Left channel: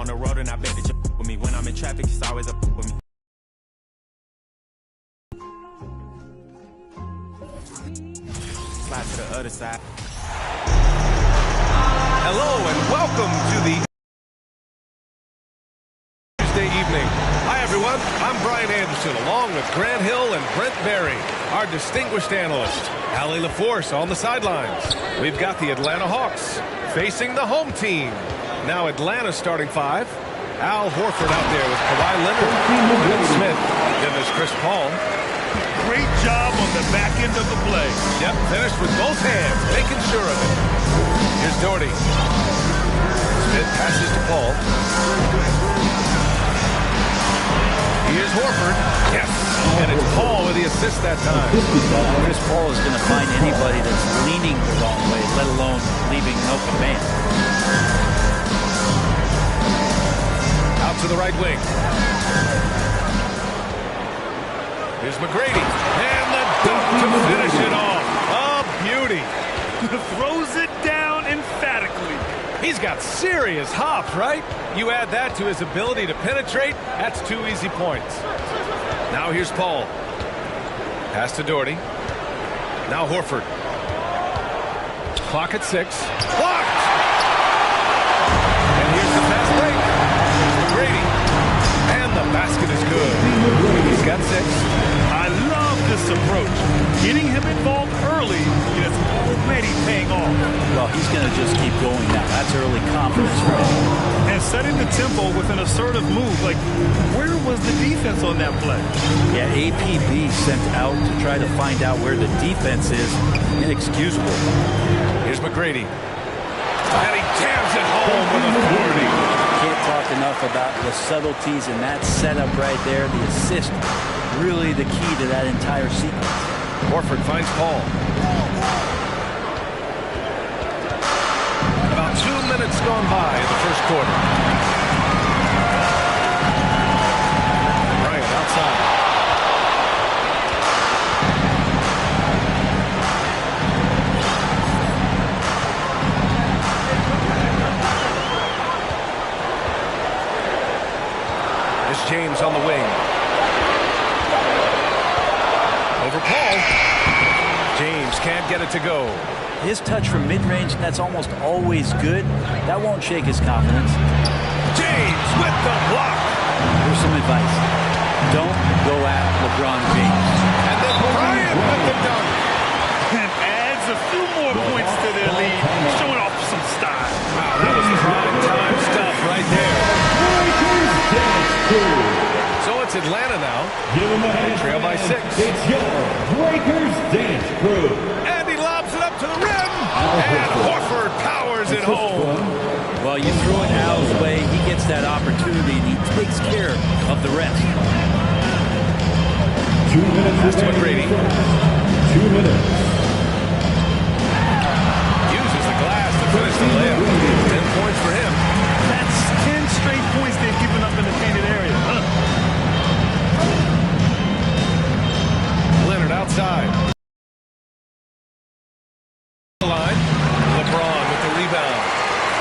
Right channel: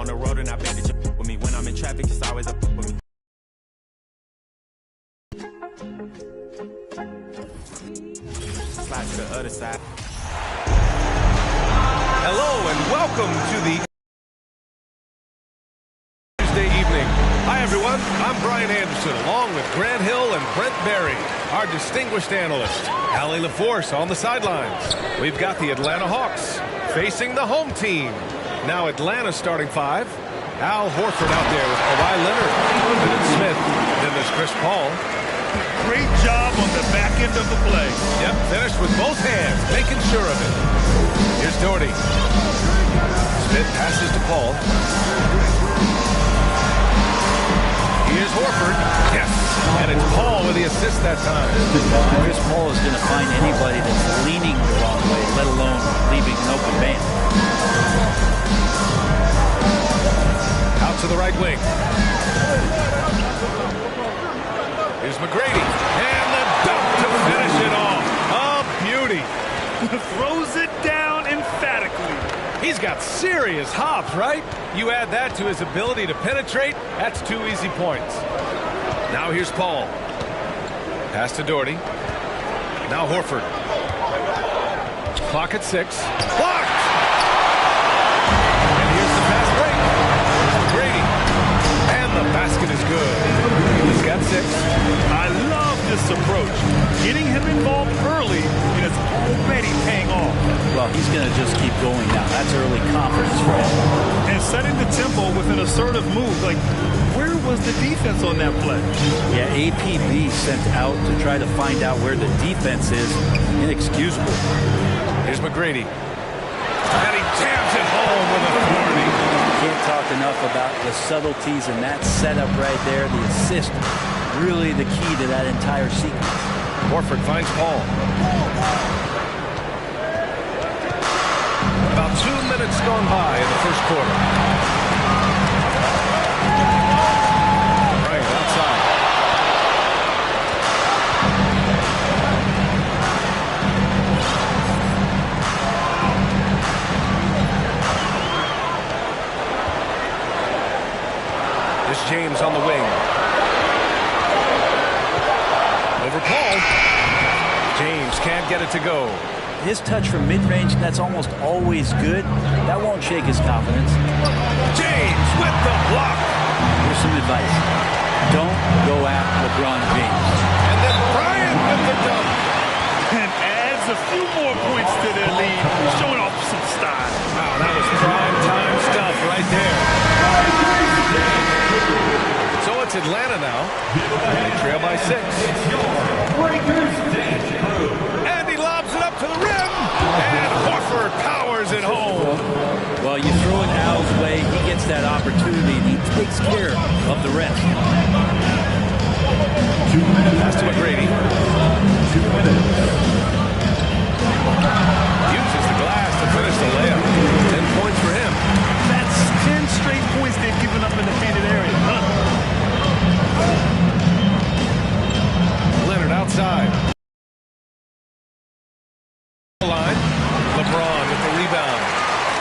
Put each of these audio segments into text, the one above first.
on the road and I bet that you with me. When I'm in traffic, it's always up with me. Slide to the other side. Hello and welcome to the Tuesday evening. Hi everyone, I'm Brian Anderson along with Grant Hill and Brent Berry, our distinguished analyst. Allie LaForce on the sidelines. We've got the Atlanta Hawks facing the home team. Now Atlanta starting five. Al Horford out there with Kawhi Leonard. Then it's Smith. Then there's Chris Paul. Great job on the back end of the play. Yep, finished with both hands, making sure of it. Here's Doherty. Smith passes to Paul. Here's Horford. Yes, and it's Paul with the assist that time. Chris Paul is going to find anybody that's leaning the wrong way, let alone leaving an open man. Out to the right wing. Here's McGrady. And the dunk to finish it off. A beauty. Throws it down emphatically. He's got serious hops, right? You add that to his ability to penetrate, that's 2 easy points. Now here's Paul. Pass to Doherty. Now Horford. Clock at 6. Blocked! And here's the fast break. Here's McGrady. And the basket is good. He's got 6. I love this approach. Getting him involved early, and it's already paying off. Well, he's going to just keep going now. That's early confidence for him. And setting the tempo with an assertive move. Like, where was the defense on that play? Yeah, APB sent out to try to find out where the defense is. Inexcusable. Here's McGrady. And he jams it home with authority. Can't talk enough about the subtleties in that setup right there. The assist, really the key to that entire sequence. Horford finds Paul. About 2 minutes gone by in the first quarter. Bryant outside. It's James on the wing. Over Paul. James can't get it to go. His touch from mid-range, that's almost always good. That won't shake his confidence. James with the block. Here's some advice. Don't go at LeBron James. And then Bryant with the dunk. And adds a few more points to their lead, showing off some style. Wow, that was prime time stuff right there. So it's Atlanta now. They trail by 6. It's your Breakers Dance Crew. And he lobs it up to the rim. And Horford powers it home. Well, you throw it Al's way, he gets that opportunity, and he takes care of the rest. 2 minutes. Pass to McGrady. 2 minutes. Uses the glass to finish the layup. 10 points for him. That's 10 straight points they've given up in the painted area. Leonard outside. Line. LeBron with the rebound.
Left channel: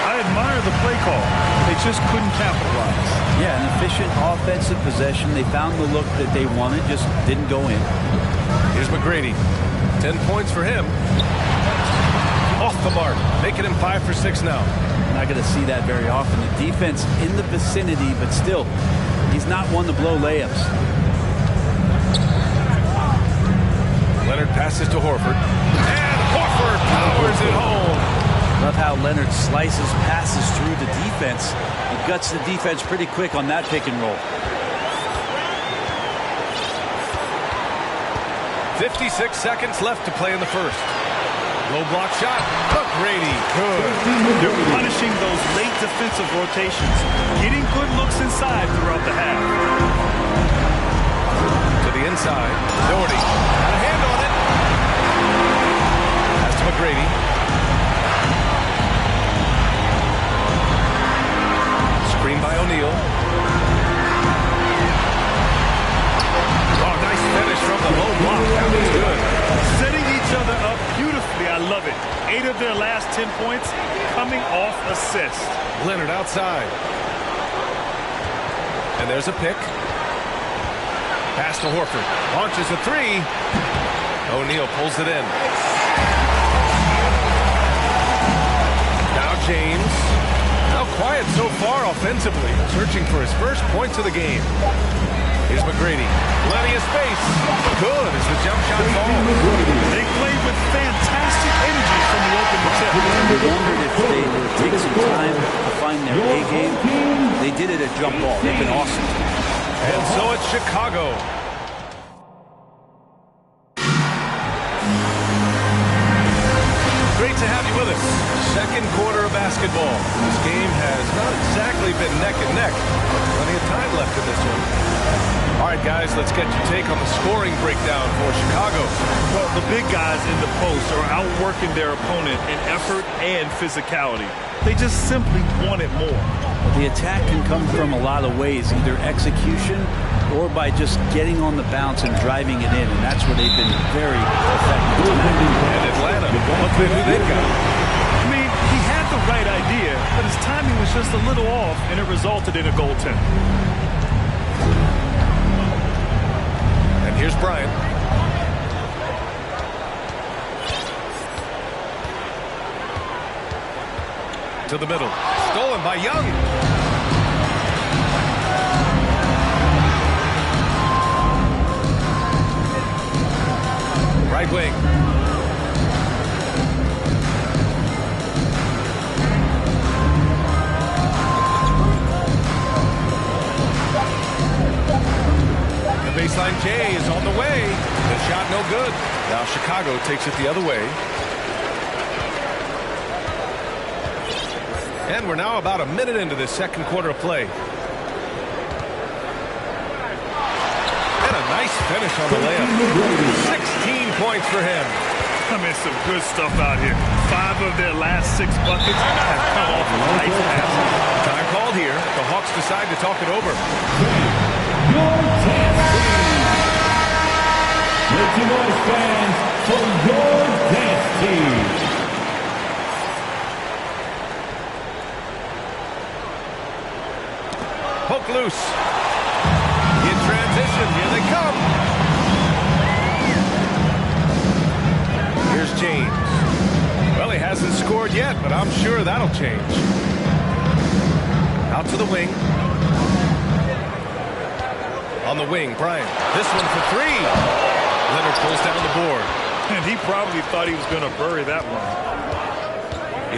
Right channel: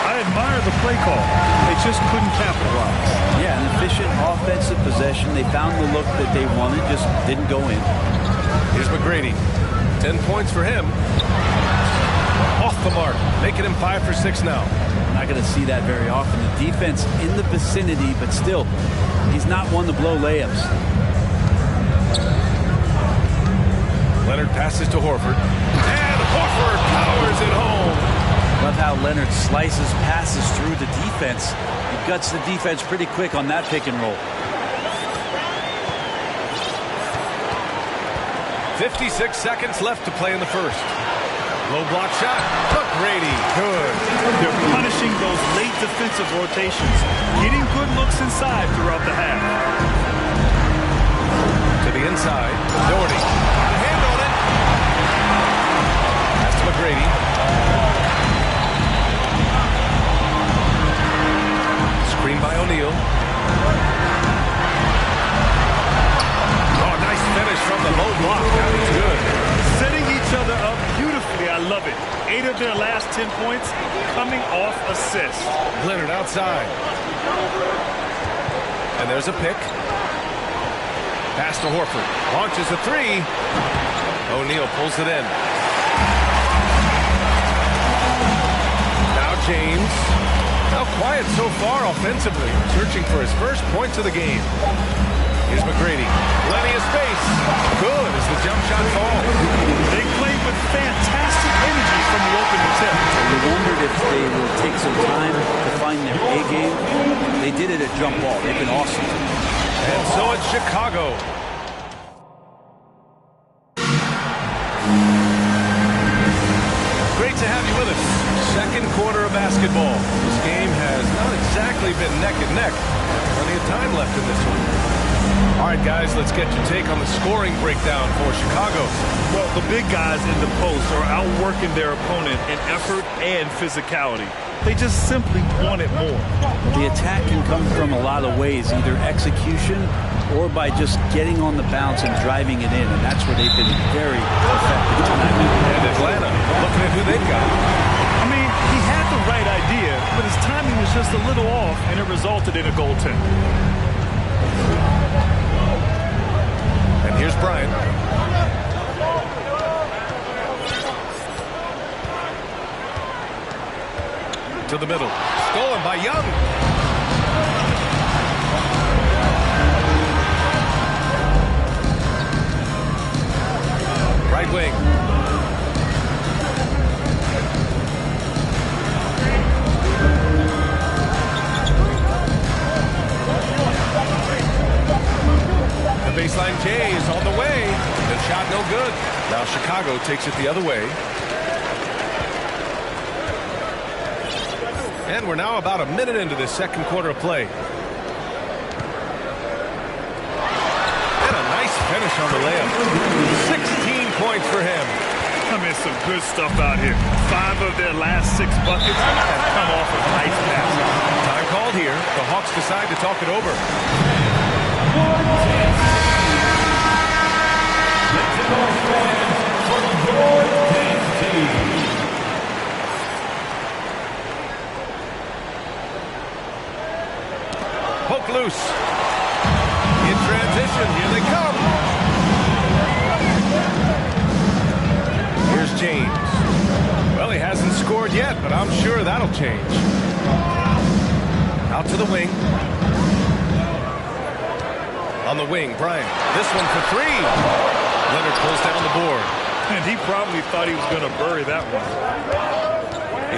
I admire the play call. They just couldn't capitalize. Yeah, an efficient offensive possession. They found the look that they wanted, just didn't go in. Here's McGrady. 10 points for him. Off the mark, making him 5 for 6 now. Not going to see that very often. The defense in the vicinity, but still, he's not one to blow layups. Leonard passes to Horford. And Horford powers it home. Love how Leonard slices passes through the defense. He guts the defense pretty quick on that pick and roll. 56 seconds left to play in the first. Low block shot. McGrady. Good. They're punishing those late defensive rotations, getting good looks inside throughout the half. To the inside. Doherty. Got a hand on it. Pass to McGrady. Screen by O'Neal. Oh, nice finish from the low block. That was good. Setting each other up beautifully. I love it. 8 of their last 10 points coming off assists. Leonard outside. And there's a pick. Pass to Horford. Launches a three. O'Neal pulls it in. Now James. Now quiet so far offensively. Searching for his first points of the game. Here's McGrady. Plenty of space. Good as the jump shot falls. They played with fantastic energy from the opening tip. They wondered if they would take some time to find their A game. They did it at jump ball. They've been awesome tonight. And so it's Chicago. Great to have you with us. Second quarter of basketball. This game has not exactly been neck and neck, but plenty of time left in this one. All right, guys, let's get your take on the scoring breakdown for Chicago. Well, the big guys in the post are outworking their opponent in effort and physicality. They just simply want it more. The attack can come from a lot of ways, either execution or by just getting on the bounce and driving it in, and that's where they've been very effective tonight. And Atlanta, looking at who they've got. I mean, he had the right idea, but his timing was just a little off, and it resulted in a goaltender. And here's Bryant. To the middle. Stolen by Young. Right wing. The baseline J is on the way. The shot no good. Now Chicago takes it the other way. And we're now about a minute into this second quarter of play. And a nice finish on the layup. 16 points for him. I mean, some good stuff out here. 5 of their last 6 buckets have come off of nice passes. Time called here. The Hawks decide to talk it over. Make some noise, fans, for your dance team. Poke loose. In transition, here they come. Here's James. Well, he hasn't scored yet, but I'm sure that'll change. Out to the wing. On the wing, Bryant. This one for 3. Leonard pulls down the board. And he probably thought he was going to bury that one.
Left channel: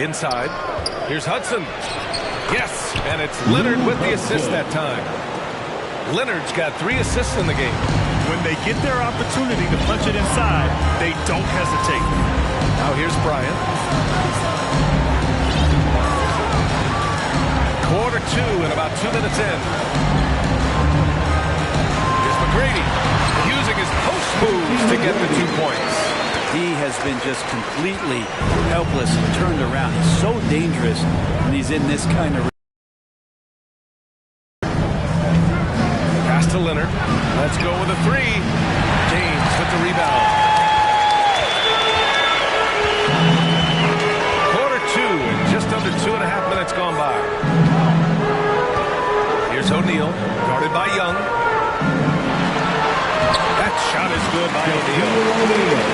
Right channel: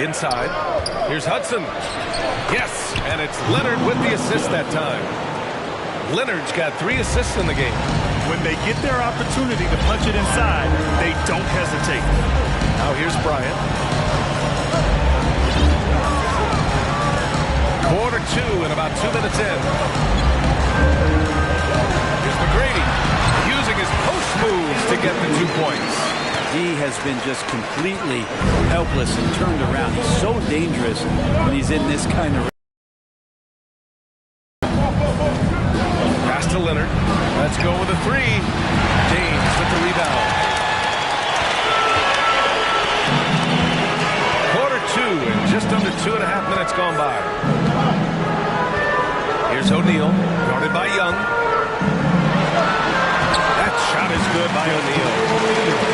Inside. Here's Hudson. Yes, and it's Leonard with the assist that time. Leonard's got 3 assists in the game. When they get their opportunity to punch it inside, they don't hesitate. Now here's Bryant. Quarter 2 and about 2 minutes in. Here's McGrady using his post moves to get the 2 points. He has been just completely helpless and turned around. He's so dangerous when he's in this kind of... Pass to Leonard. Let's go with a 3. James with the rebound. Quarter 2 and just under 2.5 minutes gone by. Here's O'Neal, guarded by Young. That shot is good by O'Neal.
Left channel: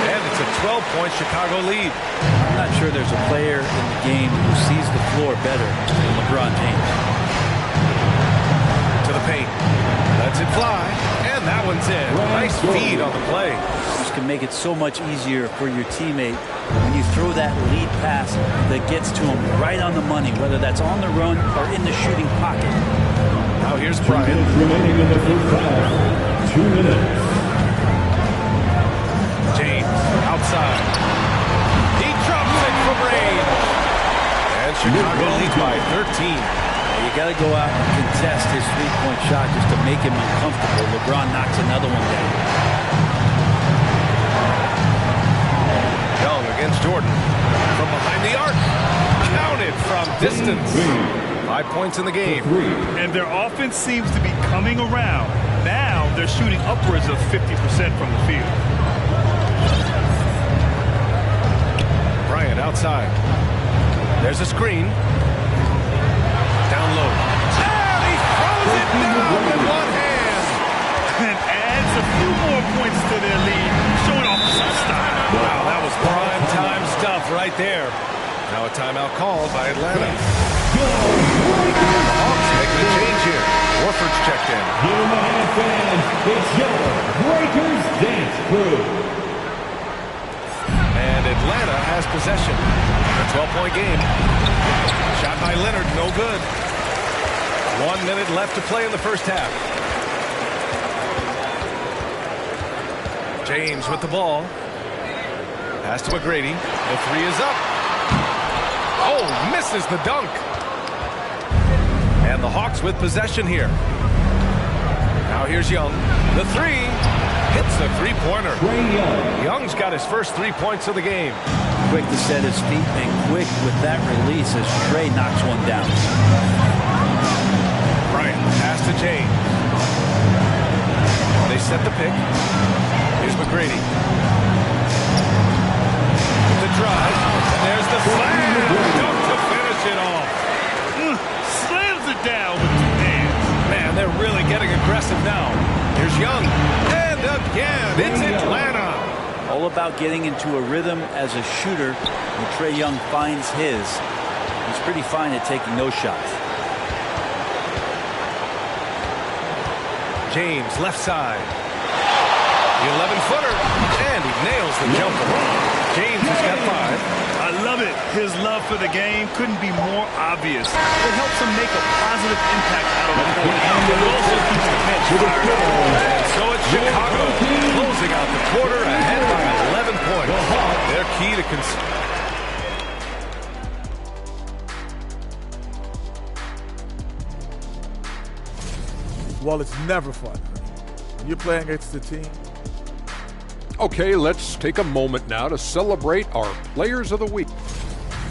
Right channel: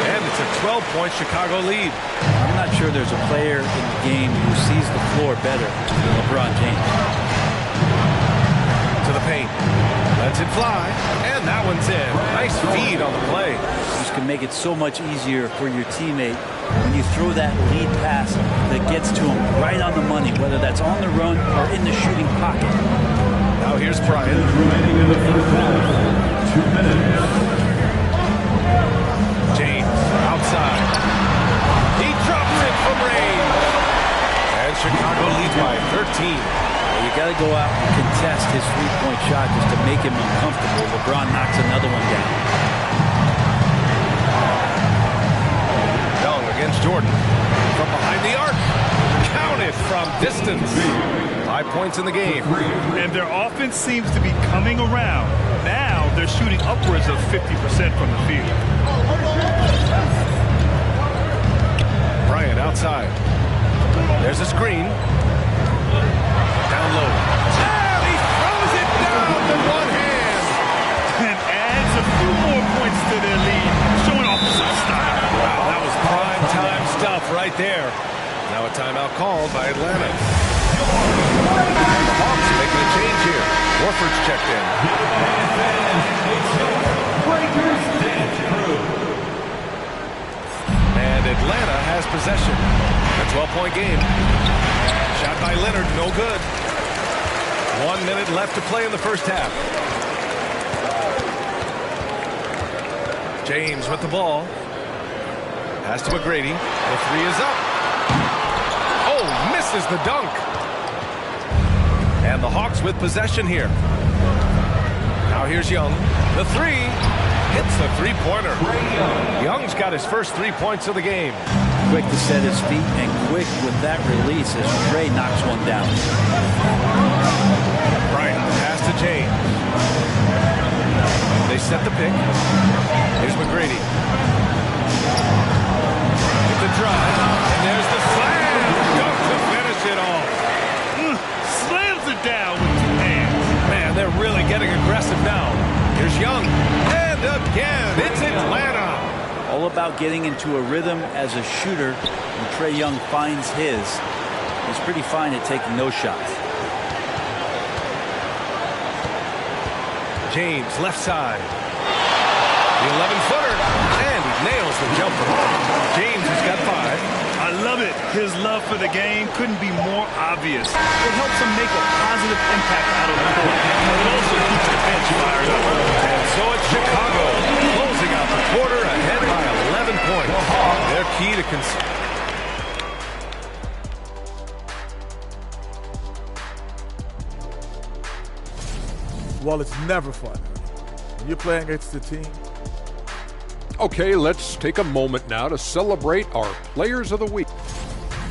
And it's a 12-point Chicago lead. I'm not sure there's a player in the game who sees the floor better than LeBron James. To the paint. Lets it fly. And that one's in. Nice feed on the play. This can make it so much easier for your teammate when you throw that lead pass that gets to him right on the money, whether that's on the run or in the shooting pocket. Now here's Bryant. Remaining in the first half. 2 minutes. James outside. He drops it from range. And Chicago leads by 13. You got to go out and contest his three-point shot just to make him uncomfortable. LeBron knocks another one down. Young against Jordan. From behind the arc. Counted from distance. 5 points in the game. And their offense seems to be coming around. Now they're shooting upwards of 50% from the field. Bryant outside. There's a screen. Down low. And he throws it down to a few more points to their lead, showing off some style. Wow, that was prime time stuff right there. Now a timeout called by Atlanta. And the Hawks making a change here. Warford's checked in. Give them a hand, fans. It's your Breakers Dance Crew. And Atlanta has possession. A 12-point game. Shot by Leonard, no good. 1 minute left to play in the first half. James with the ball. Pass to McGrady. The three is up. Oh, misses the dunk. And the Hawks with possession here. Now here's Young. The three. Hits the three-pointer. Young's got his first 3 points of the game. Quick to set his feet and quick with that release as Trey knocks one down. Bryant, pass to James. They set the pick. Here's McGrady. With the drive. And there's the slam. Dunk to finish it off. Slams it down with 2 hands. Man, they're really getting aggressive now. Here's Young. And again, it's Atlanta. All about getting into a rhythm as a shooter. When Trae Young finds his, he's pretty fine at taking those shots. James, left side. The 11-footer. And he nails the jumper. James has got 5. I love it. His love for the game couldn't be more obvious. It helps him make a positive impact out on the court, but it also keeps the bench fired up. And so it's Chicago closing out the quarter ahead by 11 points. Their key to Well, it's never fun when you're playing against the team. Okay, let's take a moment now to celebrate our Players of the Week.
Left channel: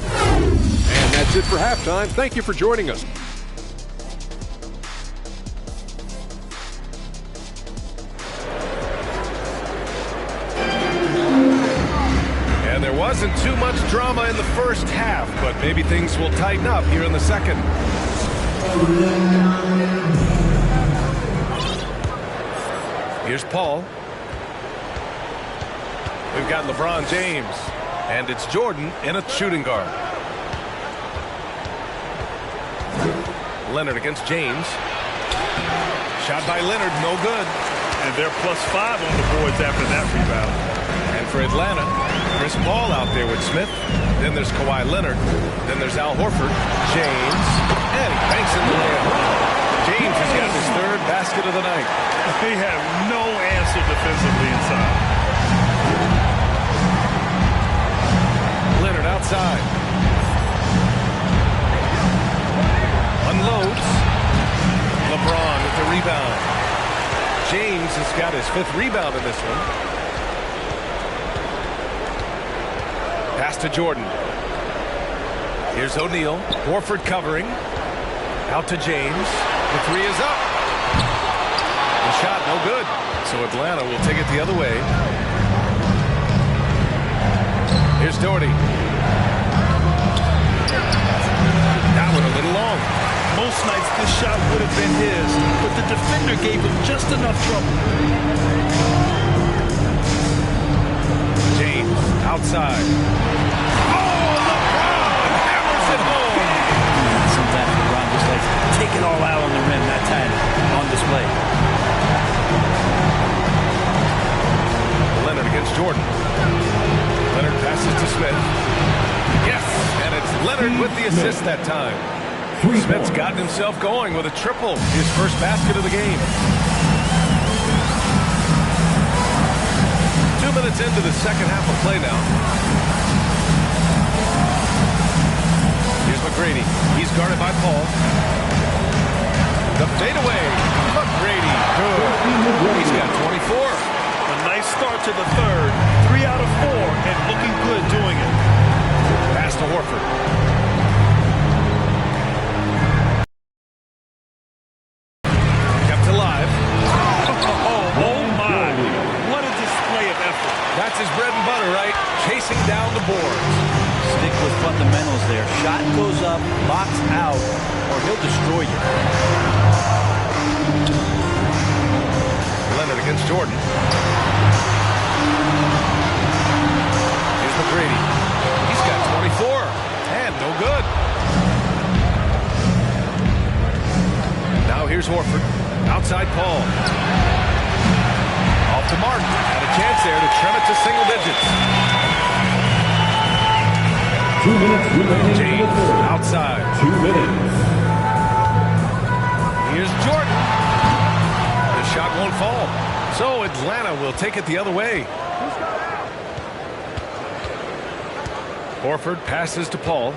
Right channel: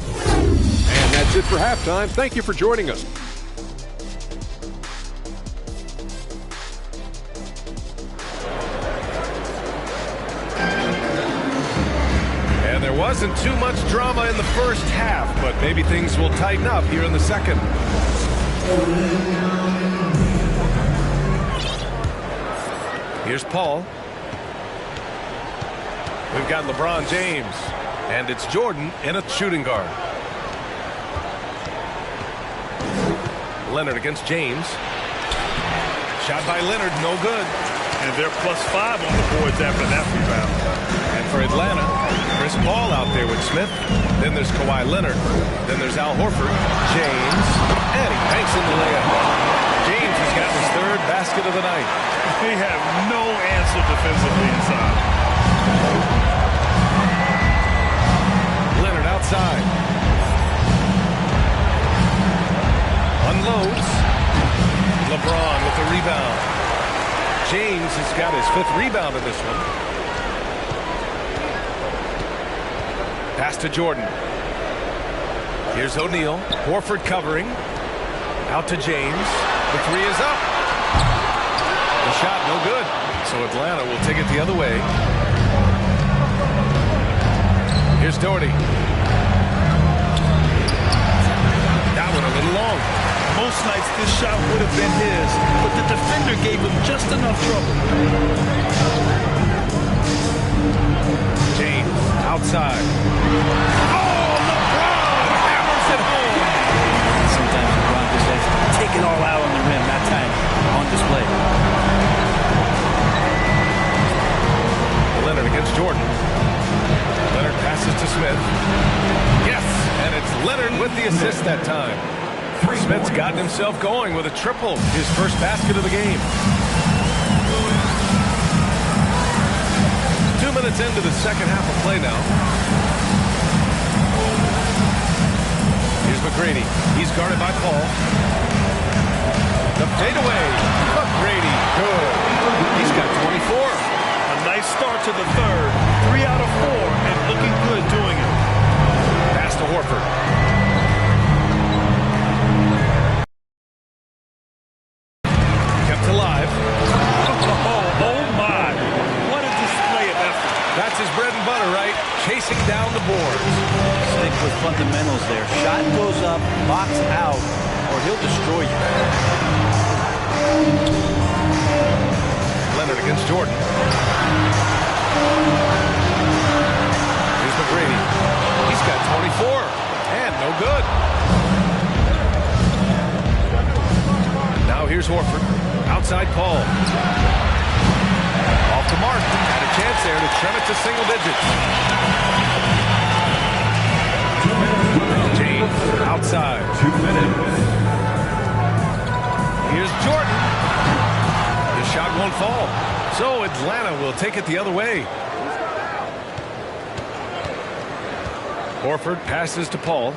And that's it for halftime. Thank you for joining us. And there wasn't too much drama in the first half, but maybe things will tighten up here in the second. Here's Paul. We've got LeBron James, and it's Jordan in a shooting guard. Leonard against James. Shot by Leonard, no good. And they're +5 on the boards after that rebound. And for Atlanta, Chris Paul out there with Smith. Then there's Kawhi Leonard. Then there's Al Horford. James. And he banks in the layup. James has got his 3rd basket of the night. They have no answer defensively inside. Leonard outside. Unloads. LeBron with the rebound. James has got his 5th rebound in this one. Pass to Jordan. Here's O'Neal. Horford covering. Out to James. The 3 is up. The shot no good. So Atlanta will take it the other way. Here's Doherty. That one a little long. Most nights this shot would have been his, but the defender gave him just enough trouble. James outside. Oh, LeBron hammers it home. Sometimes LeBron just likes to take it all out on the rim. That time on display. Leonard against Jordan. Leonard passes to Smith. Yes, and it's Leonard with the assist that time. Smith's gotten himself going with a triple, his first basket of the game. 2 minutes into the second half of play now. Here's McGrady. He's guarded by Paul. The fadeaway. McGrady, good. He's got 24. A nice start to the 3rd. 3 out of 4, and looking good doing it. Pass to Horford. Kept alive. Oh my. What a display of effort. That's his bread and butter, right? Chasing down the boards. Stick with fundamentals there. Shot goes up, box out, or he'll destroy you. Leonard against against Jordan. Here's McGrady. He's got 24. And no good. Now here's Horford. Outside Paul. Off to Martin. Had a chance there to trim it to single digits. 2 minutes remaining. James outside. 2 minutes. Here's Jordan. The shot won't fall. So Atlanta will take it the other way. Horford passes to Paul.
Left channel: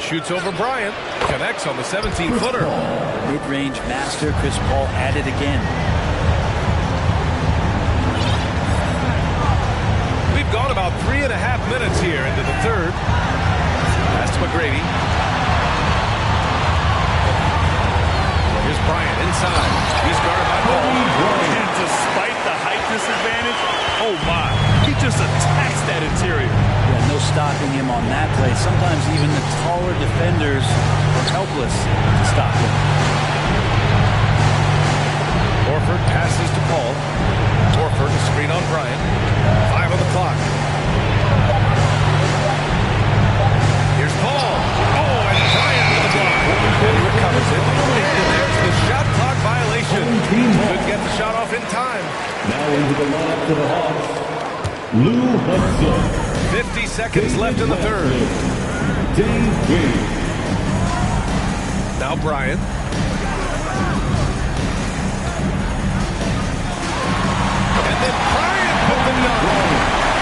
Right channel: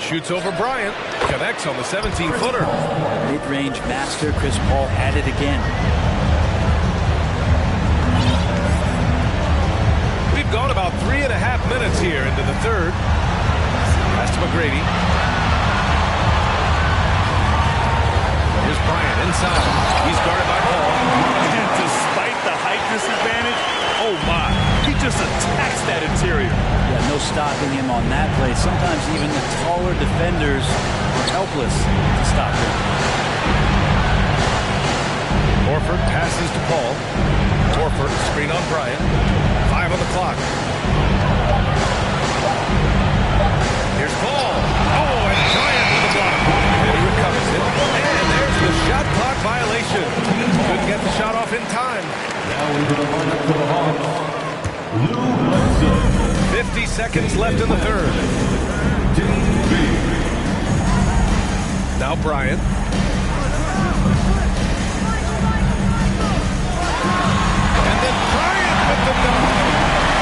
Shoots over Bryant. Connects on the 17-footer. Mid-range master Chris Paul at it again. We've gone about 3.5 minutes here into the third. Pass to McGrady. Here's Bryant inside. He's guarded by Paul. And despite the height disadvantage, oh my, he just attacks that interior. Yeah, no stopping him on that play. Sometimes even the taller defenders are helpless to stop him. Horford passes to Paul. Horford, a screen on Bryant. 5 on the clock. Here's Paul. Oh, and Bryant with the block. And he recovers it. And there's the shot clock violation. Couldn't get the shot off in time. Now into the lineup for the Hawks, Lou Hudson. 50 seconds left in the third. Davis. Now Bryant. And then Bryant with the dunk.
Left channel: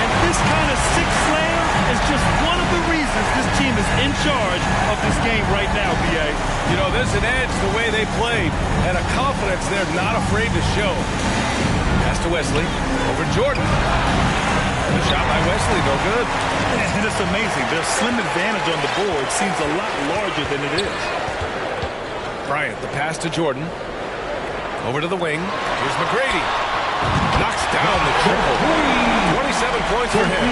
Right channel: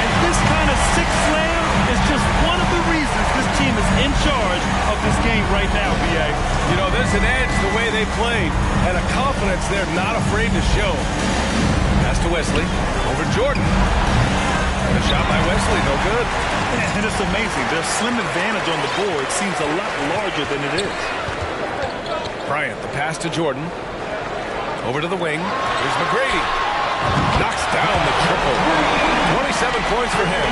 And this kind of six slam is just one of the reasons this team is in charge of this game right now, B.A. You know, there's an edge the way they played and a confidence they're not afraid to show. Pass to Wesley. Over Jordan. And a shot by Wesley, no good. And it's amazing. Their slim advantage on the board seems a lot larger than it is. Bryant, the pass to Jordan. Over to the wing. Here's McGrady. Knocks down the triple. 27 points for him.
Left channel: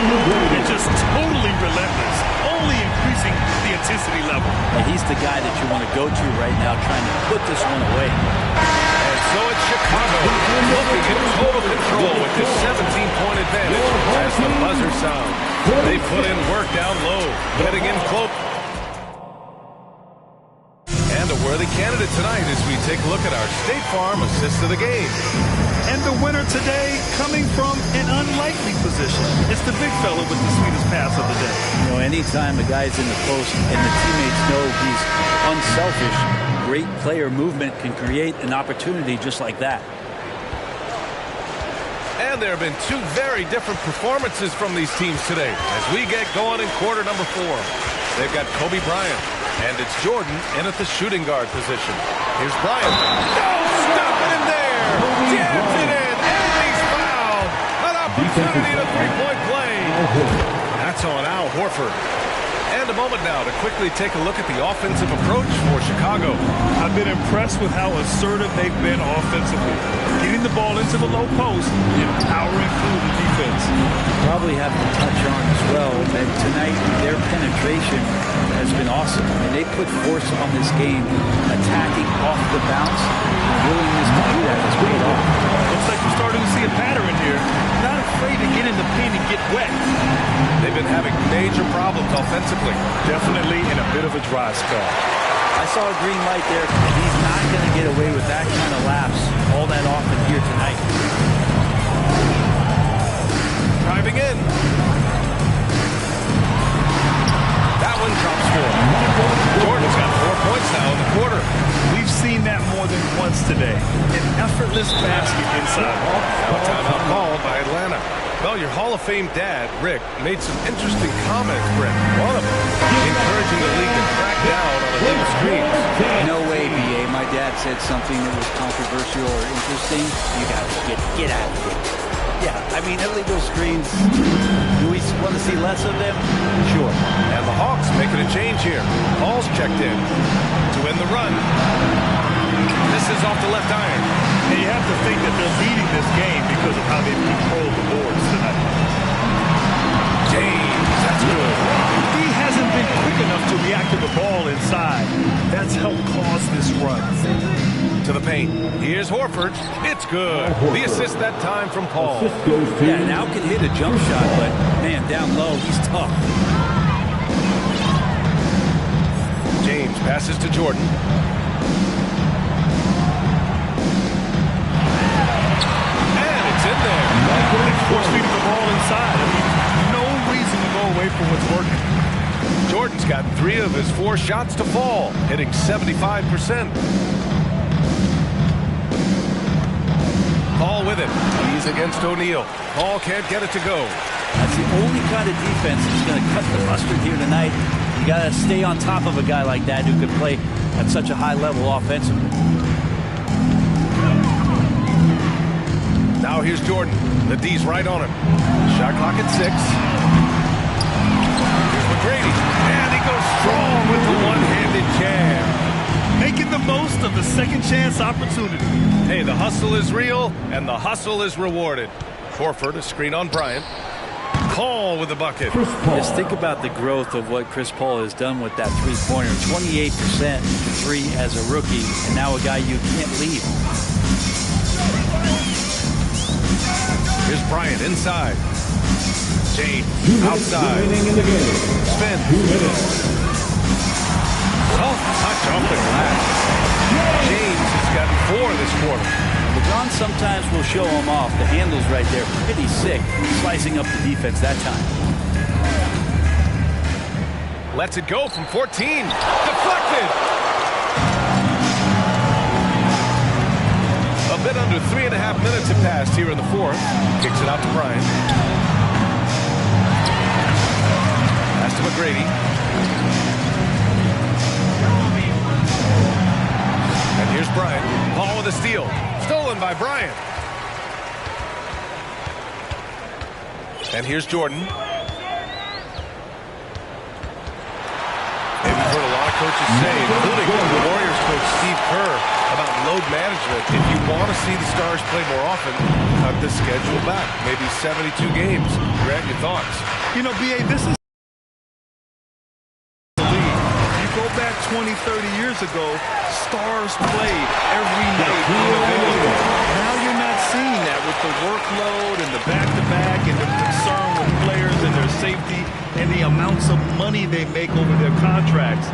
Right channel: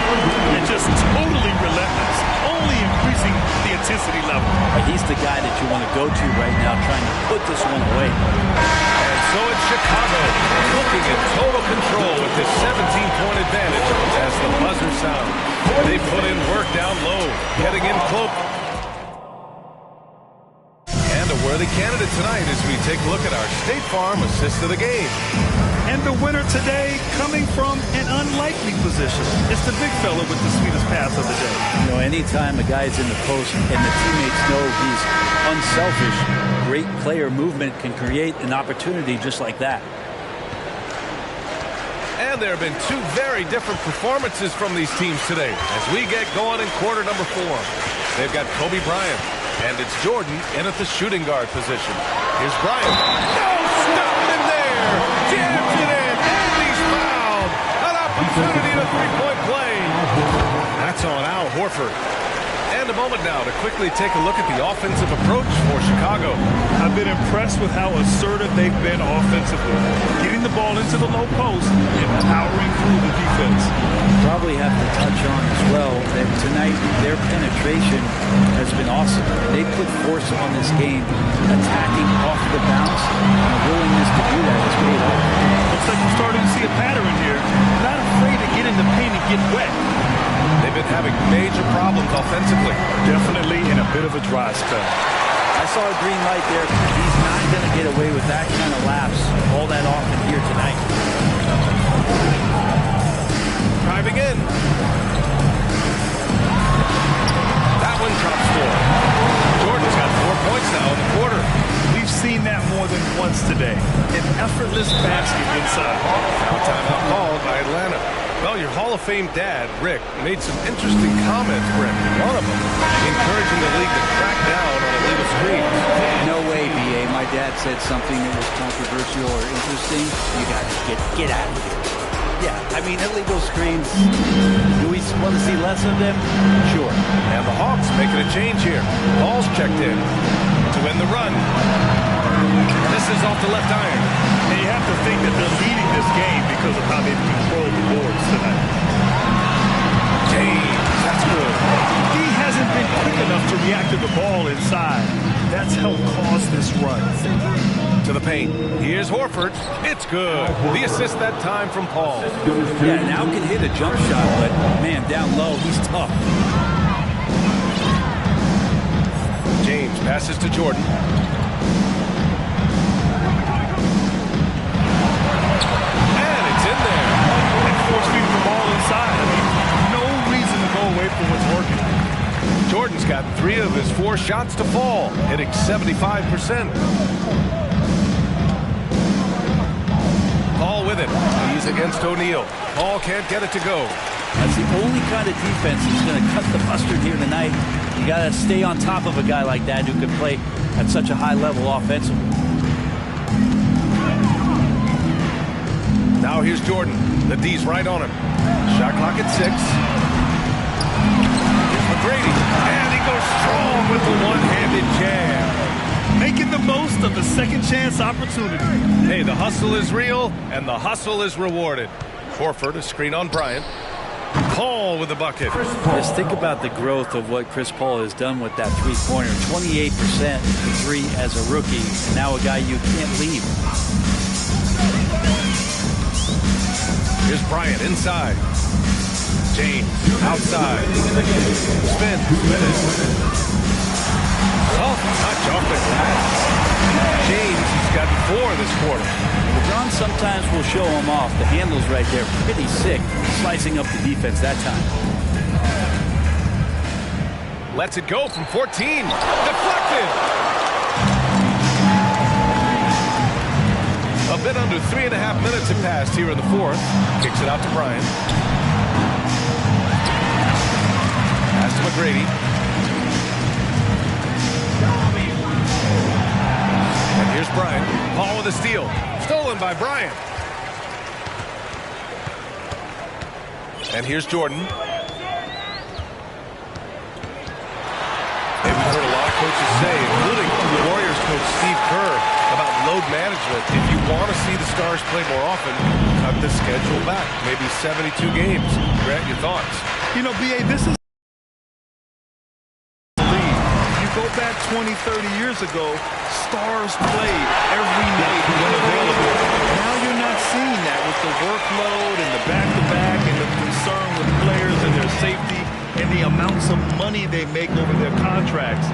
And just totally relentless. Only increasing the intensity level. And he's the guy that you want to go to right now trying to put this one away. And so it's Chicago looking in total control with this 17-point advantage as the buzzer sounds. They put in work down low, getting in close. And a worthy candidate tonight as we take a look at our State Farm assist of the game. And the winner today coming from an unlikely position. It's the big fella with the sweetest pass of the day. You know, anytime a guy's in the post and the teammates know he's unselfish, great player movement can create an opportunity just like that. And there have been two very different performances from these teams today as we get going in quarter number 4. They've got Kobe Bryant, and it's Jordan in at the shooting guard position. Here's Bryant. No, stopping him there. Jams it in, and he's fouled. An opportunity to three-point play. That's on Al Horford. And a moment now to quickly take a look at the offensive approach for Chicago. I've been impressed with how assertive they've been offensively. Getting the ball into the low post and powering through the defense. Probably have to touch on as well that tonight their penetration has been awesome. I mean, they put force on this game, attacking off the bounce, and the willingness to do that has paid off. Looks like we're starting to see a pattern here. Not afraid to get in the paint and get wet. They've been having major problems offensively. Definitely in a bit of a dry spell. I saw a green light there. He's not going to get away with that kind of lapse all that often here tonight. Driving in. That one drops 4. Jordan's got 4 points now in the quarter. We've seen that more than once today. An effortless basket inside. Now a timeout called by Atlanta. Well, your Hall of Fame dad, Rick, made some interesting comments, Brent. One of them encouraging the league to crack down on illegal screens. No way, B.A. My dad said something that was controversial or interesting. You got to get out of here. Yeah, I mean, illegal screens, do we want to see less of them? Sure. And the Hawks making a change here. Paul's checked in to win the run. This is off the left iron. And you have to think that they're leading this game because of how they've controlled the boards tonight. James, that's good. D hasn't been quick enough to react to the ball inside. That's helped cause this run. To the paint. Here's Horford. It's good. The assist that time from Paul. Yeah, now can hit a jump shot, but man, down low, he's tough. James passes to Jordan. And it's in there. And force-feeding the ball inside. I mean, no reason to go away from what's working. Jordan's gotten 3 of his 4 shots to fall, hitting 75%. Paul with it. He's against O'Neal. Paul can't get it to go. That's the only kind of defense that's going to cut the mustard here tonight. You got to stay on top of a guy like that who can play at such a high level offensively. Now here's Jordan. The D's right on him. Shot clock at 6. Here's McGrady. And he goes strong with the one-handed jam. Making the most of the second chance opportunity. Hey, the hustle is real, and the hustle is rewarded. Horford, a screen on Bryant. Paul with the bucket. Just think about the growth of what Chris Paul has done with that three-pointer. 28% for 3 as a rookie, and now a guy you can't leave. Here's Bryant inside. James outside. Spin. Soft touch off the glass. James has gotten 4 this quarter. LeBron sometimes will show him off. The handle's right there. Pretty sick. Slicing up the defense that time. Lets it go from 14. Deflected. A bit under 3.5 minutes have passed here in the 4th. Kicks it out to Bryant. Pass to McGrady. And here's Bryant. Paul with a steal. Stolen by Bryant. And here's Jordan. Hey, we've heard a lot of coaches say, including the Warriors coach Steve Kerr, about load management. If you want to see the Stars play more often, cut the schedule back. Maybe 72 games. Grant, your thoughts? You know, B.A., this is the league. You go back 20, 30 years ago, Stars played every night when available. Now you're not seeing that with the workload and the back-to-back and the concern with players and their safety and the amounts of money they make over their contracts.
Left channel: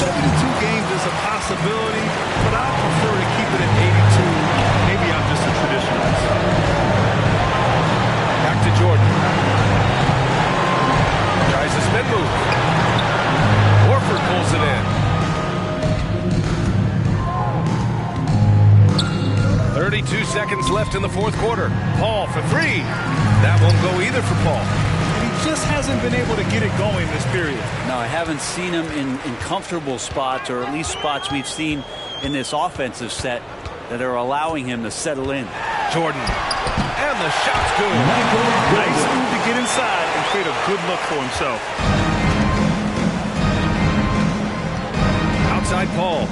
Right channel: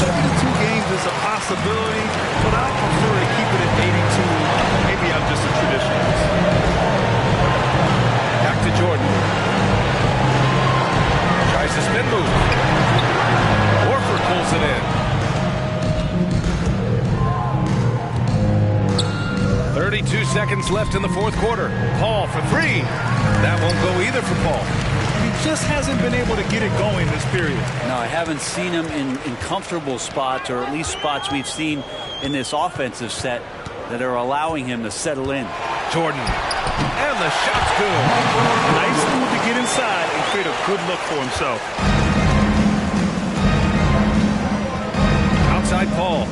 72 games is a possibility, but I prefer to keep it at 82. Maybe I'm just a traditionalist. Back to Jordan. Tries the spin move. Horford pulls it in. 32 seconds left in the 4th quarter. Paul for 3. That won't go either for Paul. And he just hasn't been able to get it going this period. No, I haven't seen him in comfortable spots, or at least spots we've seen in this offensive set that are allowing him to settle in. Jordan. And the shot's good. Nice move to get inside and create a good look for himself. Outside Paul.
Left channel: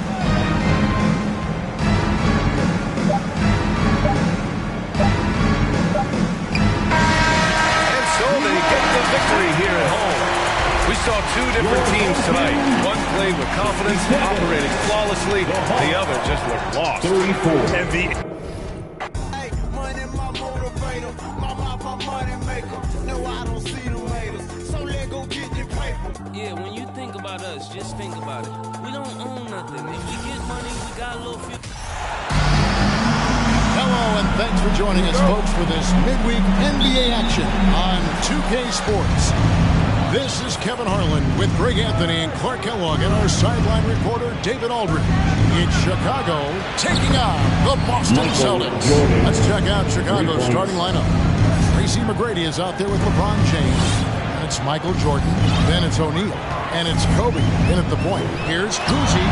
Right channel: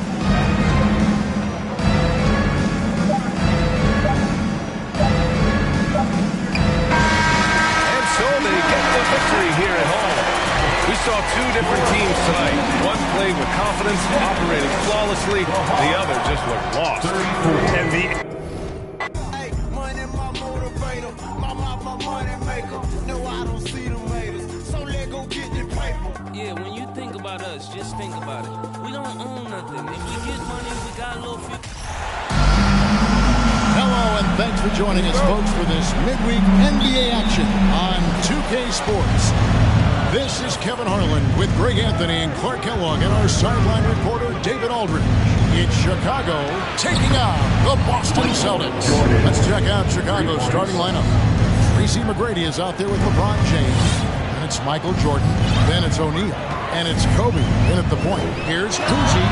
And so they get the victory here at home. We saw 2 different teams tonight. One played with confidence, operating flawlessly. The other just looked lost. And the money my motivator, my money maker. No, I don't see them haters. So let go get the paper. Yeah, when you think about us, just think about it. We don't own nothing. If we get money, we got a little few. Hello, and thanks for joining us, folks, for this midweek NBA action on 2K Sports. This is Kevin Harlan with Greg Anthony and Clark Kellogg and our sideline reporter, David Aldridge. It's Chicago taking on the Boston Celtics. Let's check out Chicago's starting lineup. Tracy McGrady is out there with LeBron James. And it's Michael Jordan. Then it's O'Neal. And it's Kobe in at the point. Here's Kuzi.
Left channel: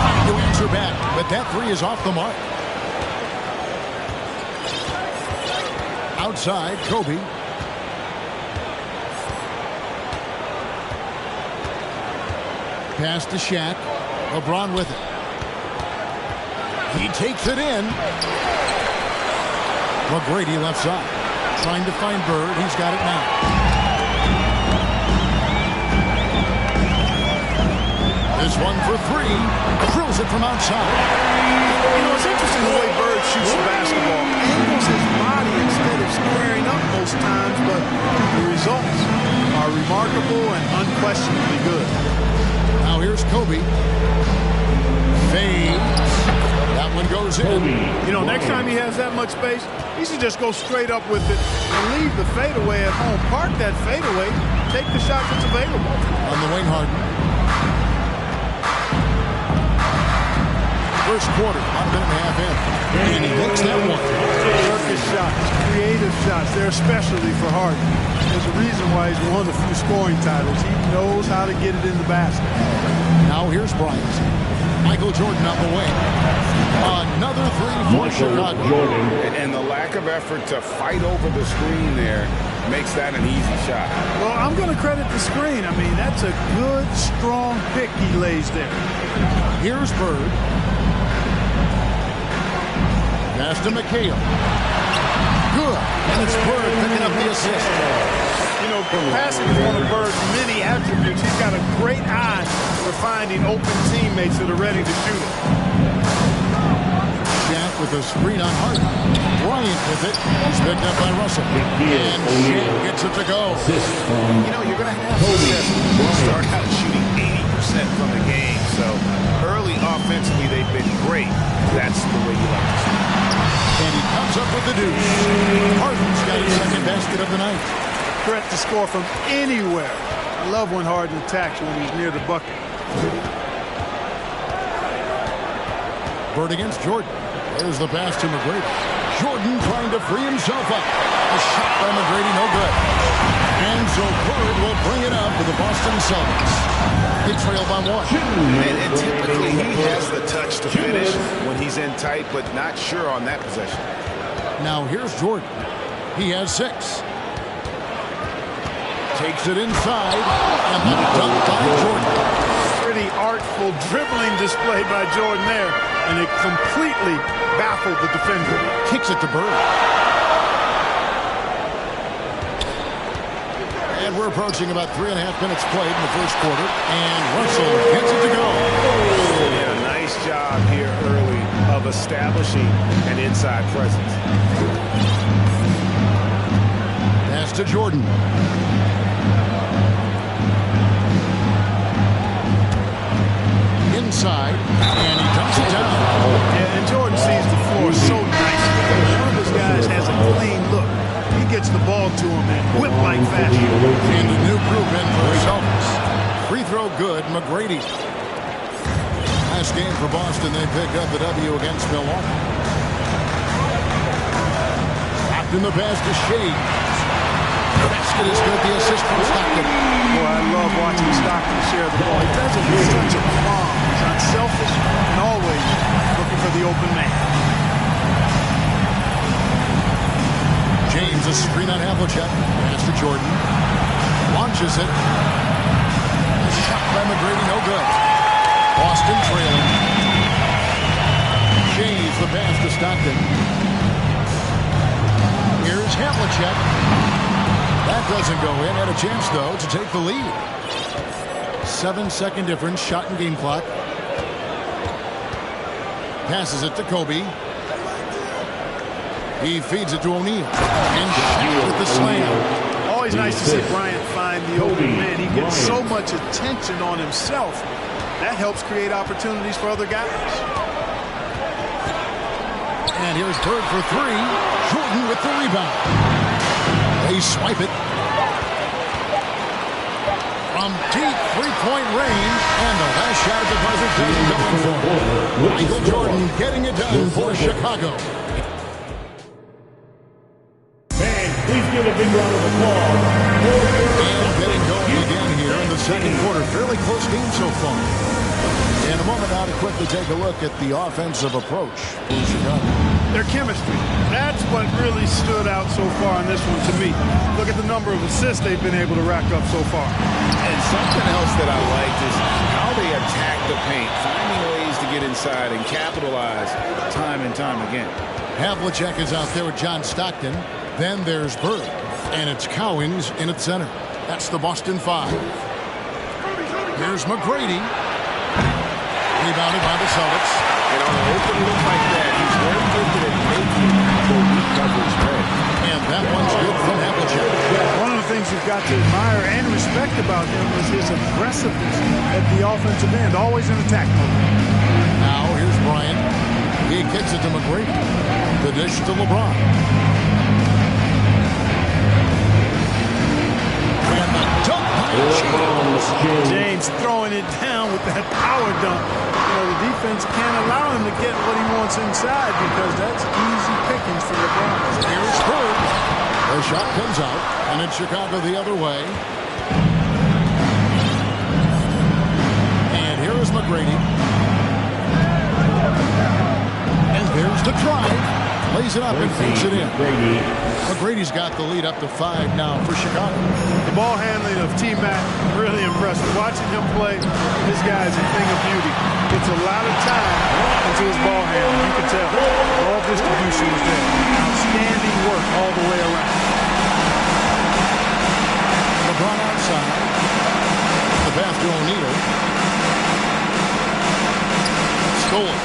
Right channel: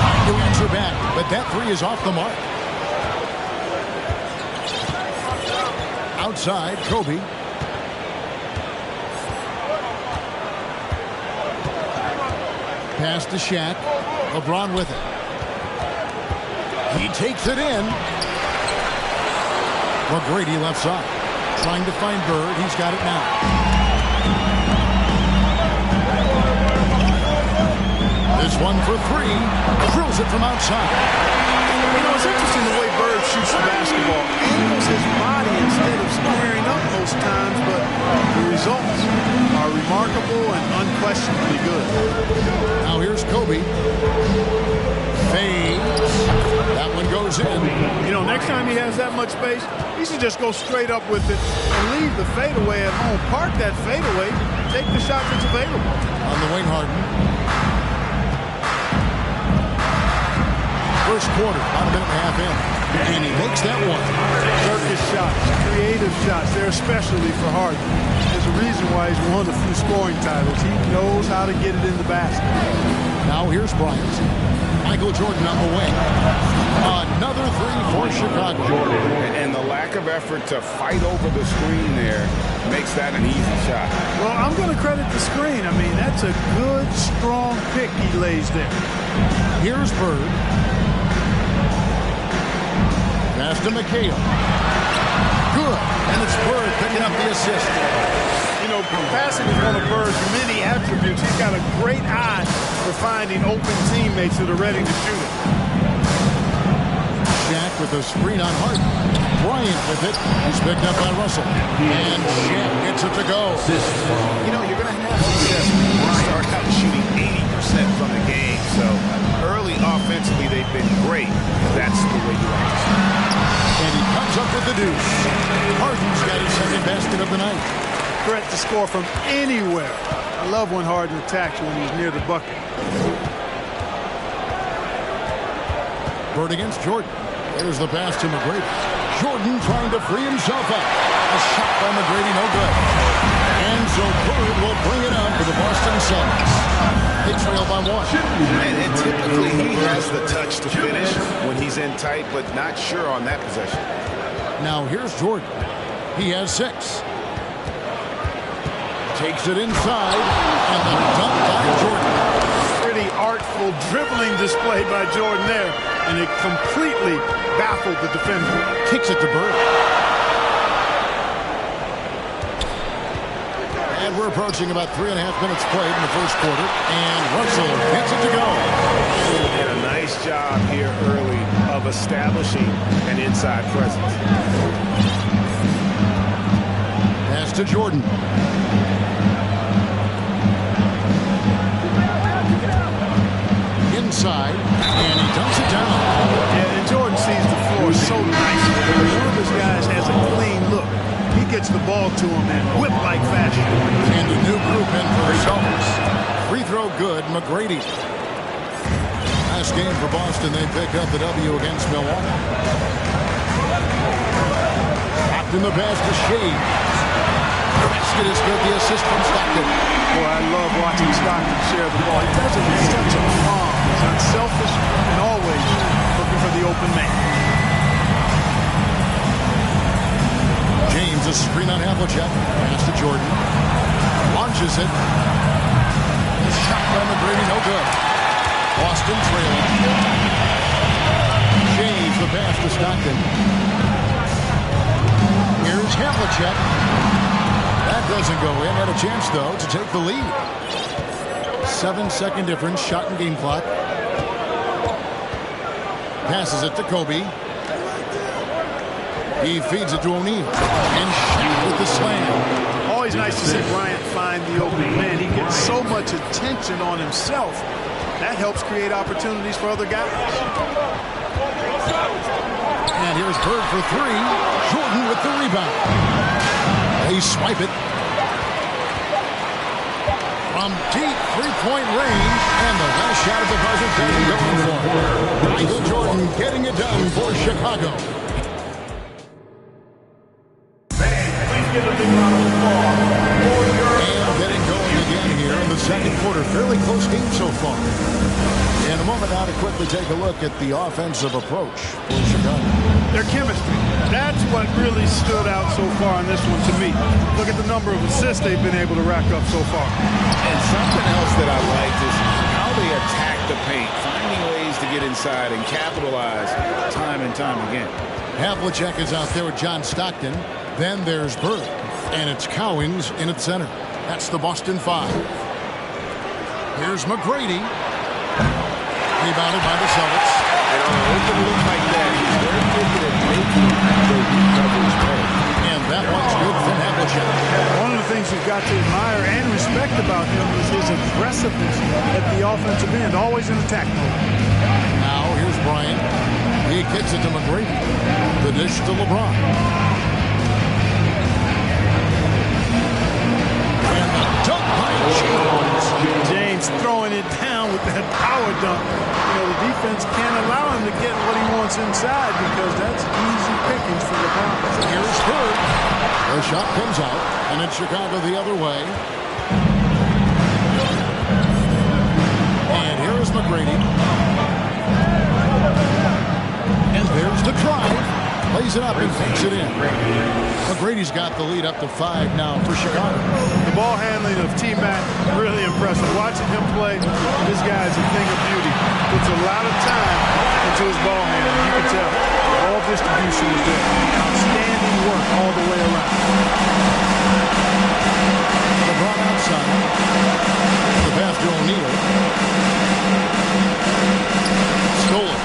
Trying to answer back, but that 3 is off the mark. Outside, Kobe. Pass to Shaq. LeBron with it. He takes it in. McGrady left side. Trying to find Bird. He's got it now. This one for three. Drills it from outside. You know, it's interesting the way Bird shoots the basketball. Angles his body instead of squaring up most times, but the results are remarkable and unquestionably good. Now here's Kobe. Fades. That one goes in. You know, next time he has that much space, he should just go straight up with it and leave the fadeaway at home. Park that fadeaway. Take the shot that's available. On the wing, Harden. First quarter, about a minute and a half in. And he makes that one. Circus shots, creative shots. They're especially for Harden. There's a reason why he's won a few scoring titles. He knows how to get it in the basket. Now here's Bryant. Michael Jordan on the wing. Another three for Chicago. And the lack of effort to fight over the screen there makes that an easy shot. Well, I'm going to credit the screen. I mean, that's a good, strong pick he lays there. Here's Bird. Pass to McHale. Good. And it's Bird picking up the assist. You know, passing is one of Bird's many attributes. He's got a great eye for finding open teammates that are ready to shoot it. Shaq with a screen on Harden. Bryant with it. He's picked up by Russell. And Shaq gets it to go. You know, you're going to have success when you start out shooting 80% from the game. So early offensively, they've been great. That's the way you like to see it. And he comes up with the deuce. Harden's got his second basket of the night. Threat to score from anywhere. I love when Harden attacks when he's near the bucket. Bird against Jordan. There's the pass to McGrady. Jordan trying to free himself up. A shot by McGrady, no good. And so Bird will bring it up for the Boston Celtics. They trail by one. And typically he has the touch to finish when he's in tight, but not sure on that possession. Now here's Jordan. He has 6. Takes it inside, and the dunk by Jordan. Pretty artful dribbling display by Jordan there, and it completely baffled the defender. Kicks it to Bird. And we're approaching about 3.5 minutes played in the first quarter, and Russell gets it to go. And a nice job here early of establishing an inside presence. Pass to Jordan. Inside, and he dumps it down. Yeah, and Jordan sees the floor so nicely. I mean, one of his guys has a clean look. He gets the ball to him in whip-like fashion. And a new group in for the Celtics. Free throw good, McGrady. Last game for Boston, they pick up the W against Milwaukee. Stopped in the pass to Shades. The basket is good, the assist from Stockton. Boy, I love watching Stockton share the ball. He does it with such a calm. He's unselfish and always looking for the open man. James, a screen on Havlicek. Pass to Jordan. Launches it. A shot by McGrady, no good. Boston trailing. James, the pass to Stockton. Here's Havlicek. That doesn't go in. Had a chance, though, to take the lead. 7-second difference. Shot and game clock. Passes it to Kobe. He feeds it to O'Neal. And Shaq with the slam. Always nice to see Bryant find the open man. He gets so much attention on himself. That helps create opportunities for other guys. And here's Bird for 3. Jordan with the rebound. They swipe it. From deep three-point range. And the last shot at the buzzer doesn't go in for him. Michael Jordan getting it done for Chicago. And getting going again here in the second quarter. Fairly close game so far. In a moment now to quickly take a look at the offensive approach for Chicago. Their chemistry. That's what really stood out so far in this one to me. Look at the number of assists they've been able to rack up so far. And something else that I liked is how they attack the paint, finding ways to get inside and capitalize time and time again. Havlicek is out there with John Stockton. Then there's Bird, and it's Cowings in at center. That's the Boston 5. Here's McGrady. Rebounded by the Celtics. And on an open look like that, he's very gifted at making the weak coverage pay. And that one's good from Havlicek. One of the things you've got to admire and respect about him is his aggressiveness at the offensive end, always in attack mode. Now here's Bryant. He kicks it to McGrady. The dish to LeBron. And the dunk by James. James throwing it down with that power dunk. You know, the defense can't allow him to get what he wants inside because that's easy pickings for LeBron. Here's Bird. The shot comes out, and it's Chicago the other way. And here is McGrady. And there's the drive. Lays it up and takes it in. McGrady's got the lead up to 5 now for Chicago. The ball handling of T-Mac, really impressive. Watching him play, this guy is a thing of beauty. Puts a lot of time into his ball handling. You can tell. The ball distribution is there. Outstanding work all the way around. LeBron outside. The pass to O'Neal. Stolen.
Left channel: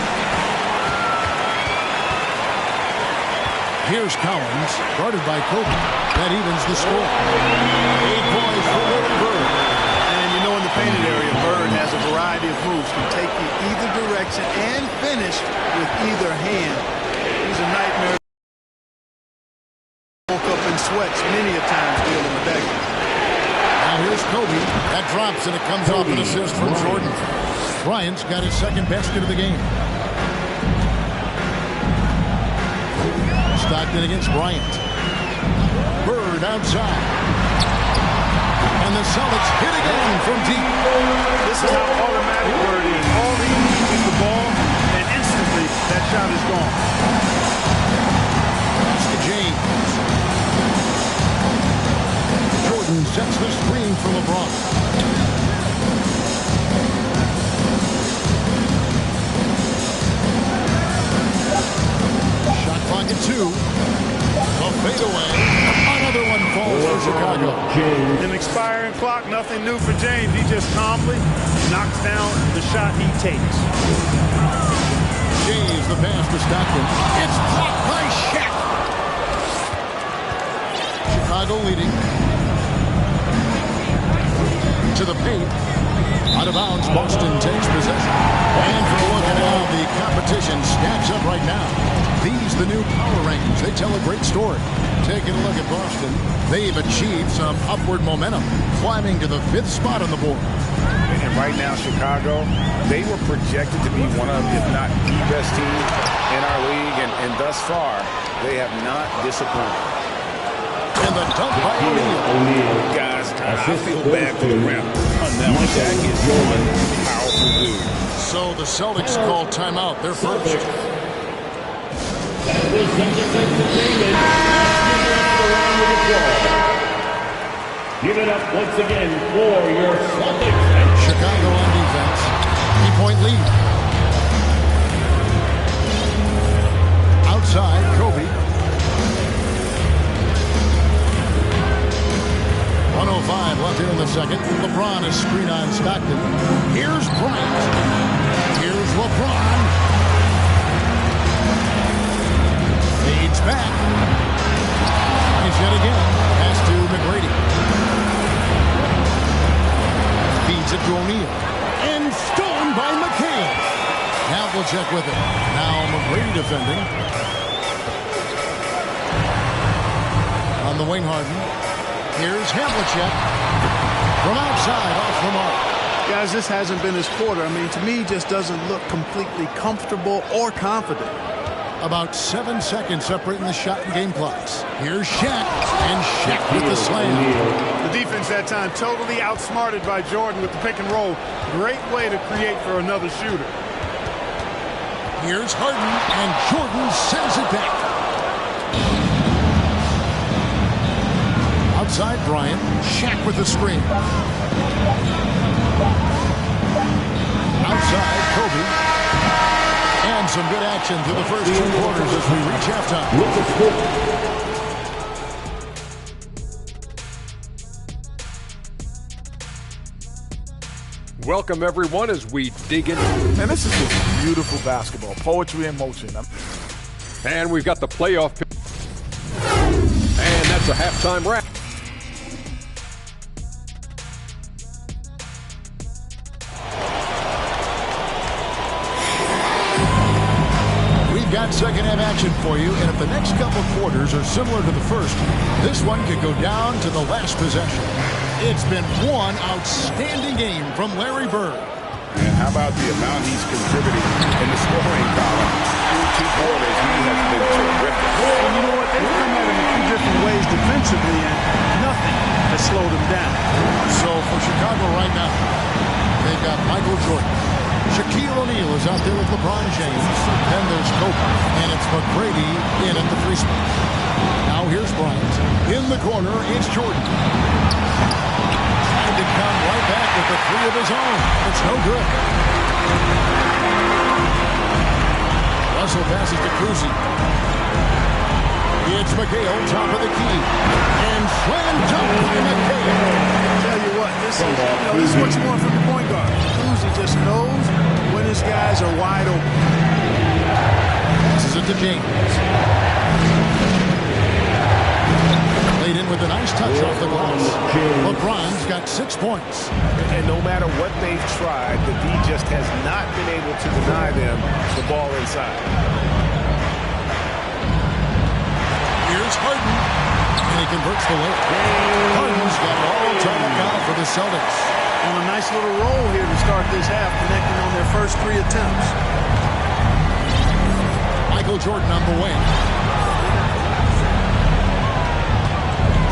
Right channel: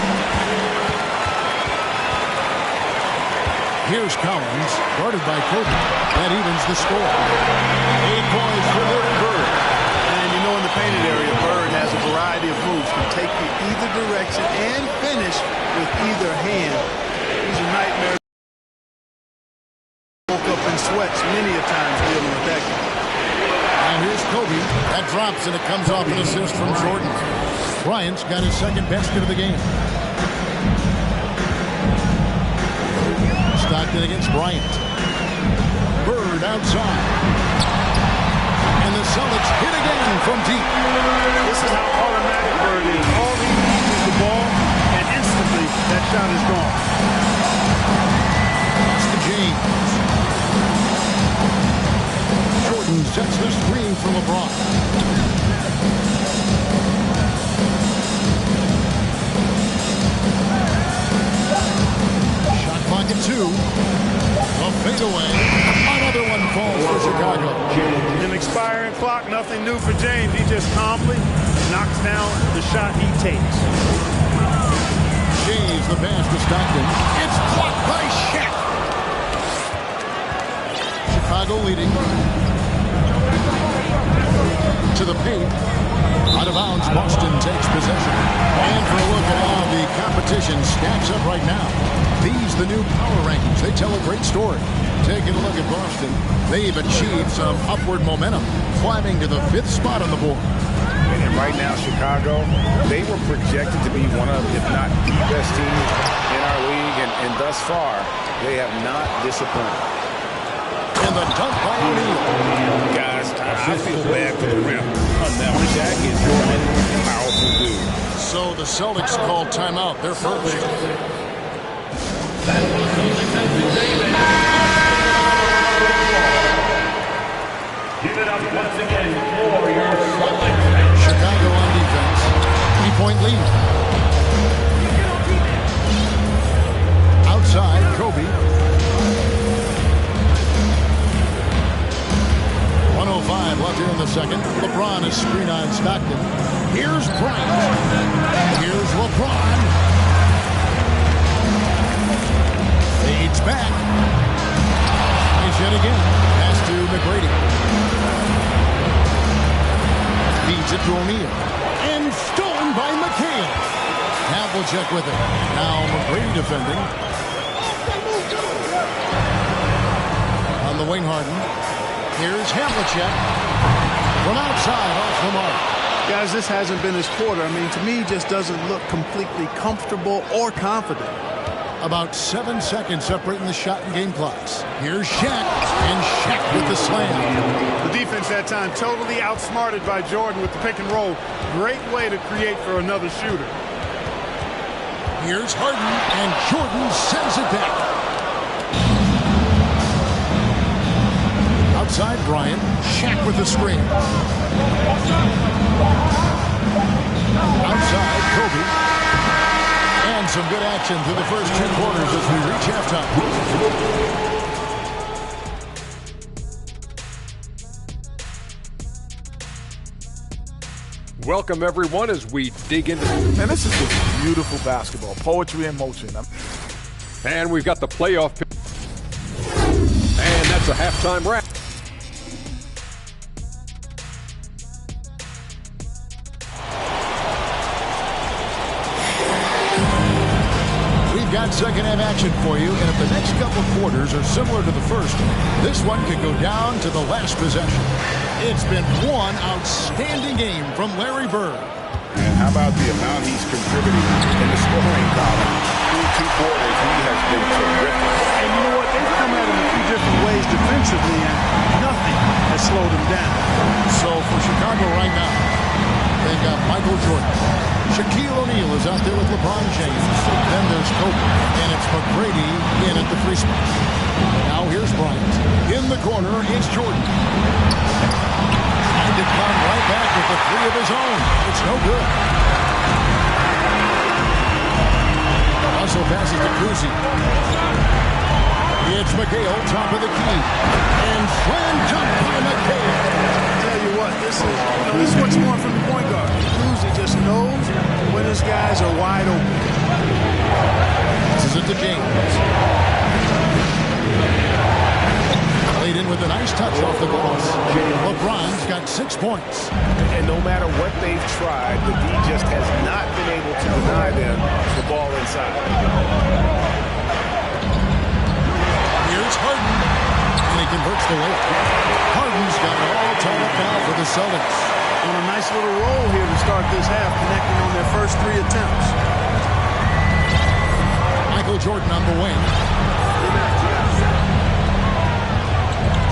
Here's Collins, guarded by Kobe. That evens the score. 8 points for Larry Bird. And you know, in the painted area, Bird has a variety of moves. Can take you either direction and finish with either hand. He's a nightmare. Woke up in sweats many a times dealing with that guy. Now here's Kobe. That drops, and it comes off an assist from Jordan. Bryant's got his second basket of the game. Stockton against Bryant. Bird outside. And the Celtics hit again from deep. This is how automatic Bird is. All he needs is the ball, and instantly that shot is gone. That's to James. Jordan sets the screen for LeBron. Clock at 2. A fadeaway. Another one falls for Chicago. An expiring clock, nothing new for James. He just calmly knocks down the shot he takes. James, the pass to Stockton. It's blocked by Shaq. Chicago leading. To the paint. Out of bounds, Boston takes possession. And for a look at how the competition stacks up right now. These, the new power rankings, they tell a great story. Taking a look at Boston, they've achieved some upward momentum, climbing to the 5th spot on the board. And right now, Chicago, they were projected to be one of, if not the best team in our league. And thus far, they have not disappointed. And the dunk by O'Neal. Guys, I feel bad for the rim. Now, Shaq is one powerful dude. So the Celtics call timeout. They're first. Give it up once again for your Celtics. Chicago on defense. 3-point lead. Outside, Kobe. 1:05 left here in the second. LeBron is screen on Stockton. Here's Bryant. Here's LeBron. Fades back. And yet again, pass to McGrady. Feeds it to O'Neal. And stolen by McHale. Havlicek with it. Now McGrady defending. On the wing, Harden. Here's Havlicek. From outside, off the mark. Guys, this hasn't been his quarter. I mean, to me, he just doesn't look completely comfortable or confident. About 7 seconds separating the shot and game clocks. Here's Shaq, and Shaq with the slam. The defense that time totally outsmarted by Jordan with the pick and roll. Great way to create for another shooter. Here's Harden, and Jordan sends it back. Outside Bryant, Shaq with the screen. Outside Kobe. And some good action through the first 2 quarters as we reach halftime. Welcome, everyone, as we dig into... Man, this is just beautiful basketball. Poetry in motion. And we've got the playoff... And that's a halftime wrap. We've got second half action for you, and if the next couple quarters are similar to the first, this one could go down to the last possession. It's been one outstanding game from Larry Bird. And how about the amount he's contributing in the scoring column? Through 2 quarters, he has been terrific. And you know what? They've come at him a few different ways defensively, and nothing has slowed him down. So for Chicago right now, they've got Michael Jordan. Shaquille O'Neal is out there with LeBron James. Then there's Kobe, and it's McGrady in at the 3 spot. Now here's Bryant. In the corner, it's Jordan. Trying to come right back with the 3 of his own. It's no good. Russell passes to Kuzi. It's McHale, top of the key. And slam dunk by McHale. Tell you what, this is what you want from the point guard. Kuzi just knows when his guys are wide open. This is it to James. Played in with a nice touch off the glass. LeBron's got 6 points. And no matter what they've tried, the D just has not been able to deny them the ball inside. Here's Harden, and he converts the layup. Harden's got it all tied up now for the Celtics. On a nice little roll here to start this half, connecting on their first 3 attempts. Michael Jordan on the wing.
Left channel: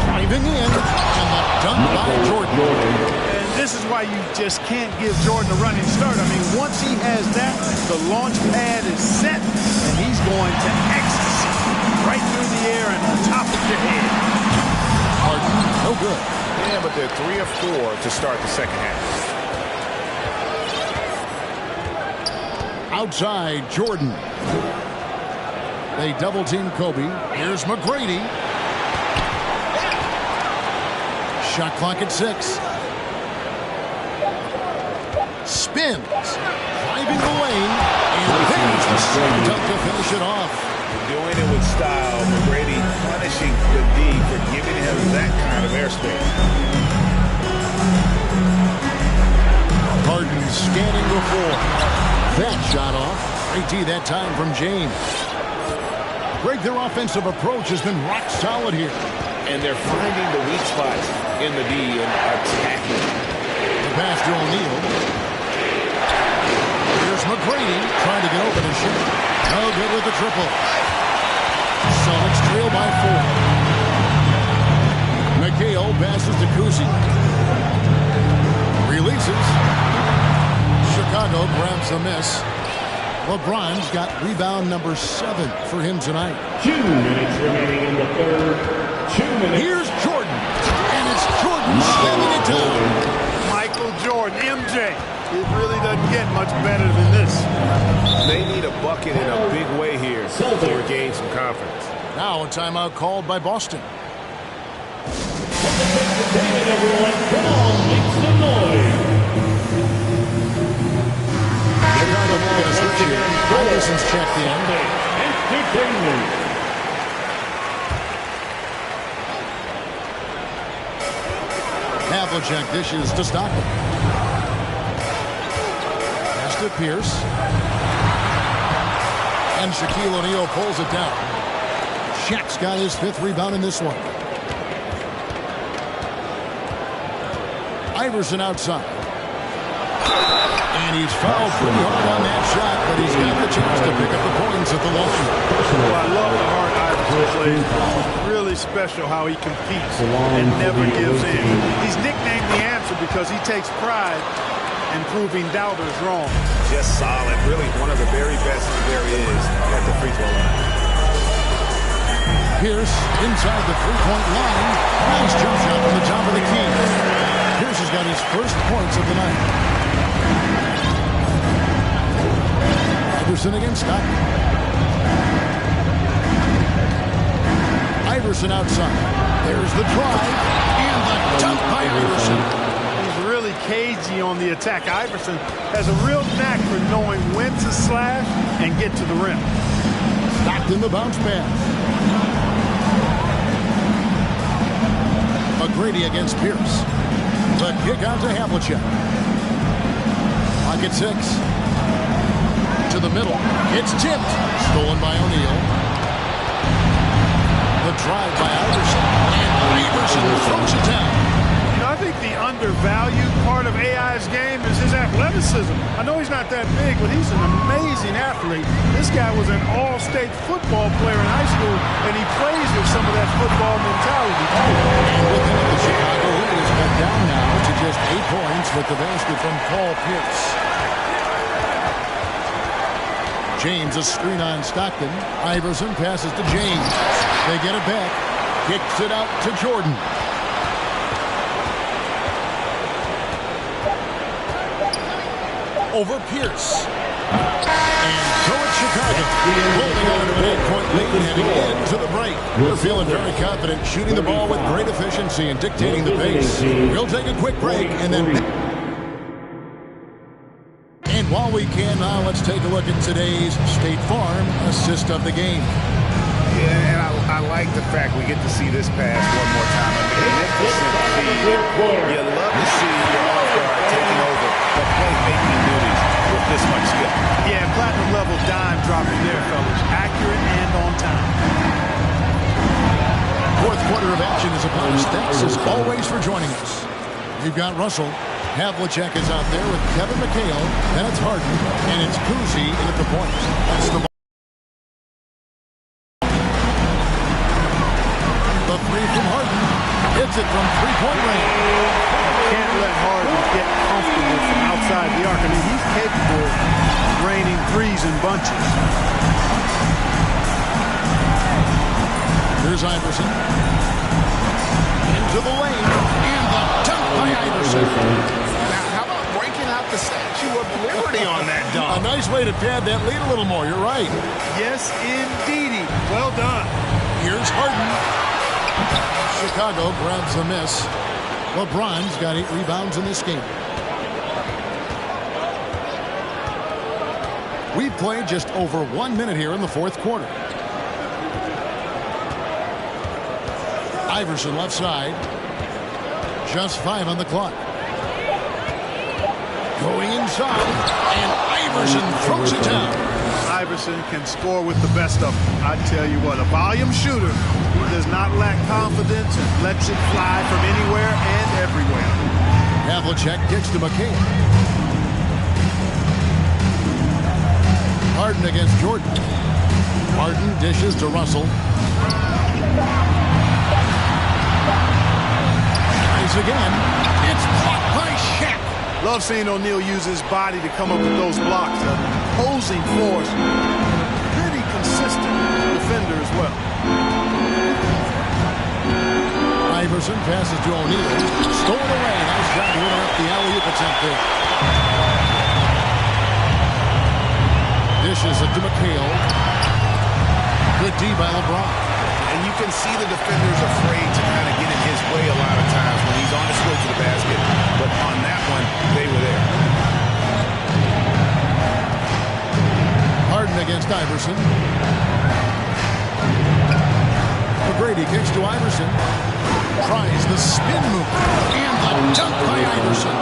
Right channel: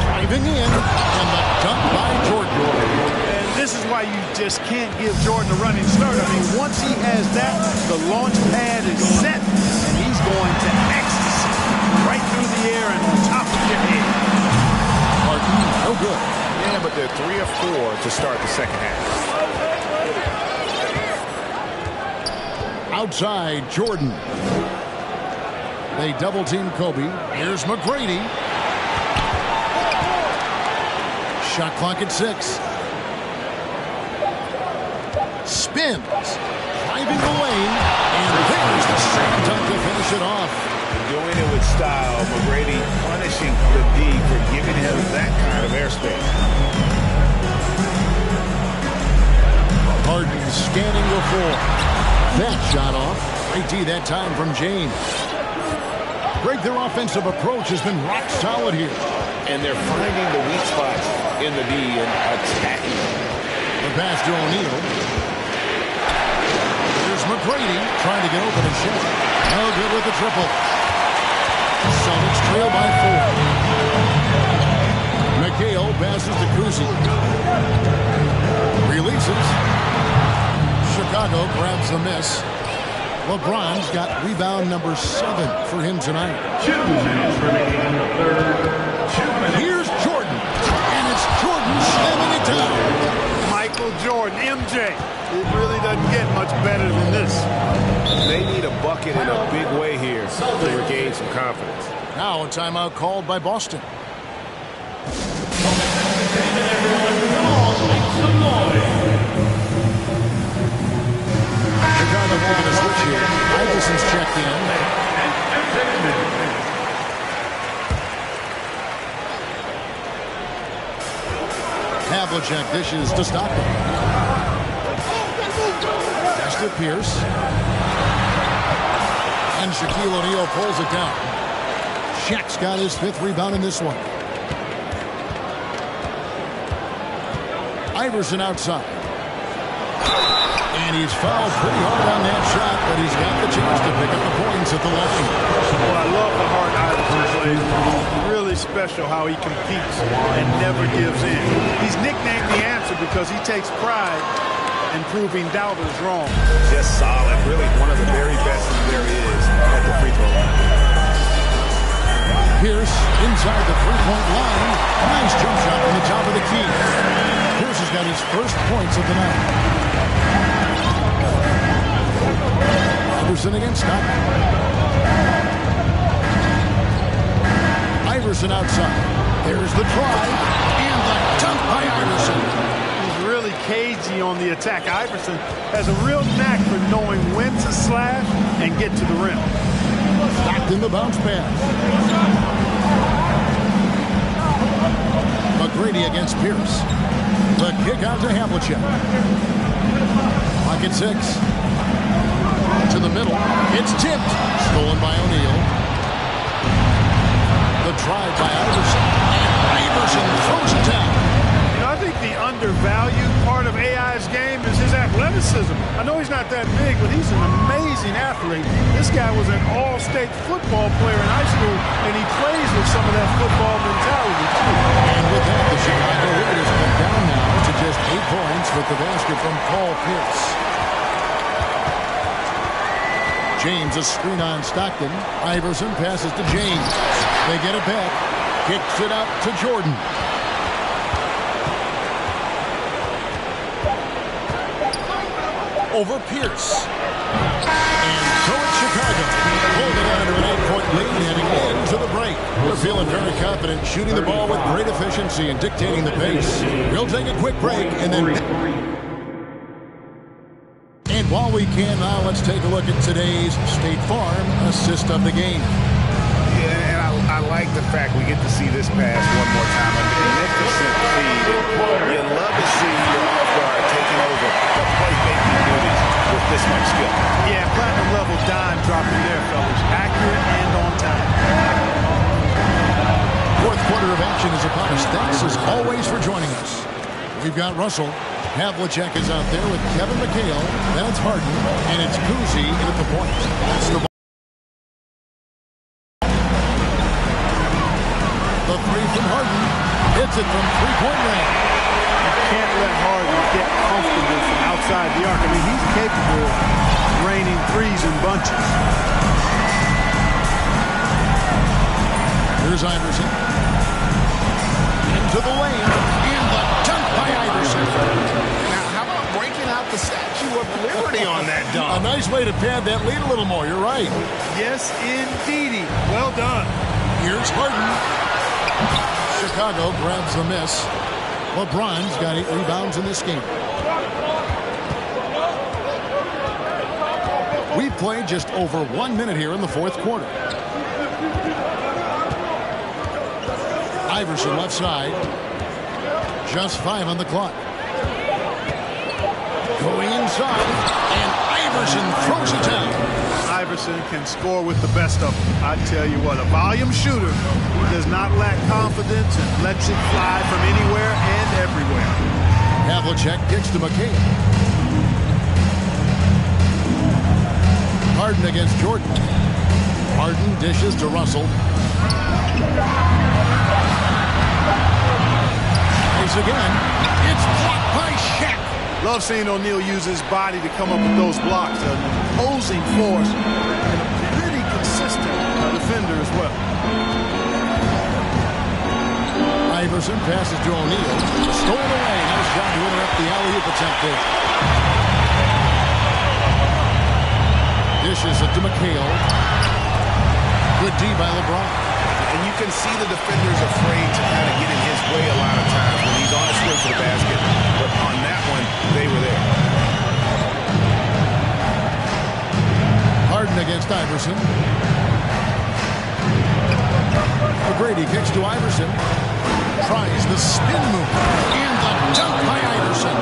Driving in, and the dunk by Jordan. And this is why you just can't give Jordan a running start. I mean, once he has that, the launch pad is set, and he's going to ecstasy. Right through the air and on top of your head. Harden, no good. Yeah, but they're 3 of 4 to start the second half. Outside, Jordan. They double-team Kobe. Here's McGrady. Shot clock at 6. Spins. Driving the lane. And there's the same dunk to finish it off. Doing it with style. McGrady punishing the D for giving him that kind of airspace. Harden scanning before. That shot off. Great D that time from James. Greg, their offensive approach has been rock solid here. And they're finding the weak spots in the D and attacking. The pass to O'Neal. Here's McGrady trying to get open and shot. No good with the triple. Celtics trail by 4. McHale passes to Kuzi. Releases. Chicago grabs the miss. LeBron's got rebound number 7 for him tonight. 2 minutes remaining in the third. 2 minutes. Here's Jordan. And it's Jordan slamming it down. Michael Jordan, MJ. It really doesn't get much better than this. They need a bucket in a big way here to regain some confidence. Now a timeout called by Boston. Come on, make some noise. Chicago making a switch here. Iverson's checked in. Entertainment. Havlicek dishes to Stockton. Pass to Pierce. And Shaquille O'Neal pulls it down. Shaq's got his 5th rebound in this one. Iverson outside. And he's fouled pretty hard on that shot, but he's got the chance to pick up the points at the line. Well, I love the hard Iverson plays. Really special how he competes and never gives in. He's nicknamed the answer because he takes pride in proving doubters wrong. Just solid. Really one of the very best there is at the free throw line. Pierce inside the three-point line. Nice jump shot from the top of the key. Pierce has got his first points of the night. Iverson against Scott. Iverson outside. There's the drive and the dunk by Iverson. He's really really cagey on the attack. Iverson has a real knack for knowing when to slash and get to the rim. Locked in the bounce pass. McGrady against Pierce. The kick out to Havlicek. Pocket 6. To the middle. It's tipped. Stolen by O'Neal. The drive by Iverson. And Iverson throws it down. You know, I think the undervalued part of AI's game is his athleticism. I know he's not that big, but he's an amazing athlete. This guy was an all-state football player in high school, and he plays with some of that football mentality, too. And with that, the Chicago lead is cut down now to just 8 points with the basket from Paul Pierce. James, a screen on Stockton. Iverson passes to James. They get it back. Kicks it out to Jordan. Over Pierce. And so it's Chicago, holding on to an 8-point lead heading into the break. They're feeling very confident, shooting the ball with great efficiency and dictating the pace. We'll take a quick break and then... And while we can now, let's take a look at today's State Farm assist of the game. Yeah, and I like the fact we get to see this pass one more time. A magnificent feed. You love to see your off guard taking over the playmaking duties with this much skill. Yeah, platinum level dime dropping there, fellas. Accurate and on time. Fourth quarter of action is upon us. Thanks as always for joining us. We've got Russell. Havlicek is out there with Kevin McHale. Then it's Harden. And it's Kuzi at the point. That's the The three from Harden. Hits it from three-point range. You can't let Harden get comfortable from outside the arc. I mean, he's capable of raining threes in bunches. Here's Iverson. Into the lane. And the dunk by Iverson. Now, how about breaking out the Statue of Liberty on that dunk? A nice way to pad that lead a little more. You're right. Yes, indeedy. Well done. Here's Harden. Chicago grabs the miss. LeBron's got 8 rebounds in this game. We've played just over 1 minute here in the fourth quarter. Iverson left side. Just 5 on the clock. Going inside, and Iverson throws it down. Iverson can score with the best of them. I tell you what, a volume shooter. He does not lack confidence and lets it fly from anywhere and everywhere. Havlicek kicks to McHale. Harden against Jordan. Harden dishes to Russell. Tries again. It's blocked by Shaq. Love seeing O'Neal use his body to come up with those blocks. An imposing force and a pretty consistent defender as well. Iverson passes to O'Neal. Stolen away. Nice job to interrupt the alley-oop attempt there. Dishes it to McHale. Good D by LeBron. And you can see the defenders afraid to kind of get in his way a lot of times when he's on his way to the basket. But on that one, they were there. Harden against Iverson. McGrady kicks to Iverson. Tries the spin move. And the dunk by Iverson.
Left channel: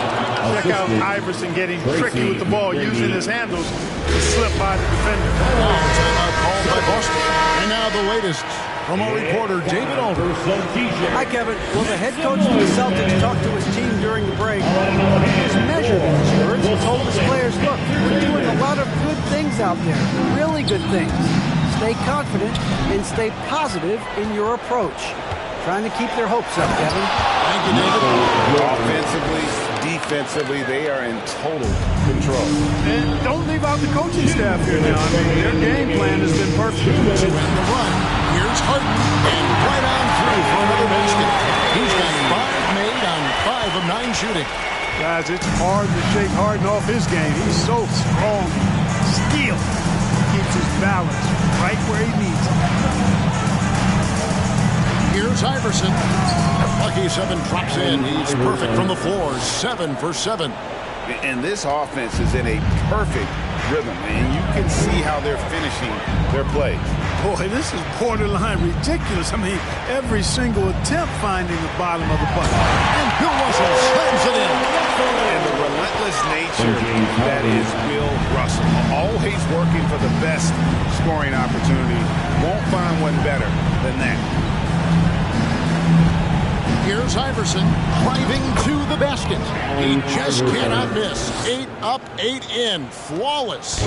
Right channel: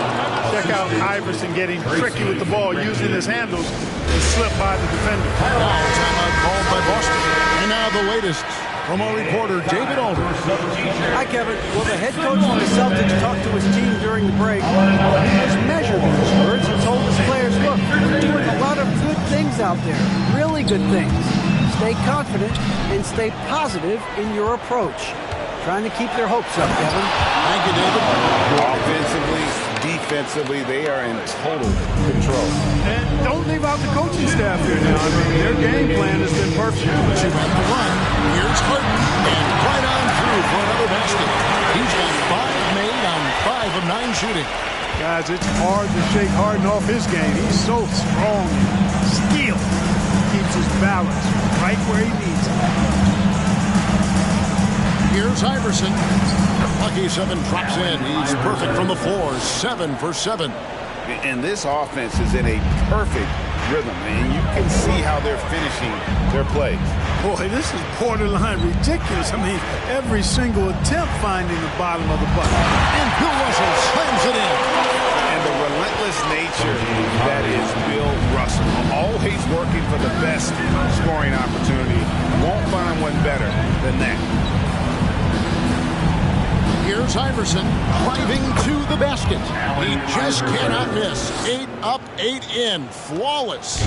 Check out Iverson getting tricky with the ball, using his handles to slip by the defender. Now timeout called by Boston. And now the latest from our reporter, David Alder. Hi, Kevin. Well, the head coach of the Celtics talked to his team during the break. He was measured in his words. He told his players, look, we're doing a lot of good things out there, really good things. Stay confident and stay positive in your approach. Trying to keep their hopes up, Kevin. Thank you, David. Offensively, defensively, they are in total control. And don't leave out the coaching staff here now. I mean, their game plan has been perfect. She ran the run. Here's Harden. And right on through for another basket. He's got 5 made on 5 of 9 shooting. Guys, it's hard to shake Harden off his game. He's so strong and skilled. Keeps his balance right where he needs it. Here's Iverson. Lucky 7 drops in. He's perfect from the floor. 7 for 7. And this offense is in a perfect rhythm, and you can see how they're finishing their plays. Boy, this is borderline ridiculous. I mean, every single attempt finding the bottom of the bucket. And Bill Russell slams it in. And the relentless nature that is Bill Russell. Always working for the best scoring opportunity. Won't find one better than that. Here's Iverson driving to the basket. He just cannot miss. 8 up, 8 in. Flawless.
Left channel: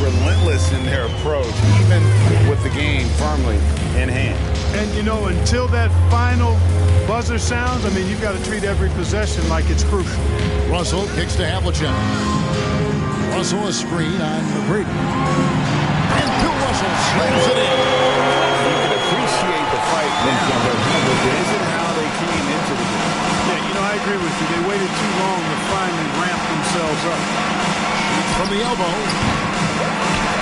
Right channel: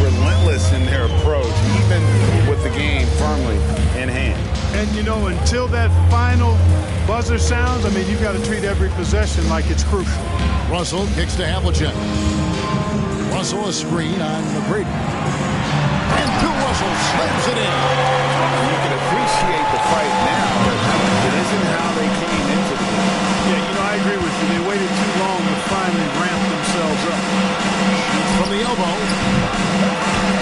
Relentless in their approach, even with the game firmly in hand. And, you know, until that final buzzer sounds, I mean, you've got to treat every possession like it's crucial. Russell kicks to Havlicek. Russell a screen on McGrady. And Bill Russell slams it in. You can appreciate the fight now, but it isn't how they came into the game. Yeah, you know, I agree with you. They waited too long to finally ramp themselves up. Shoots from the elbow.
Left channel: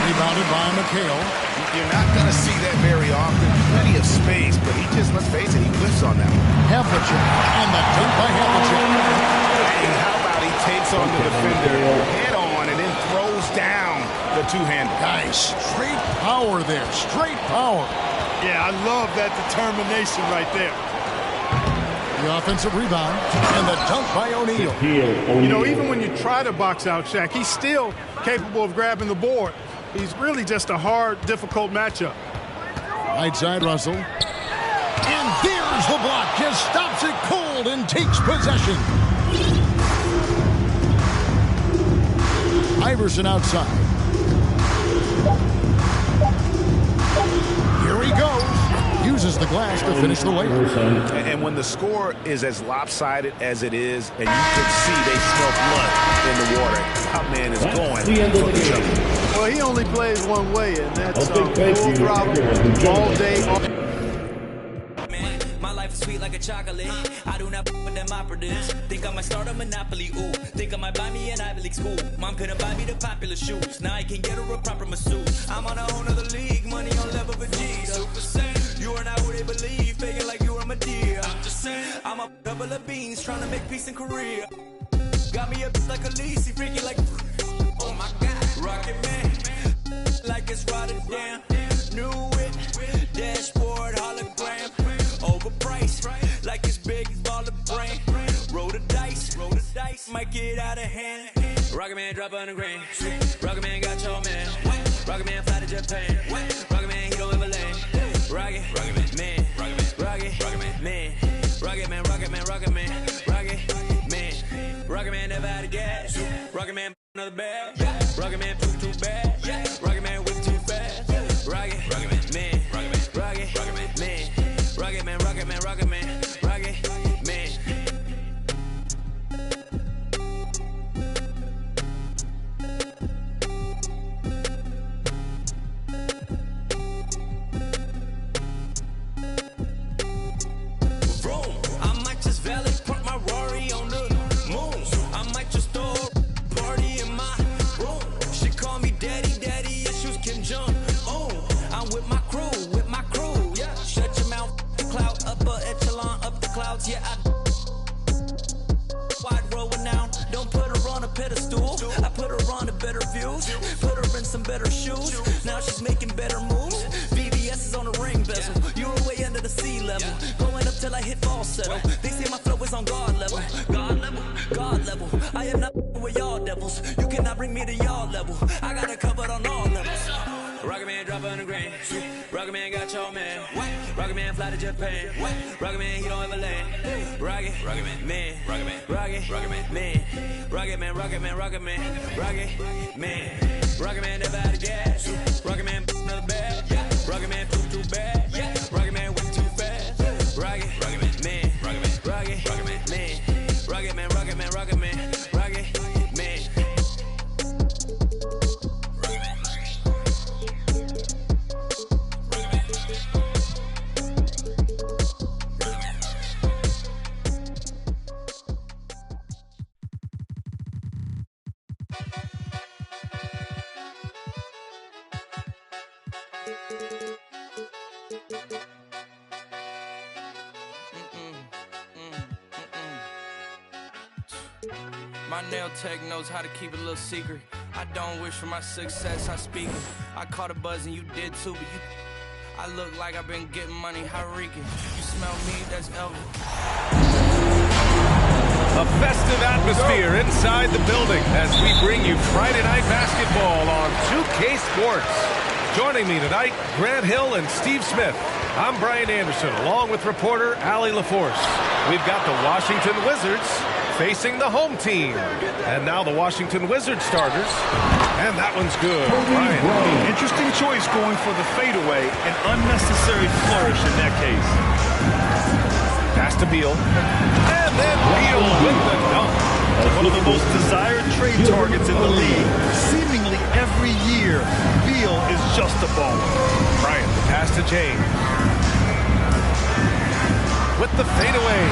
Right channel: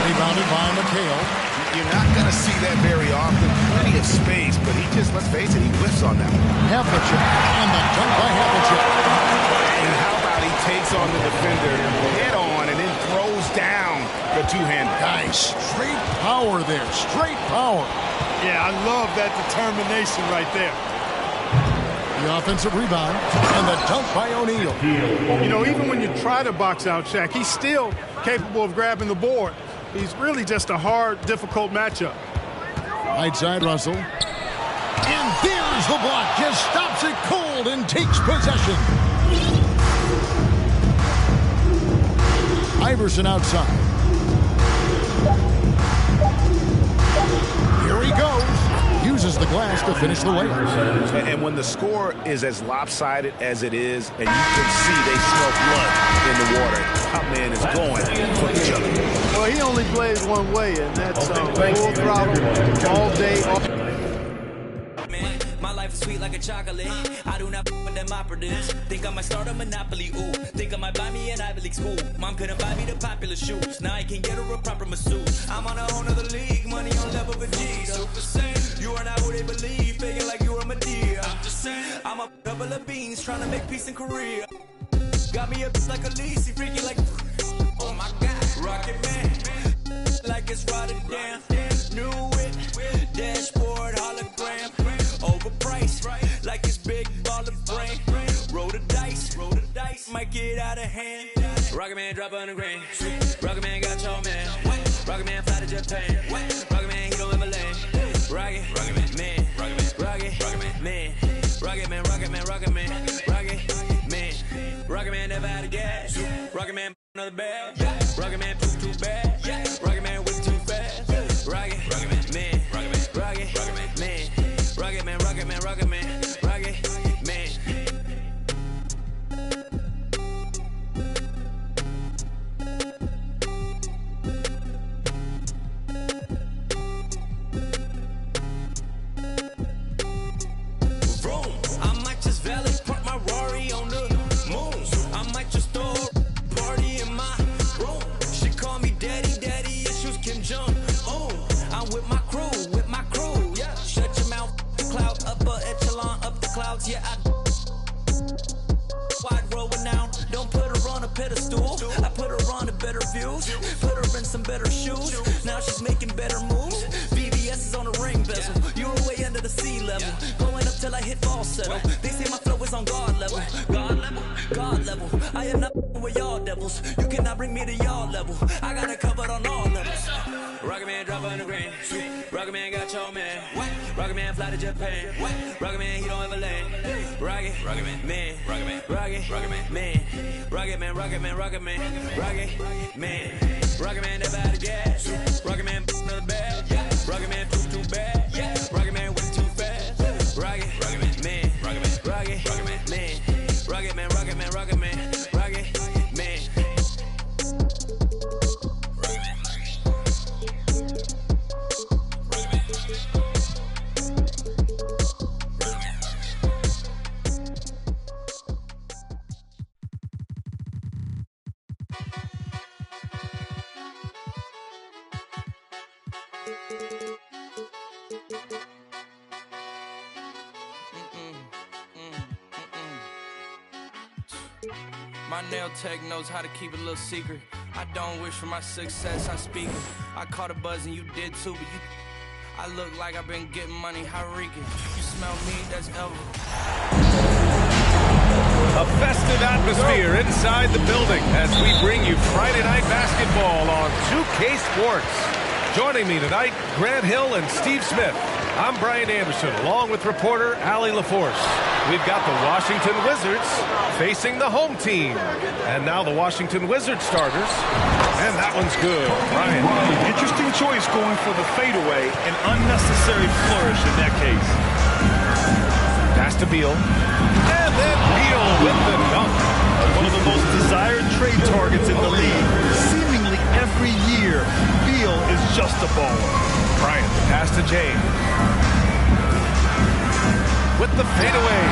Rebounded by McHale. You're not going to see that very often. Plenty of space, but he just, let's face it, he whiffs on that one. Havlicek. And the dunk by Havlicek. And how about he takes on the defender head on and then throws down the two-hander. Guys, straight power there. Straight power. Yeah, I love that determination right there. The offensive rebound and the dunk by O'Neal. You know, even when you try to box out Shaq, he's still capable of grabbing the board. He's really just a hard, difficult matchup. Right side, Russell. And there's the block. Just stops it cold and takes possession. Iverson outside. Here he goes. Uses the glass to finish the layup. And when the score is as lopsided as it is, and you can see they smell blood in the water, top man is going for the jump. Well, he only plays one way, and that's full throttle all day. My life is sweet like a chocolate. I do not with them operatives. Think I might start a monopoly. Ooh, think I might buy me an Ivy League school. Mom couldn't buy me the popular shoes. Now I can get her a proper masseuse. I'm on a whole nother league. Money on level with G. Super Saiyan. You are not who they believe. Faking like you are my dear. I'm just saying. I'm a couple of beans trying to make peace in Korea. Got me a like a lease. He freaking like. Oh my God. Rocket Man. Like it's Rotterdam. New it. Dashboard hologram. Overpriced, like it's big baller brain. Roll the dice, might get out of hand. Rocket Man drop on the grain. Rocket Man got your man. Rocket Man fly to Japan. Rocket Man, he don't ever land. Rocket Man, Rocket Man, Rocket Man, Rocket Man, Rocket Man, Rocket Man. Rocket Man never out of gas. Rocket Man another bag. Rocket Man poop too bad. Rocket Man whip too fast. Rocket Man, Rocket Man. Rocket Man, Rocket Man, Rocket Man, Rocket Man. Vroom, I might just valet park my Rari on the moon. I might just throw a party in my room. She call me daddy, daddy issues Kim Jong. Oh, I'm with my crew, yeah. Shut your mouth. Cloud, upper echelon, up the clouds, yeah, wide roll renown. Don't put her on a pedestal. I put her on a better views. Put her in some better shoes. Now she's making better moves. VVS is on the ring bezel. You were way under the sea level. Going up till I hit falsetto. They say my flow is on God level. God level. I am not with y'all devils. You cannot bring me to y'all level. I got it covered on all levels. Rocket Man drop on the grain. Rocket Man got your man. Rocket Man fly to Japan. Rocket Man, he don't ever land. Rocket Man, Rocket Man, Rocket Man, Rocket Man, Rocket Man, Rocket Man, Rocket Man. Rocket Man never out of gas. Rocket Man another bag. Rocket Man poop too bad. Rocket Man whip too fast. Rocket Man, Rocket Man, Rocket Man, Rocket Man, Rocket Man, Rocket Man, Rocket Man. My nail tech knows how to keep it a little secret. I don't wish for my success, I speak it. I caught a buzz and you did too, but you... I look like I've been getting money, how reeking. You smell me, that's Elvis. A festive atmosphere inside the building as we bring you Friday Night Basketball on 2K Sports. Joining me tonight, Grant Hill and Steve Smith. I'm Brian Anderson, along with reporter Allie LaForce. We've got the Washington Wizards facing the home team. And now the Washington Wizards starters. And that one's good. Brian. Interesting choice going for the fadeaway. An unnecessary flourish in that case. Pass to Beal. And then Beal with the dunk. One of the most desired trade targets in the league. Seemingly every year, Beal is just a baller. Bryant, the pass to James. With the fadeaway.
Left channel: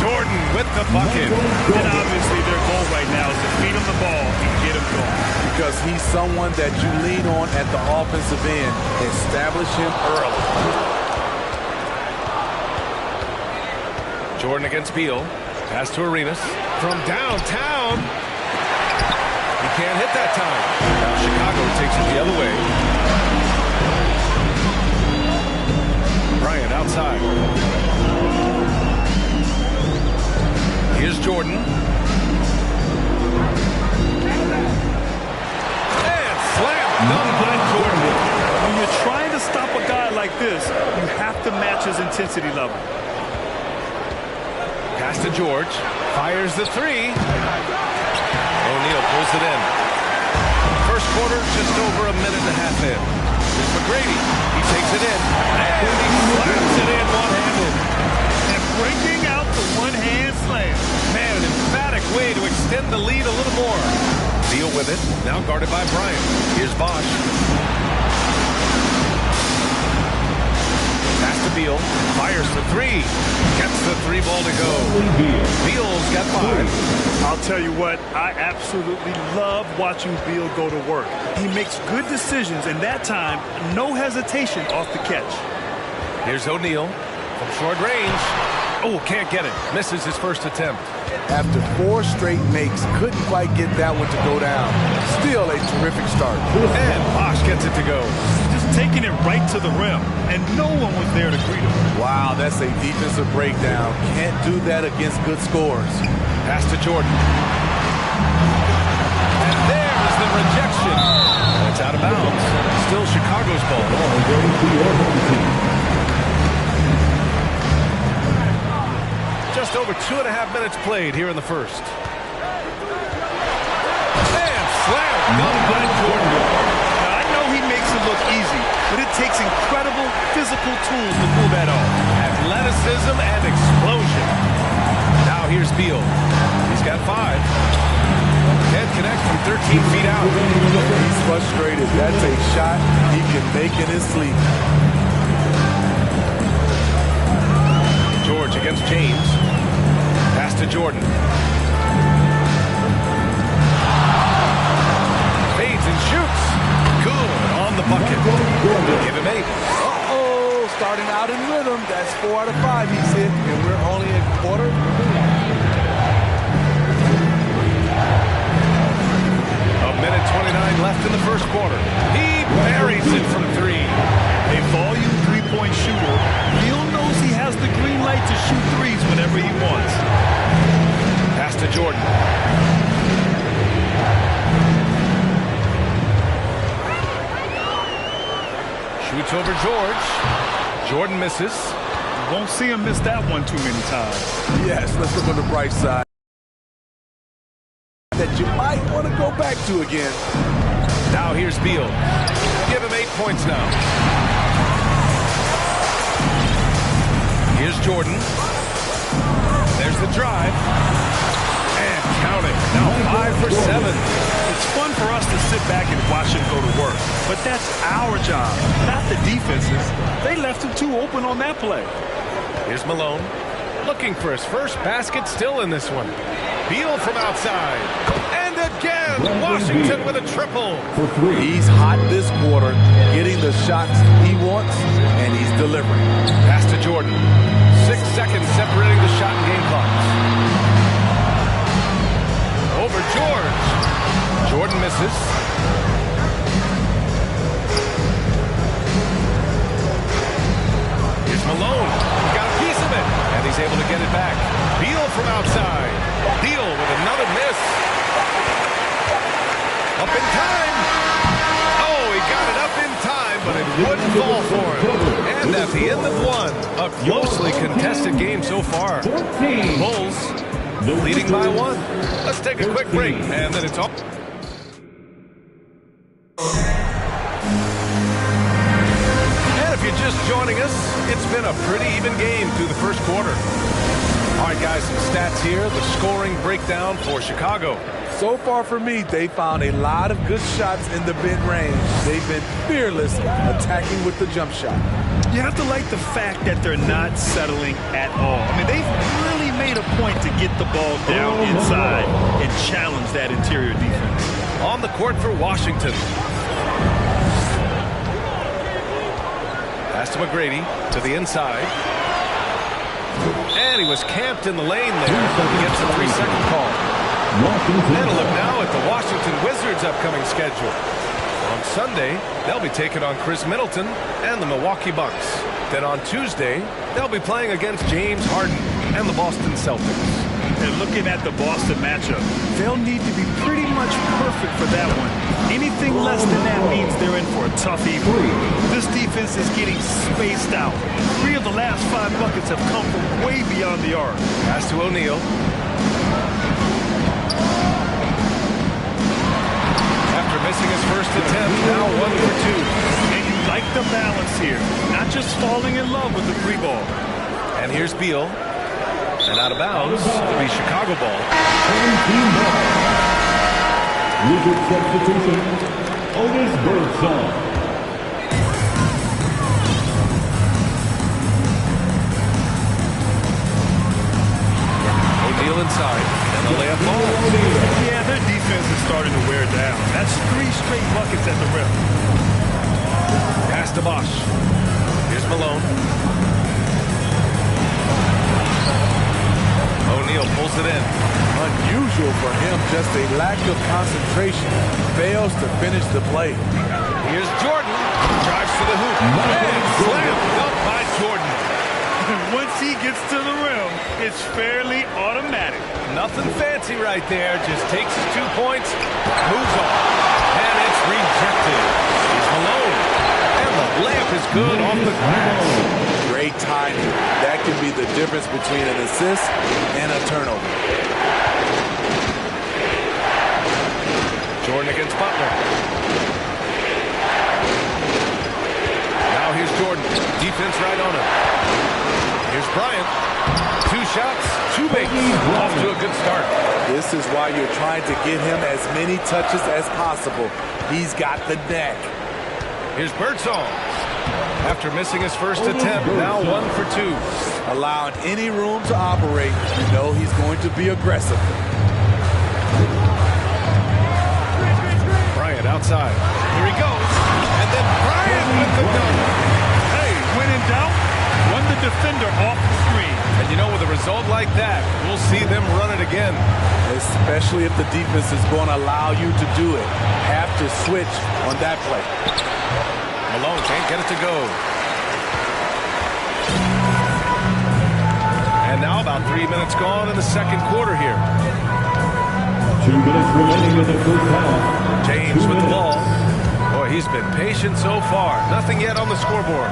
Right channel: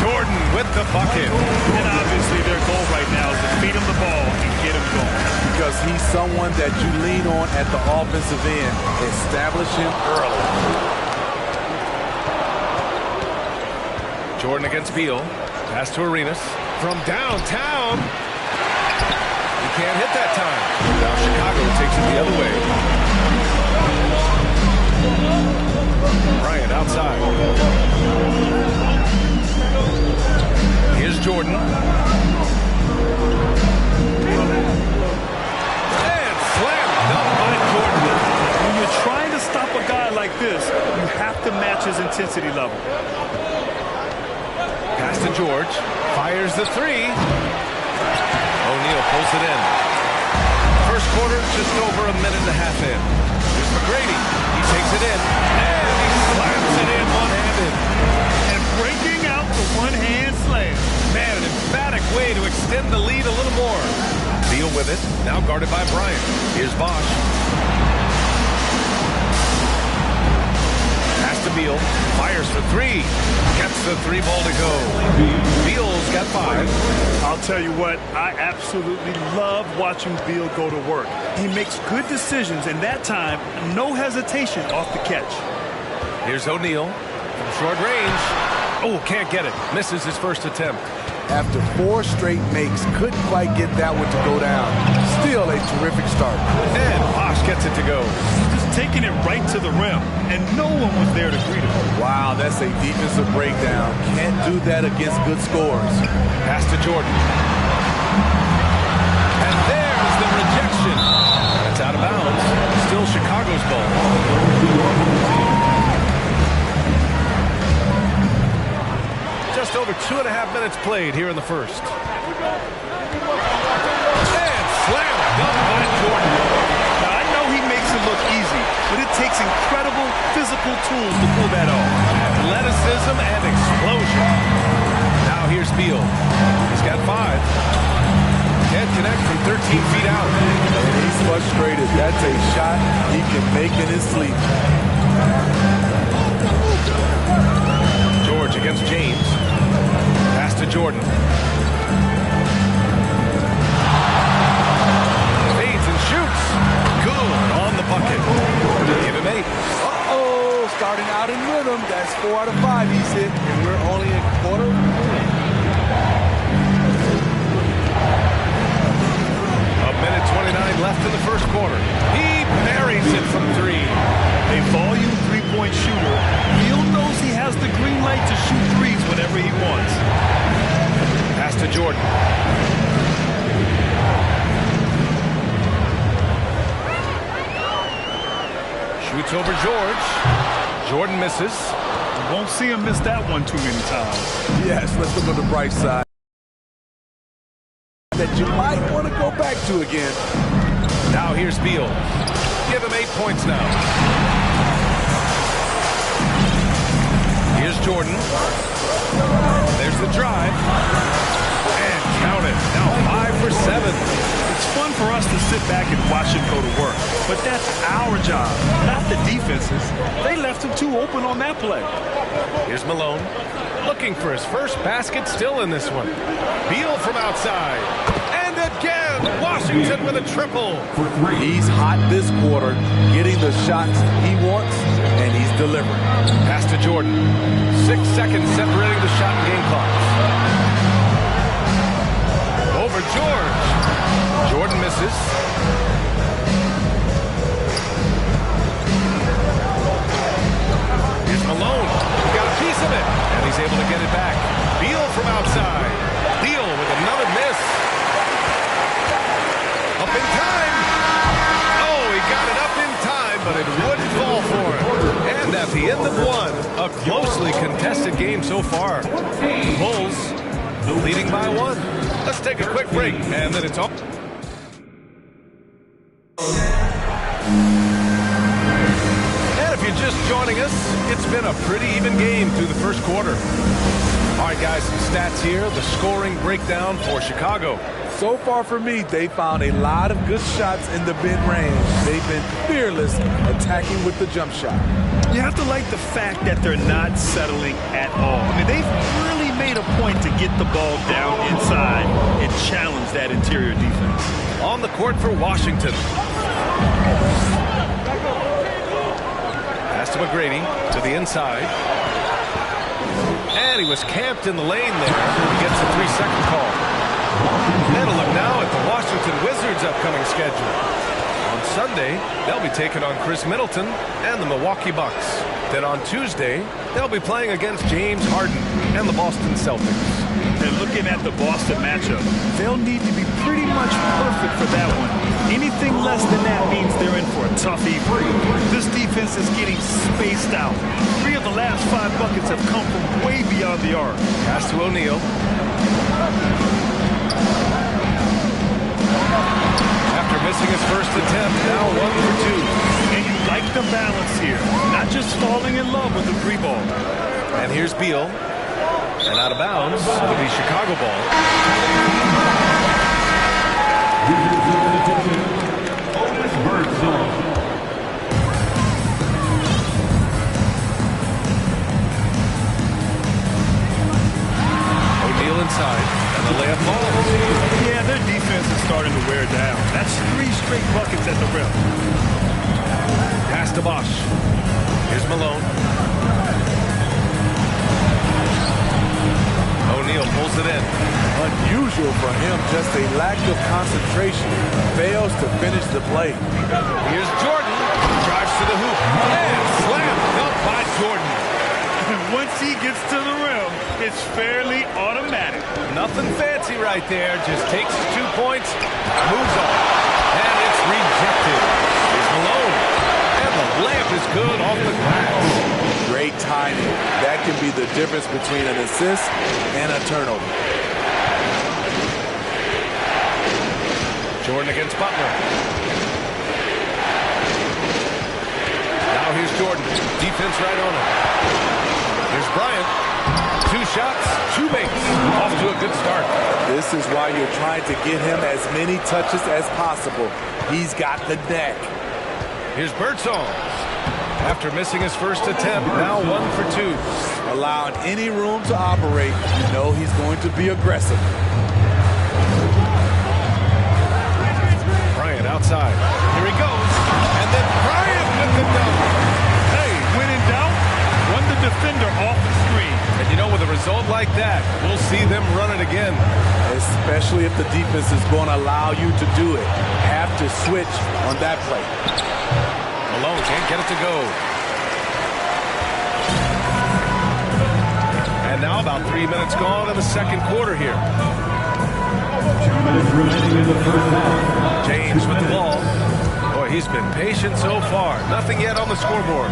Jordan with the bucket. And obviously their goal right now is to feed him the ball and get him going. Because he's someone that you lean on at the offensive end. Establish him early. Jordan against Beal. Pass to Arenas. From downtown. He can't hit that time. Now Chicago takes it the other way. Bryant outside. Here's Jordan. And slam dunk by Jordan. When you're trying to stop a guy like this, you have to match his intensity level. Pass to George. Fires the three. O'Neal pulls it in. First quarter, just over a minute and a half in. Here's McGrady. He takes it in. And he slams it in one-handed. And breaking out the one-hand slam. Man, an emphatic way to extend the lead a little more. Beal with it. Now guarded by Bryant. Here's Bosch. Pass to Beal. Fires for three. Gets the three ball to go. Beal's got 5. I'll tell you what, I absolutely love watching Beal go to work. He makes good decisions, and that time, no hesitation off the catch. Here's O'Neal from short range. Oh, can't get it. Misses his first attempt. After 4 straight makes, couldn't quite get that one to go down. Still a terrific start. And Bosch gets it to go. Just taking it right to the rim, and no one was there to greet him. Wow, that's a defensive breakdown. Can't do that against good scores. Pass to Jordan. And there's the rejection. And it's out of bounds. Still Chicago's ball. Just over 2.5 minutes played here in the first. And slam dunk by Jordan. Now, I know he makes it look easy, but it takes incredible physical tools to pull that off. Athleticism and explosion. Now here's Beal. He's got 5. Can't connect from 13 feet out. He's frustrated. That's a shot he can make in his sleep. George against James. Pass to Jordan. Fades and shoots. Good on the bucket. Give him 8. Uh-oh, starting out in rhythm. That's 4 out of 5 he's hit, and we're only in quarter 1. A minute 29 left in the first quarter. He buries it from 3. A volume three-point shooter. Beal knows he has the green light to shoot threes whenever he wants. Pass to Jordan. Shoots over George. Jordan misses. You won't see him miss that one too many times. Yes, let's look on the bright side. That you might want to go back to again. Now here's Beal. Give him 8 points now. Here's Jordan. There's the drive. And count it. Now 5 for 7. It's fun for us to sit back and watch him go to work. But that's our job, not the defense's. They left him too open on that play. Here's Malone. Looking for his first basket still in this one. Beal from outside. And again, Washington with a triple. For 3. He's hot this quarter, getting the shots he wants, and he's delivering. Pass to Jordan. 6 seconds separating the shot and game clocks. Over George. Jordan misses. Here's Malone. He got a piece of it, and he's able to get it back. Beal from outside. Beal with another miss. Up in time. Oh, he got it up in time, but it wouldn't fall for him. And at the end of one, a closely contested game so far. The Bulls leading by one. Let's take a quick break, and then it's all. And if you're just joining us, it's been a pretty even game through the first quarter. All right, guys, some stats here. The scoring breakdown for Chicago. So far for me, they found a lot of good shots in the mid-range. They've been fearless attacking with the jump shot. You have to like the fact that they're not settling at all. I mean, they've really made a point to get the ball down inside and challenge that interior defense. On the court for Washington. Pass to McGrady to the inside. And he was camped in the lane there. He gets a 3-second call. And a look now at the Washington Wizards' upcoming schedule. On Sunday, they'll be taking on Chris Middleton and the Milwaukee Bucks. Then on Tuesday, they'll be playing against James Harden and the Boston Celtics. And looking at the Boston matchup, they'll need to be pretty much perfect for that one. Anything less than that means they're in for a tough evening. This defense is getting spaced out. 3 of the last 5 buckets have come from way beyond the arc. Pass to O'Neal. After missing his first attempt, now 1 for 2. And you like the balance here, not just falling in love with the 3 ball. And here's Beal. And out of bounds, it'll be Chicago ball. Wizard substitution, Otis Birdsong. O'Neal inside, and the layup falls. Yeah, their defense is starting to wear down. That's 3 straight buckets at the rim. Pass to Bosch. Here's Malone. O'Neal pulls it in. Unusual for him, just a lack of concentration. Fails to finish the play. Here's Jordan. Drives to the hoop. And slam dunked by Jordan. Once he gets to the rim, it's fairly automatic. Nothing fancy right there. Just takes his 2 points, moves on. And it's rejected. Here's Malone. And the layup is good off the glass. Great timing. That can be the difference between an assist and a turnover. Jordan against Butler. Now here's Jordan. Defense right on him. Here's Bryant. 2 shots, 2 makes. Off to a good start. This is why you're trying to get him as many touches as possible. He's got the neck. Here's Birdsong. After missing his first attempt, now 1 for 2. Allowing any room to operate, you know he's going to be aggressive. Bryant outside. Here he goes. And then Bryant with the dunk. Hey, when in doubt, run the defender off the screen. And you know, with a result like that, we'll see them run it again. Especially if the defense is going to allow you to do it. Have to switch on that play. Malone can't get it to go. And now about 3 minutes gone in the second quarter here. 2 minutes remaining in the first half. James with the ball. Boy, he's been patient so far. Nothing yet on the scoreboard.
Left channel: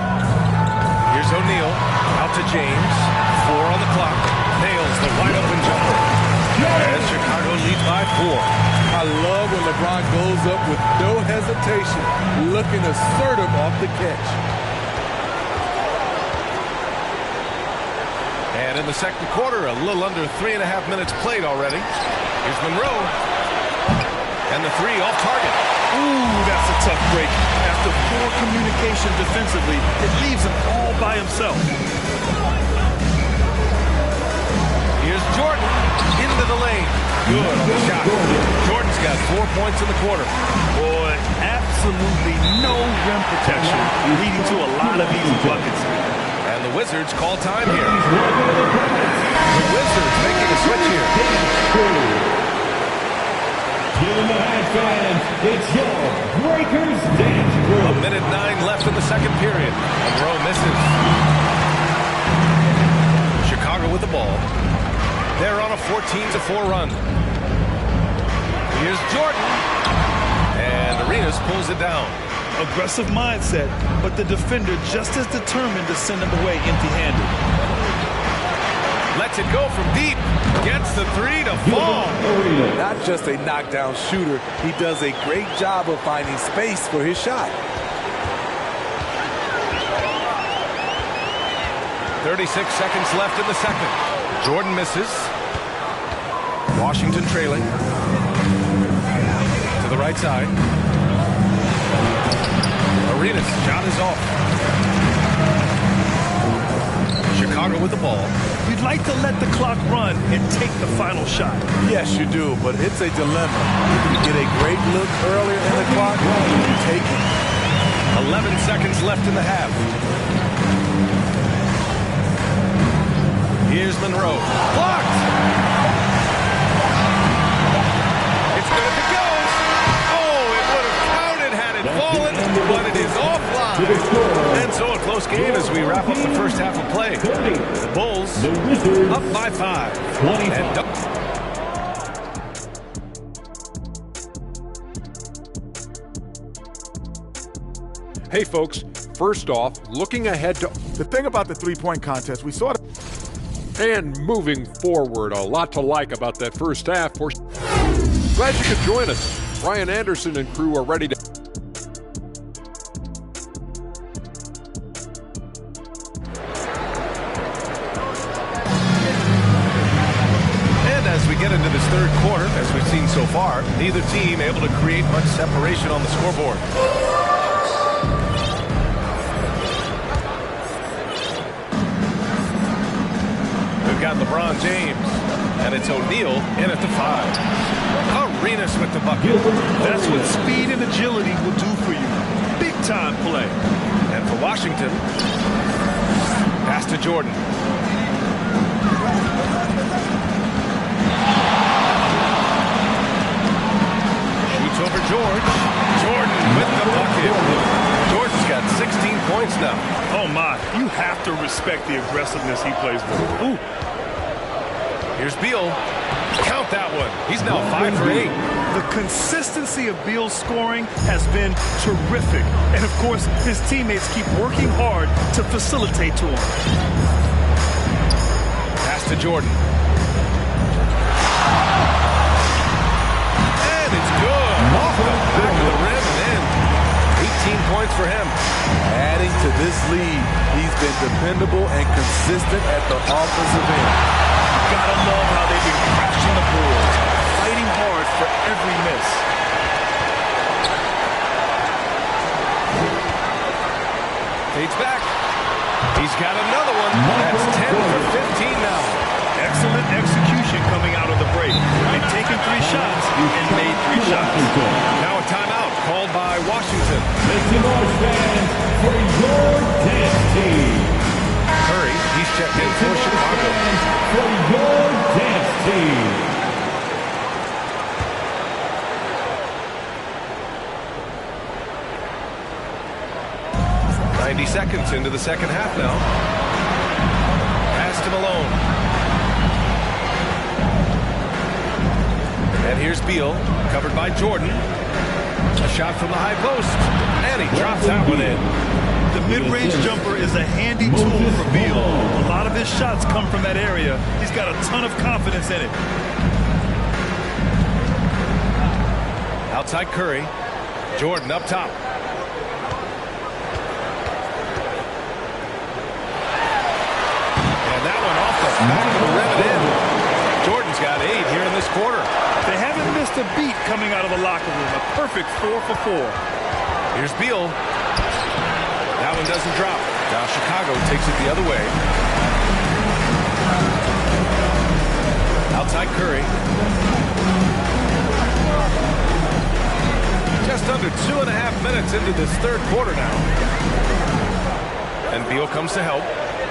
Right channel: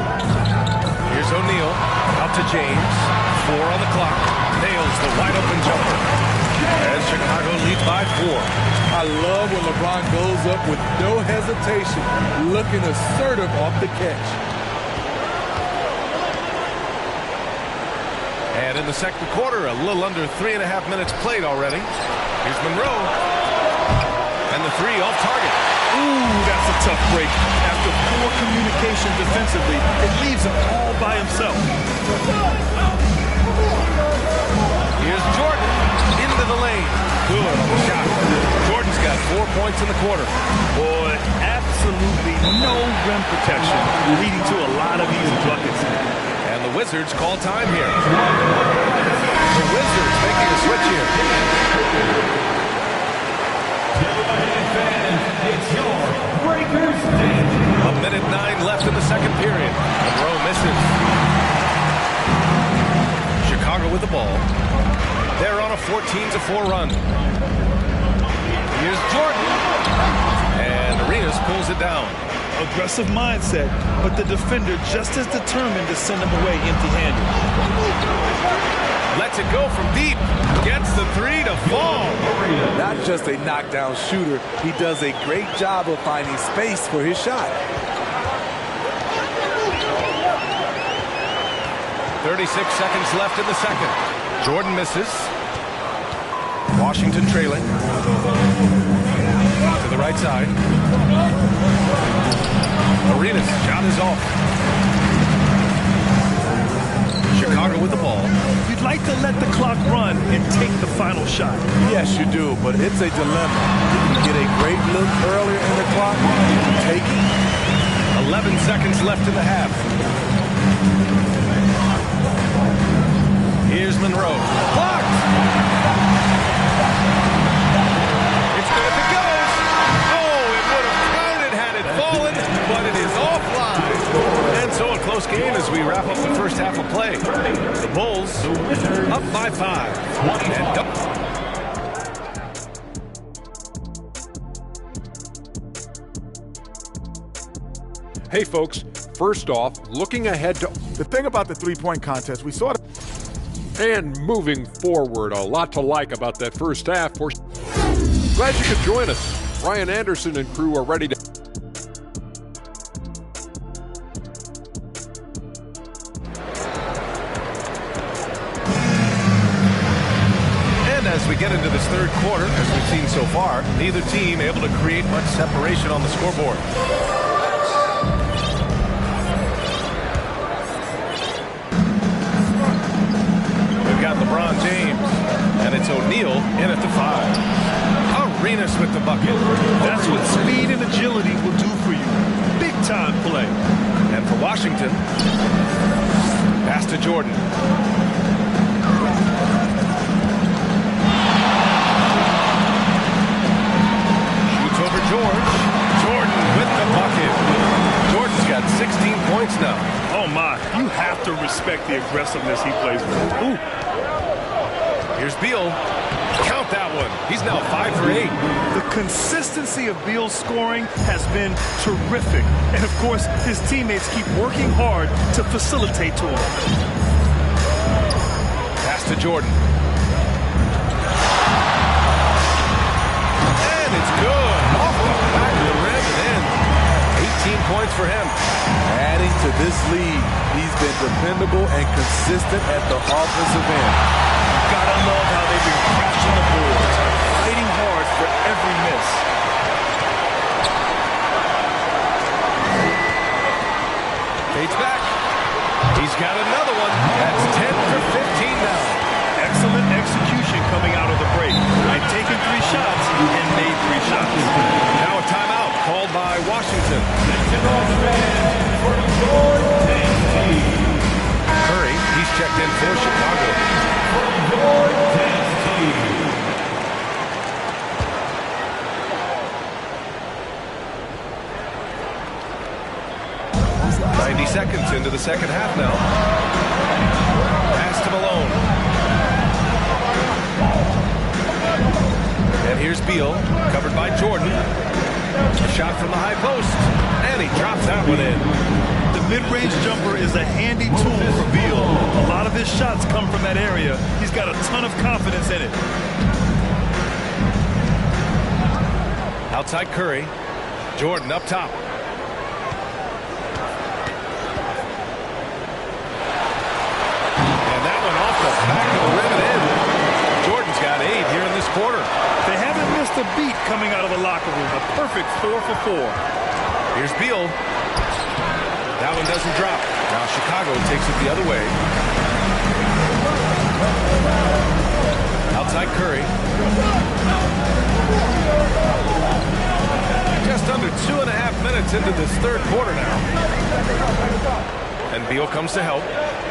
Here's O'Neal. Out to James. 4 on the clock. Nails the wide open jumper. And Chicago leads by 4. I love when LeBron goes up with no hesitation, looking assertive off the catch. And in the second quarter, a little under 3.5 minutes played already. Here's Monroe. And the 3 off target. Ooh, that's a tough break. After poor communication defensively, it leaves him all by himself. Here's Jordan into the lane. Good on the shot. Jordan's got 4 points in the quarter. Boy, absolutely no rim protection, leading to a lot of easy buckets. And the Wizards call time here. The Wizards making a switch here. It's your Breakers Dance Crew. 1:09 left in the second period. Monroe misses. Chicago with the ball. They're on a 14-4 run. Here's Jordan. And Arenas pulls it down. Aggressive mindset, but the defender just as determined to send him away empty-handed. Lets it go from deep. Gets the three to fall. Not just a knockdown shooter, he does a great job of finding space for his shot. 36 seconds left in the second. Jordan misses. Washington trailing. To the right side. Arenas' shot is off. Chicago with the ball. You'd like to let the clock run and take the final shot. Yes, you do, but it's a dilemma. If you get a great look earlier in the clock, you take it. 11 seconds left in the half. Here's Monroe. Blocked! It's good if it goes. Oh, it would have counted had it fallen, but it is offline. And so a close game as we wrap up the first half of play. The Bulls up by 5. And Hey, folks, first off, looking ahead to the thing about the three-point contest, we saw it. And moving forward, a lot to like about that first half. Glad you could join us. Ryan Anderson and crew are ready to. And as we get into this third quarter, as we've seen so far, neither team able to create much separation on the scoreboard. We've got LeBron James, and it's O'Neal in at the 5. Arenas with the bucket. That's what speed and agility will do for you. Big time play. And for Washington, pass to Jordan. Shoots over George. Jordan with the bucket. Jordan's got 16 points now. Oh my, you have to respect the aggressiveness he plays with. Ooh. Here's Beal. Count that one. He's now 5 for 8. The consistency of Beal's scoring has been terrific. And of course, his teammates keep working hard to facilitate to him. Pass to Jordan. And it's good. Off the back of the rim and in. 18 points for him. Adding to this lead, he's been dependable and consistent at the offensive end. Gotta love how they've been crashing the boards, fighting hard for every miss. Fades back. He's got another one. That's 10 for 15 now. Excellent execution coming out of the break. They've taken 3 shots and made 3 shots. Now a timeout called by Washington. Listen on, fans, for your dance team. Curry, he's checked in for Chicago. For your dance team. 90 seconds into the second half now. Pass to Malone. And here's Beal, covered by Jordan. A shot from the high post, and he drops that one in. The mid-range jumper is a handy tool for Beal. A lot of his shots come from that area. He's got a ton of confidence in it. Outside Curry. Jordan up top. And that one off the back of the rim and in. Jordan's got 8 here in this quarter. They haven't missed a beat coming out of the locker room. A perfect 4 for 4. Here's Beal. That one doesn't drop. Now Chicago takes it the other way. Outside Curry. Just under 2.5 minutes into this third quarter now. And Beal comes to help.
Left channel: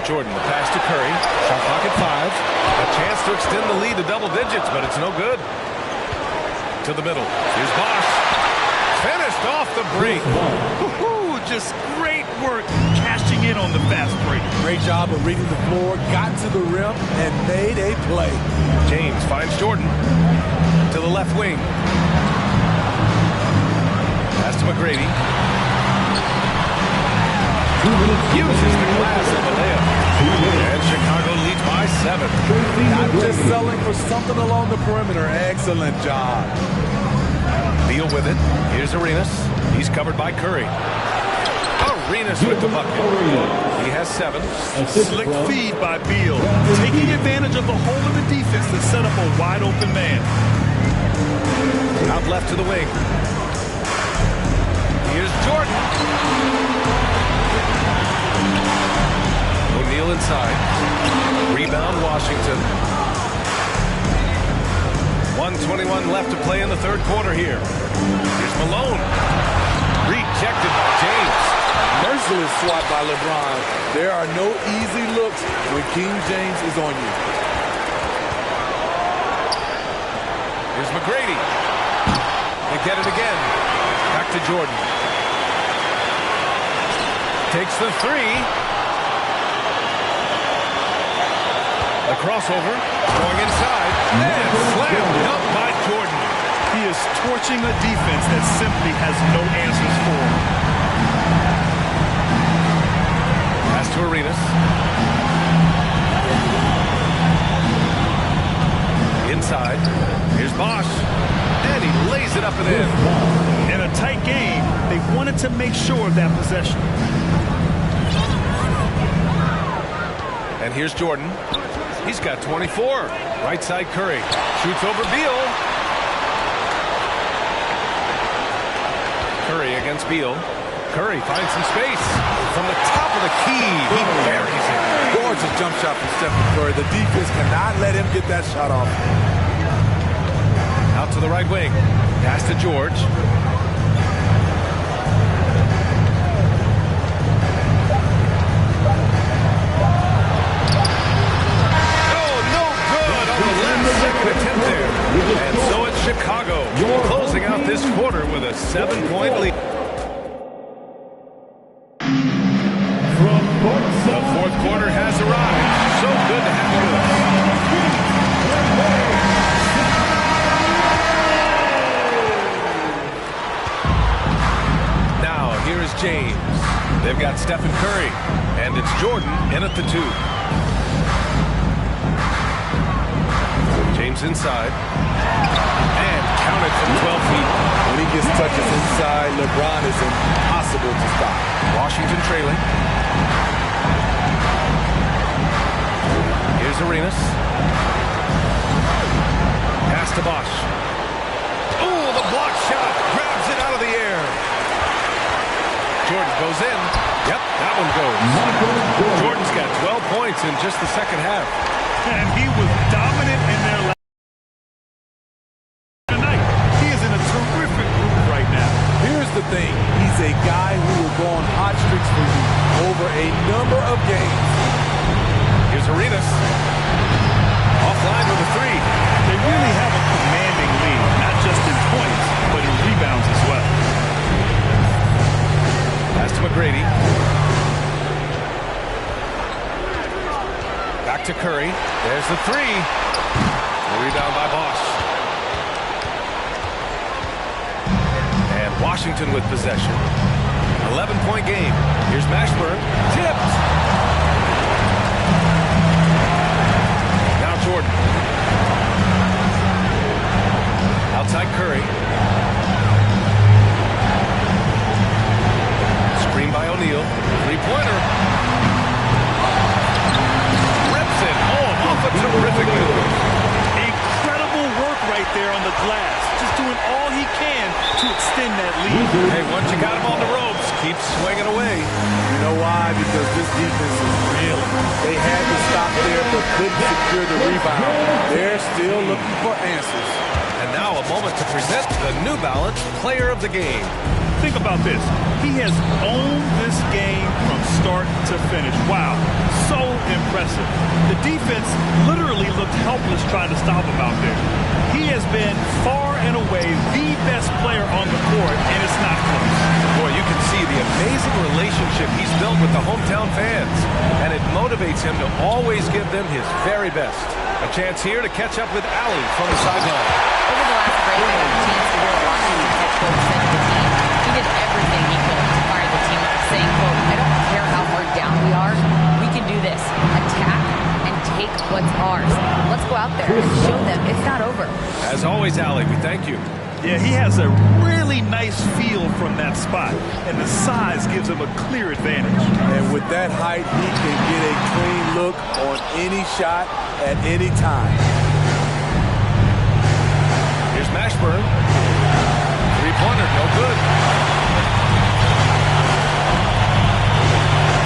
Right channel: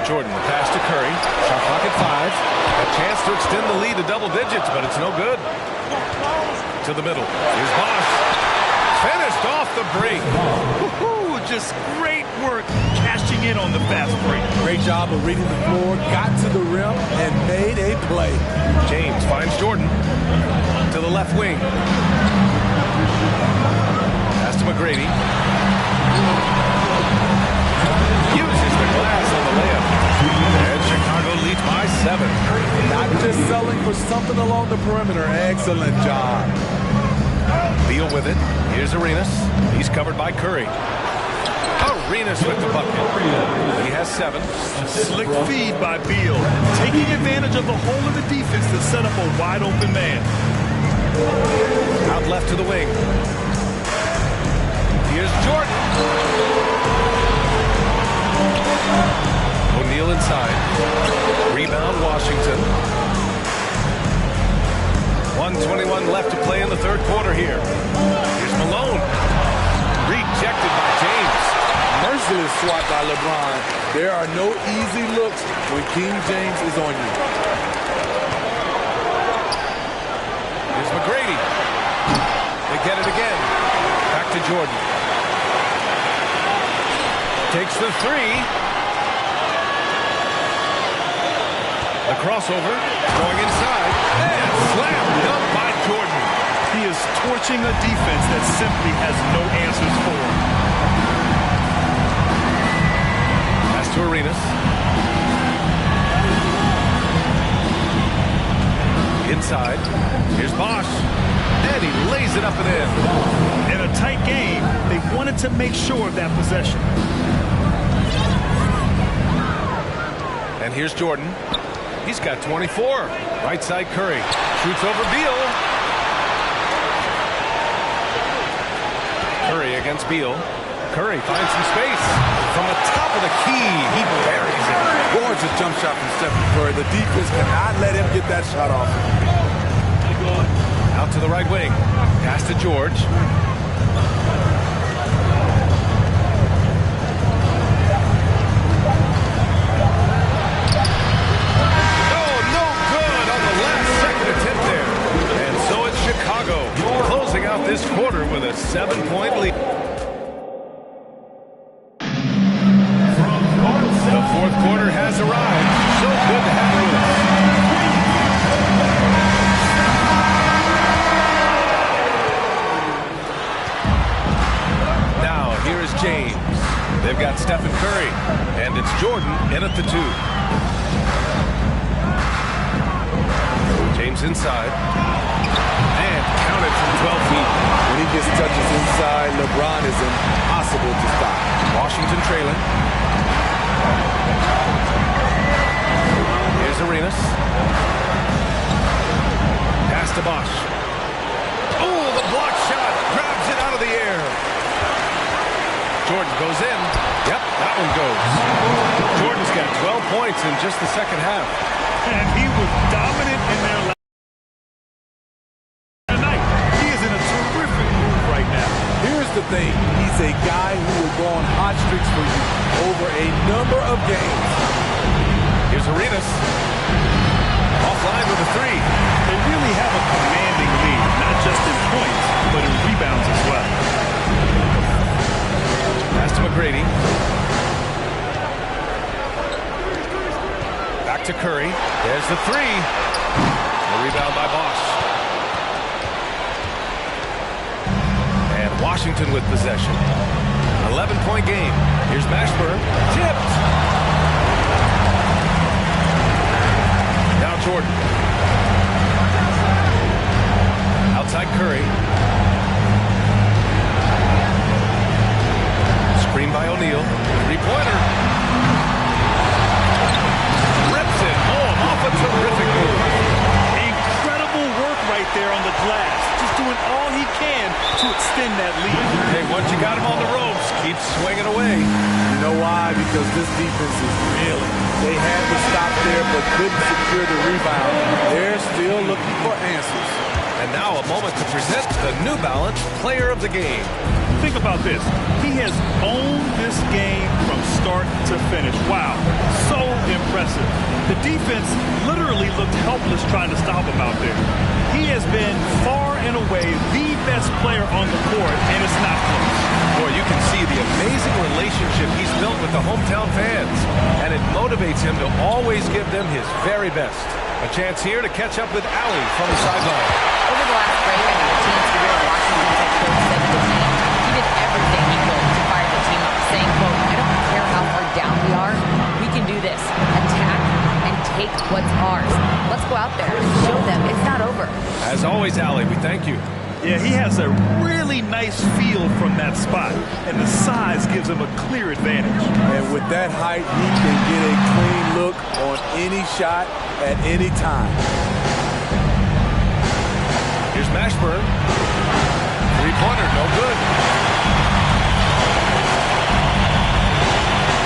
Jordan, the pass to Curry. Shot clock at 5. A chance to extend the lead to double digits, but it's no good. to the middle. Here's Bosch. Finished off the break. Just great work cashing in on the fast break. Great job of reading the floor, got to the rim, and made a play. James finds Jordan to the left wing. Pass to McGrady. Uses the glass on the layup. And Chicago leads by 7. Not just selling for something along the perimeter. Excellent job. Beal with it. Here's Arenas. He's covered by Curry. Arenas with the bucket. He has 7. Slick feed by Beal. Taking advantage of the hole in the defense to set up a wide open man. Out left to the wing. Here's Jordan. O'Neal inside. Rebound Washington. 1:21 left to play in the third quarter here. Here's Malone. Rejected by James. Merciless swat by LeBron. There are no easy looks when King James is on you. Here's McGrady. They get it again. Back to Jordan. Takes the 3. The crossover. Going inside. And slam dunk by Jordan. He is torching a defense that simply has no answers for him. Pass to Arenas. Inside. Here's Bosch. And he lays it up and in. In a tight game, they wanted to make sure of that possession. And here's Jordan. He's got 24. Right side Curry. Shoots over Beal. Curry against Beal. Curry finds some space. From the top of the key, he buries it. Gorgeous jump shot from Stephen Curry. The defense cannot let him get that shot off. Out to the right wing. Pass to George. Oh, no good on the last second attempt there. And so it's Chicago closing out this quarter with a 7-point lead. The fourth quarter has arrived. So good to have you with us. Now, here is James. They've got Stephen Curry. And it's Jordan in at the 2. James inside. And counted from 12 feet. When he gets touches inside, LeBron is impossible to stop. Washington trailing. Here's Arenas. Pass to Bosch. Oh, the block shot. Grabs it out of the air. Jordan goes in. Yep, that one goes. Jordan's got 12 points in just the second half. And he was dominant in their last night. He is in a terrific groove right now. Here's the thing. He's a guy who will go on hot streaks for you over a number of games. Here's Arenas. Offline with a 3. They really have a commanding lead, not just in points, but in rebounds as well. Pass to McGrady. Back to Curry. There's the 3. The rebound by Bosch. And Washington with possession. 11-point game. Here's Mashburn. Tipped. Now Jordan. Outside Curry. Screen by O'Neal. 3-pointer. Rips it home off a terrific move. Incredible work right there on the glass. Just doing all he can to extend that lead. Hey, once you got him on the ropes, keep swinging away. You know why? Because this defense is reeling. They had to stop there but couldn't secure the rebound. They're still looking for answers. And now a moment to present the New Balance Player of the Game. Think about this. He has owned this game from start to finish. Wow, so impressive. The defense literally looked helpless trying to stop him out there. He has been far and away the best player on the court, and it's not close. Boy, you can see the amazing relationship he's built with the hometown fans, and it motivates him to always give them his very best. A chance here to catch up with Allie from the sideline. Over the last break, I got a chance to hear what Washington's head coach said to the team. He did everything he could to fire the team up, saying, quote, "I don't care how far down we are. We can do this. Attack and take what's ours. Let's go out there and show them it's not over." As always, Allie, we thank you. Yeah, he has a really nice feel from that spot, and the size gives him a clear advantage. And with that height, he can get a clean look on any shot at any time. Here's Mashburn. Three-pointer, no good.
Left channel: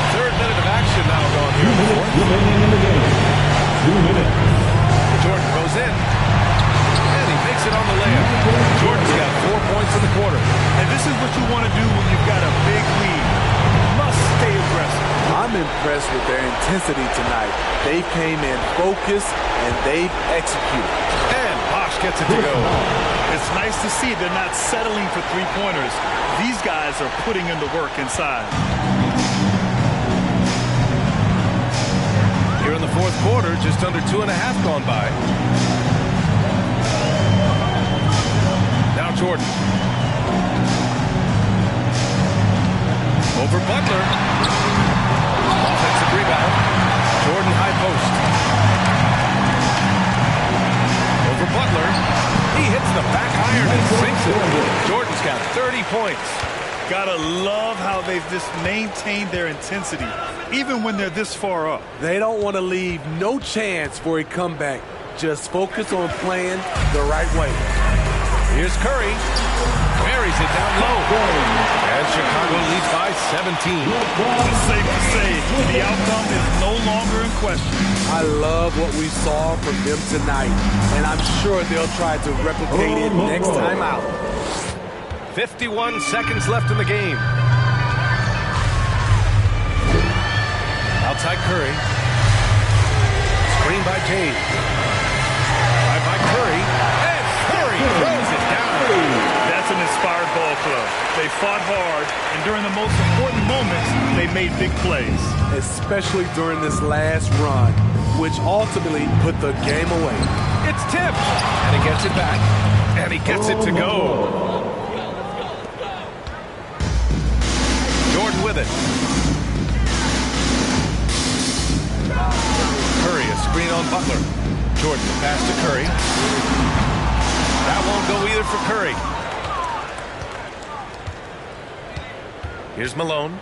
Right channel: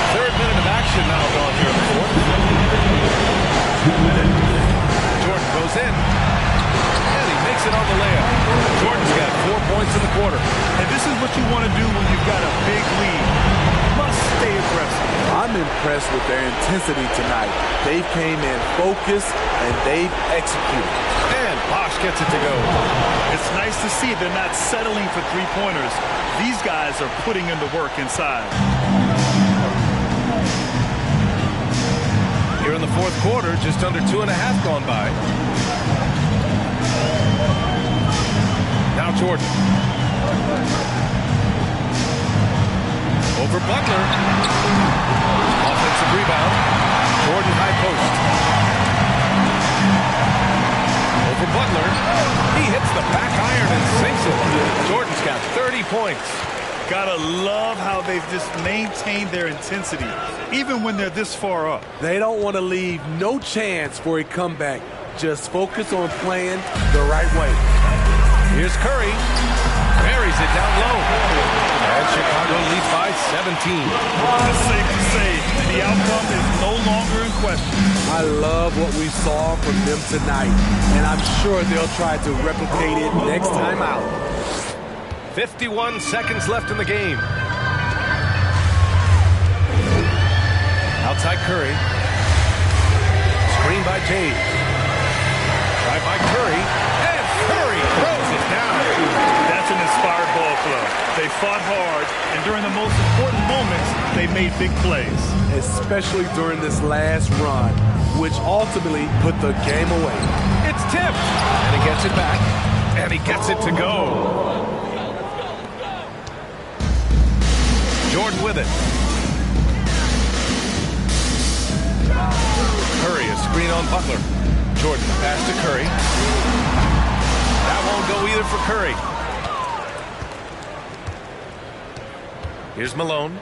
Third minute of action now gone here in the fourth. 2 minutes. Jordan goes in. And he makes it on the layup. Jordan's got 4 points in the quarter. And this is what you want to do when you've got a big lead. Must stay aggressive. I'm impressed with their intensity tonight. They came in focused, and they've executed. And Bosch gets it to go. It's nice to see they're not settling for three-pointers. These guys are putting in the work inside. Here in the fourth quarter, just under 2.5 gone by. Now Jordan. Over Butler. Offensive rebound. Jordan high post. Over Butler. He hits the back iron and sinks it. Jordan's got 30 points. Gotta love how they've just maintained their intensity, even when they're this far up. They don't want to leave no chance for a comeback. Just focus on playing the right way. Here's Curry. Buries it down low. And Chicago leads by 17. It's safe to say the outcome is no longer in question. I love what we saw from them tonight, and I'm sure they'll try to replicate it next time out. 51 seconds left in the game. Outside Curry. Screen by James. Drive by Curry. And Curry throws it down. That's an inspired ball club. They fought hard, and during the most important moments, they made big plays. Especially during this last run, which ultimately put the game away. It's tipped. And he gets it back. And he gets it to go. Jordan with it. Curry, a screen on Butler. Jordan, the pass to Curry. That won't go either for Curry. Here's Malone.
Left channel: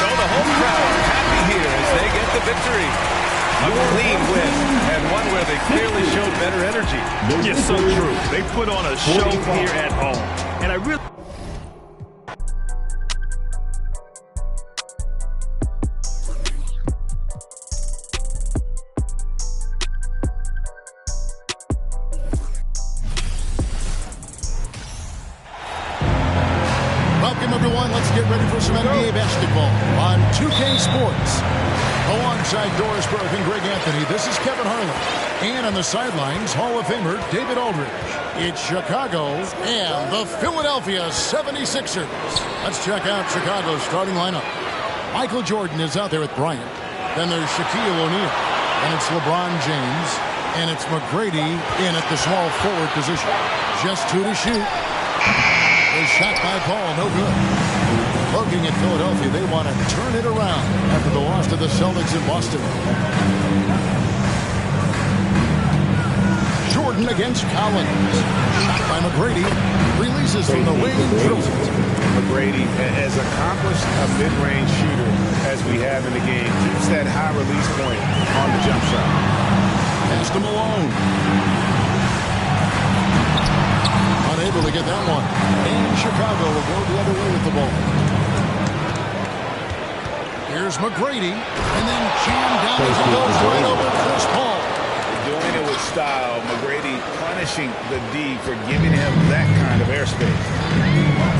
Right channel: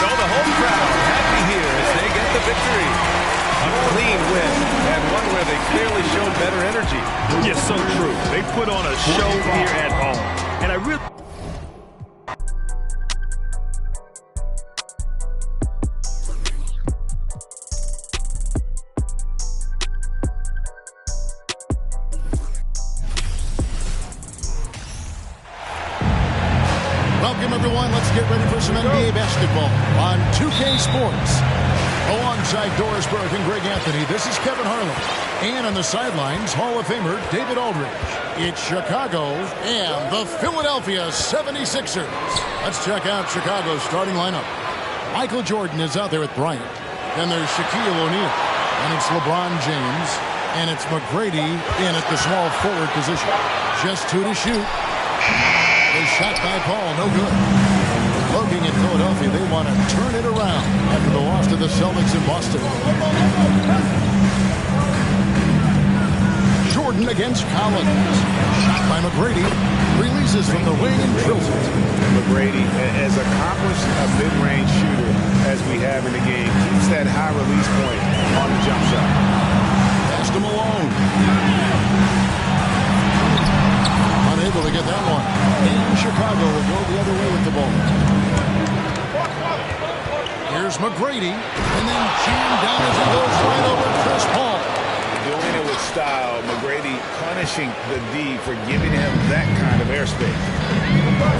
So the home crowd happy here as they get the victory. A clean win, and one where they clearly showed better energy. Yes, so true. They put on a show here at home. And I really... Welcome, everyone. Let's get ready for some NBA basketball on 2K Sports. Alongside Doris Burke and Greg Anthony, this is Kevin Harlan. And on the sidelines, Hall of Famer David Aldridge. It's Chicago and the Philadelphia 76ers. Let's check out Chicago's starting lineup. Michael Jordan is out there with Bryant. Then there's Shaquille O'Neal. And it's LeBron James. And it's McGrady in at the small forward position. Just 2 to shoot. The shot by Paul, no good. Looking at Philadelphia, they want to turn it around after the loss to the Celtics in Boston. Jordan against Collins. Shot by McGrady. Releases from the wing and drills it. And McGrady, as accomplished a mid-range shooter as we have in the game, keeps that high release point on the jump shot. Pass to Malone. Unable to get that one. And Chicago will go the other way with the ball. Here's McGrady. And then jammed down as he goes right over Chris Paul. Doing it with style. McGrady punishing the D for giving him that kind of airspace.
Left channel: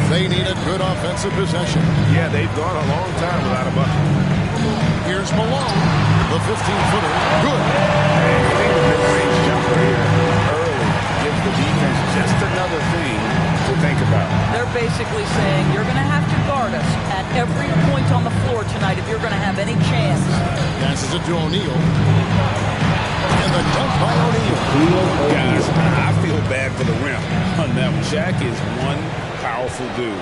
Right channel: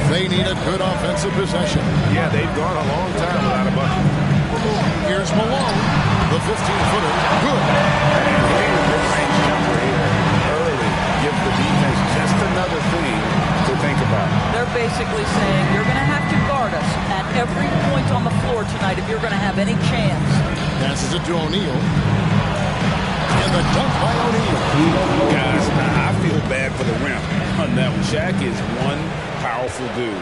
They need a good offensive possession. Yeah, they've gone a long time without a bucket. Here's Malone, the 15-footer. Good. And hitting the mid-range jumper here early gives the defense just another thing to think about. They're basically saying you're going to have to guard us at every point on the floor tonight if you're going to have any chance. Passes it to O'Neal. And the dunk by O'Neal. Guys, I feel bad for the rim on that one. Shaq is one powerful dude.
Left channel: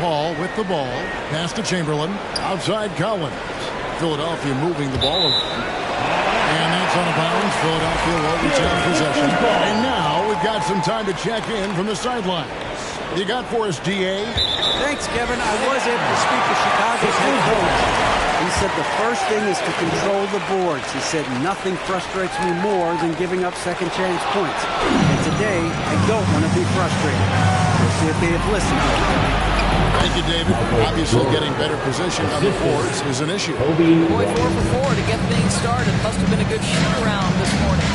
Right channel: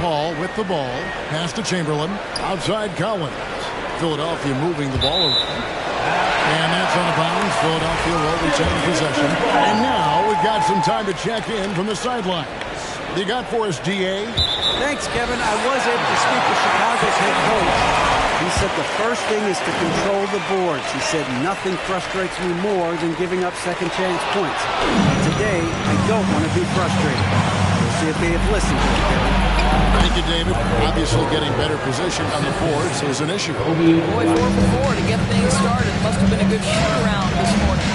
Paul with the ball. Pass to Chamberlain. Outside Collins. Philadelphia moving the ball around. And that's on a bounce. Philadelphia will retain possession. And now we've got some time to check in from the sidelines. You got for us, DA? Thanks, Kevin. I was able to speak with Chicago's head coach. He said the first thing is to control the boards. He said nothing frustrates me more than giving up second chance points. And today, I don't want to be frustrated. We'll see if they have listened to him, Kevin. Thank you, David. Obviously, getting better position on the boards is an issue. Boy, 4 for 4 to get things started. Must have been a good shoot-around this morning.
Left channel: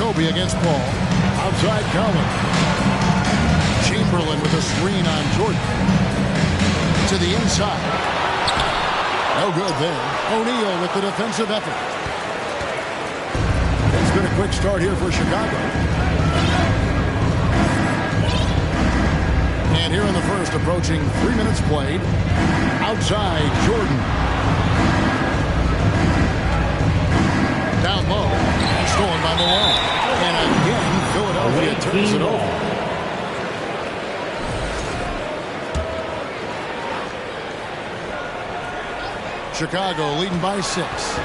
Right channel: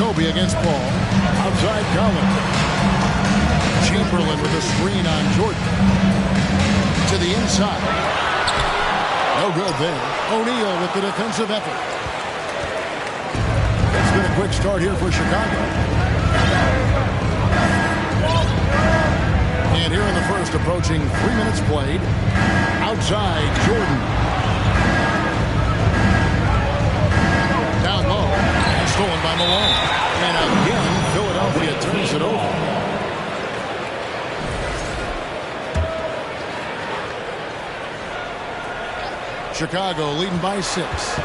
Kobe against Paul. Outside Collins. Chamberlain with a screen on Jordan. To the inside. No good there. O'Neal with the defensive effort. It's been a quick start here for Chicago. And here in the first, approaching 3 minutes played. Outside Jordan. Down low. And stolen by Malone. And again, Philadelphia turns it over. Chicago leading by 6.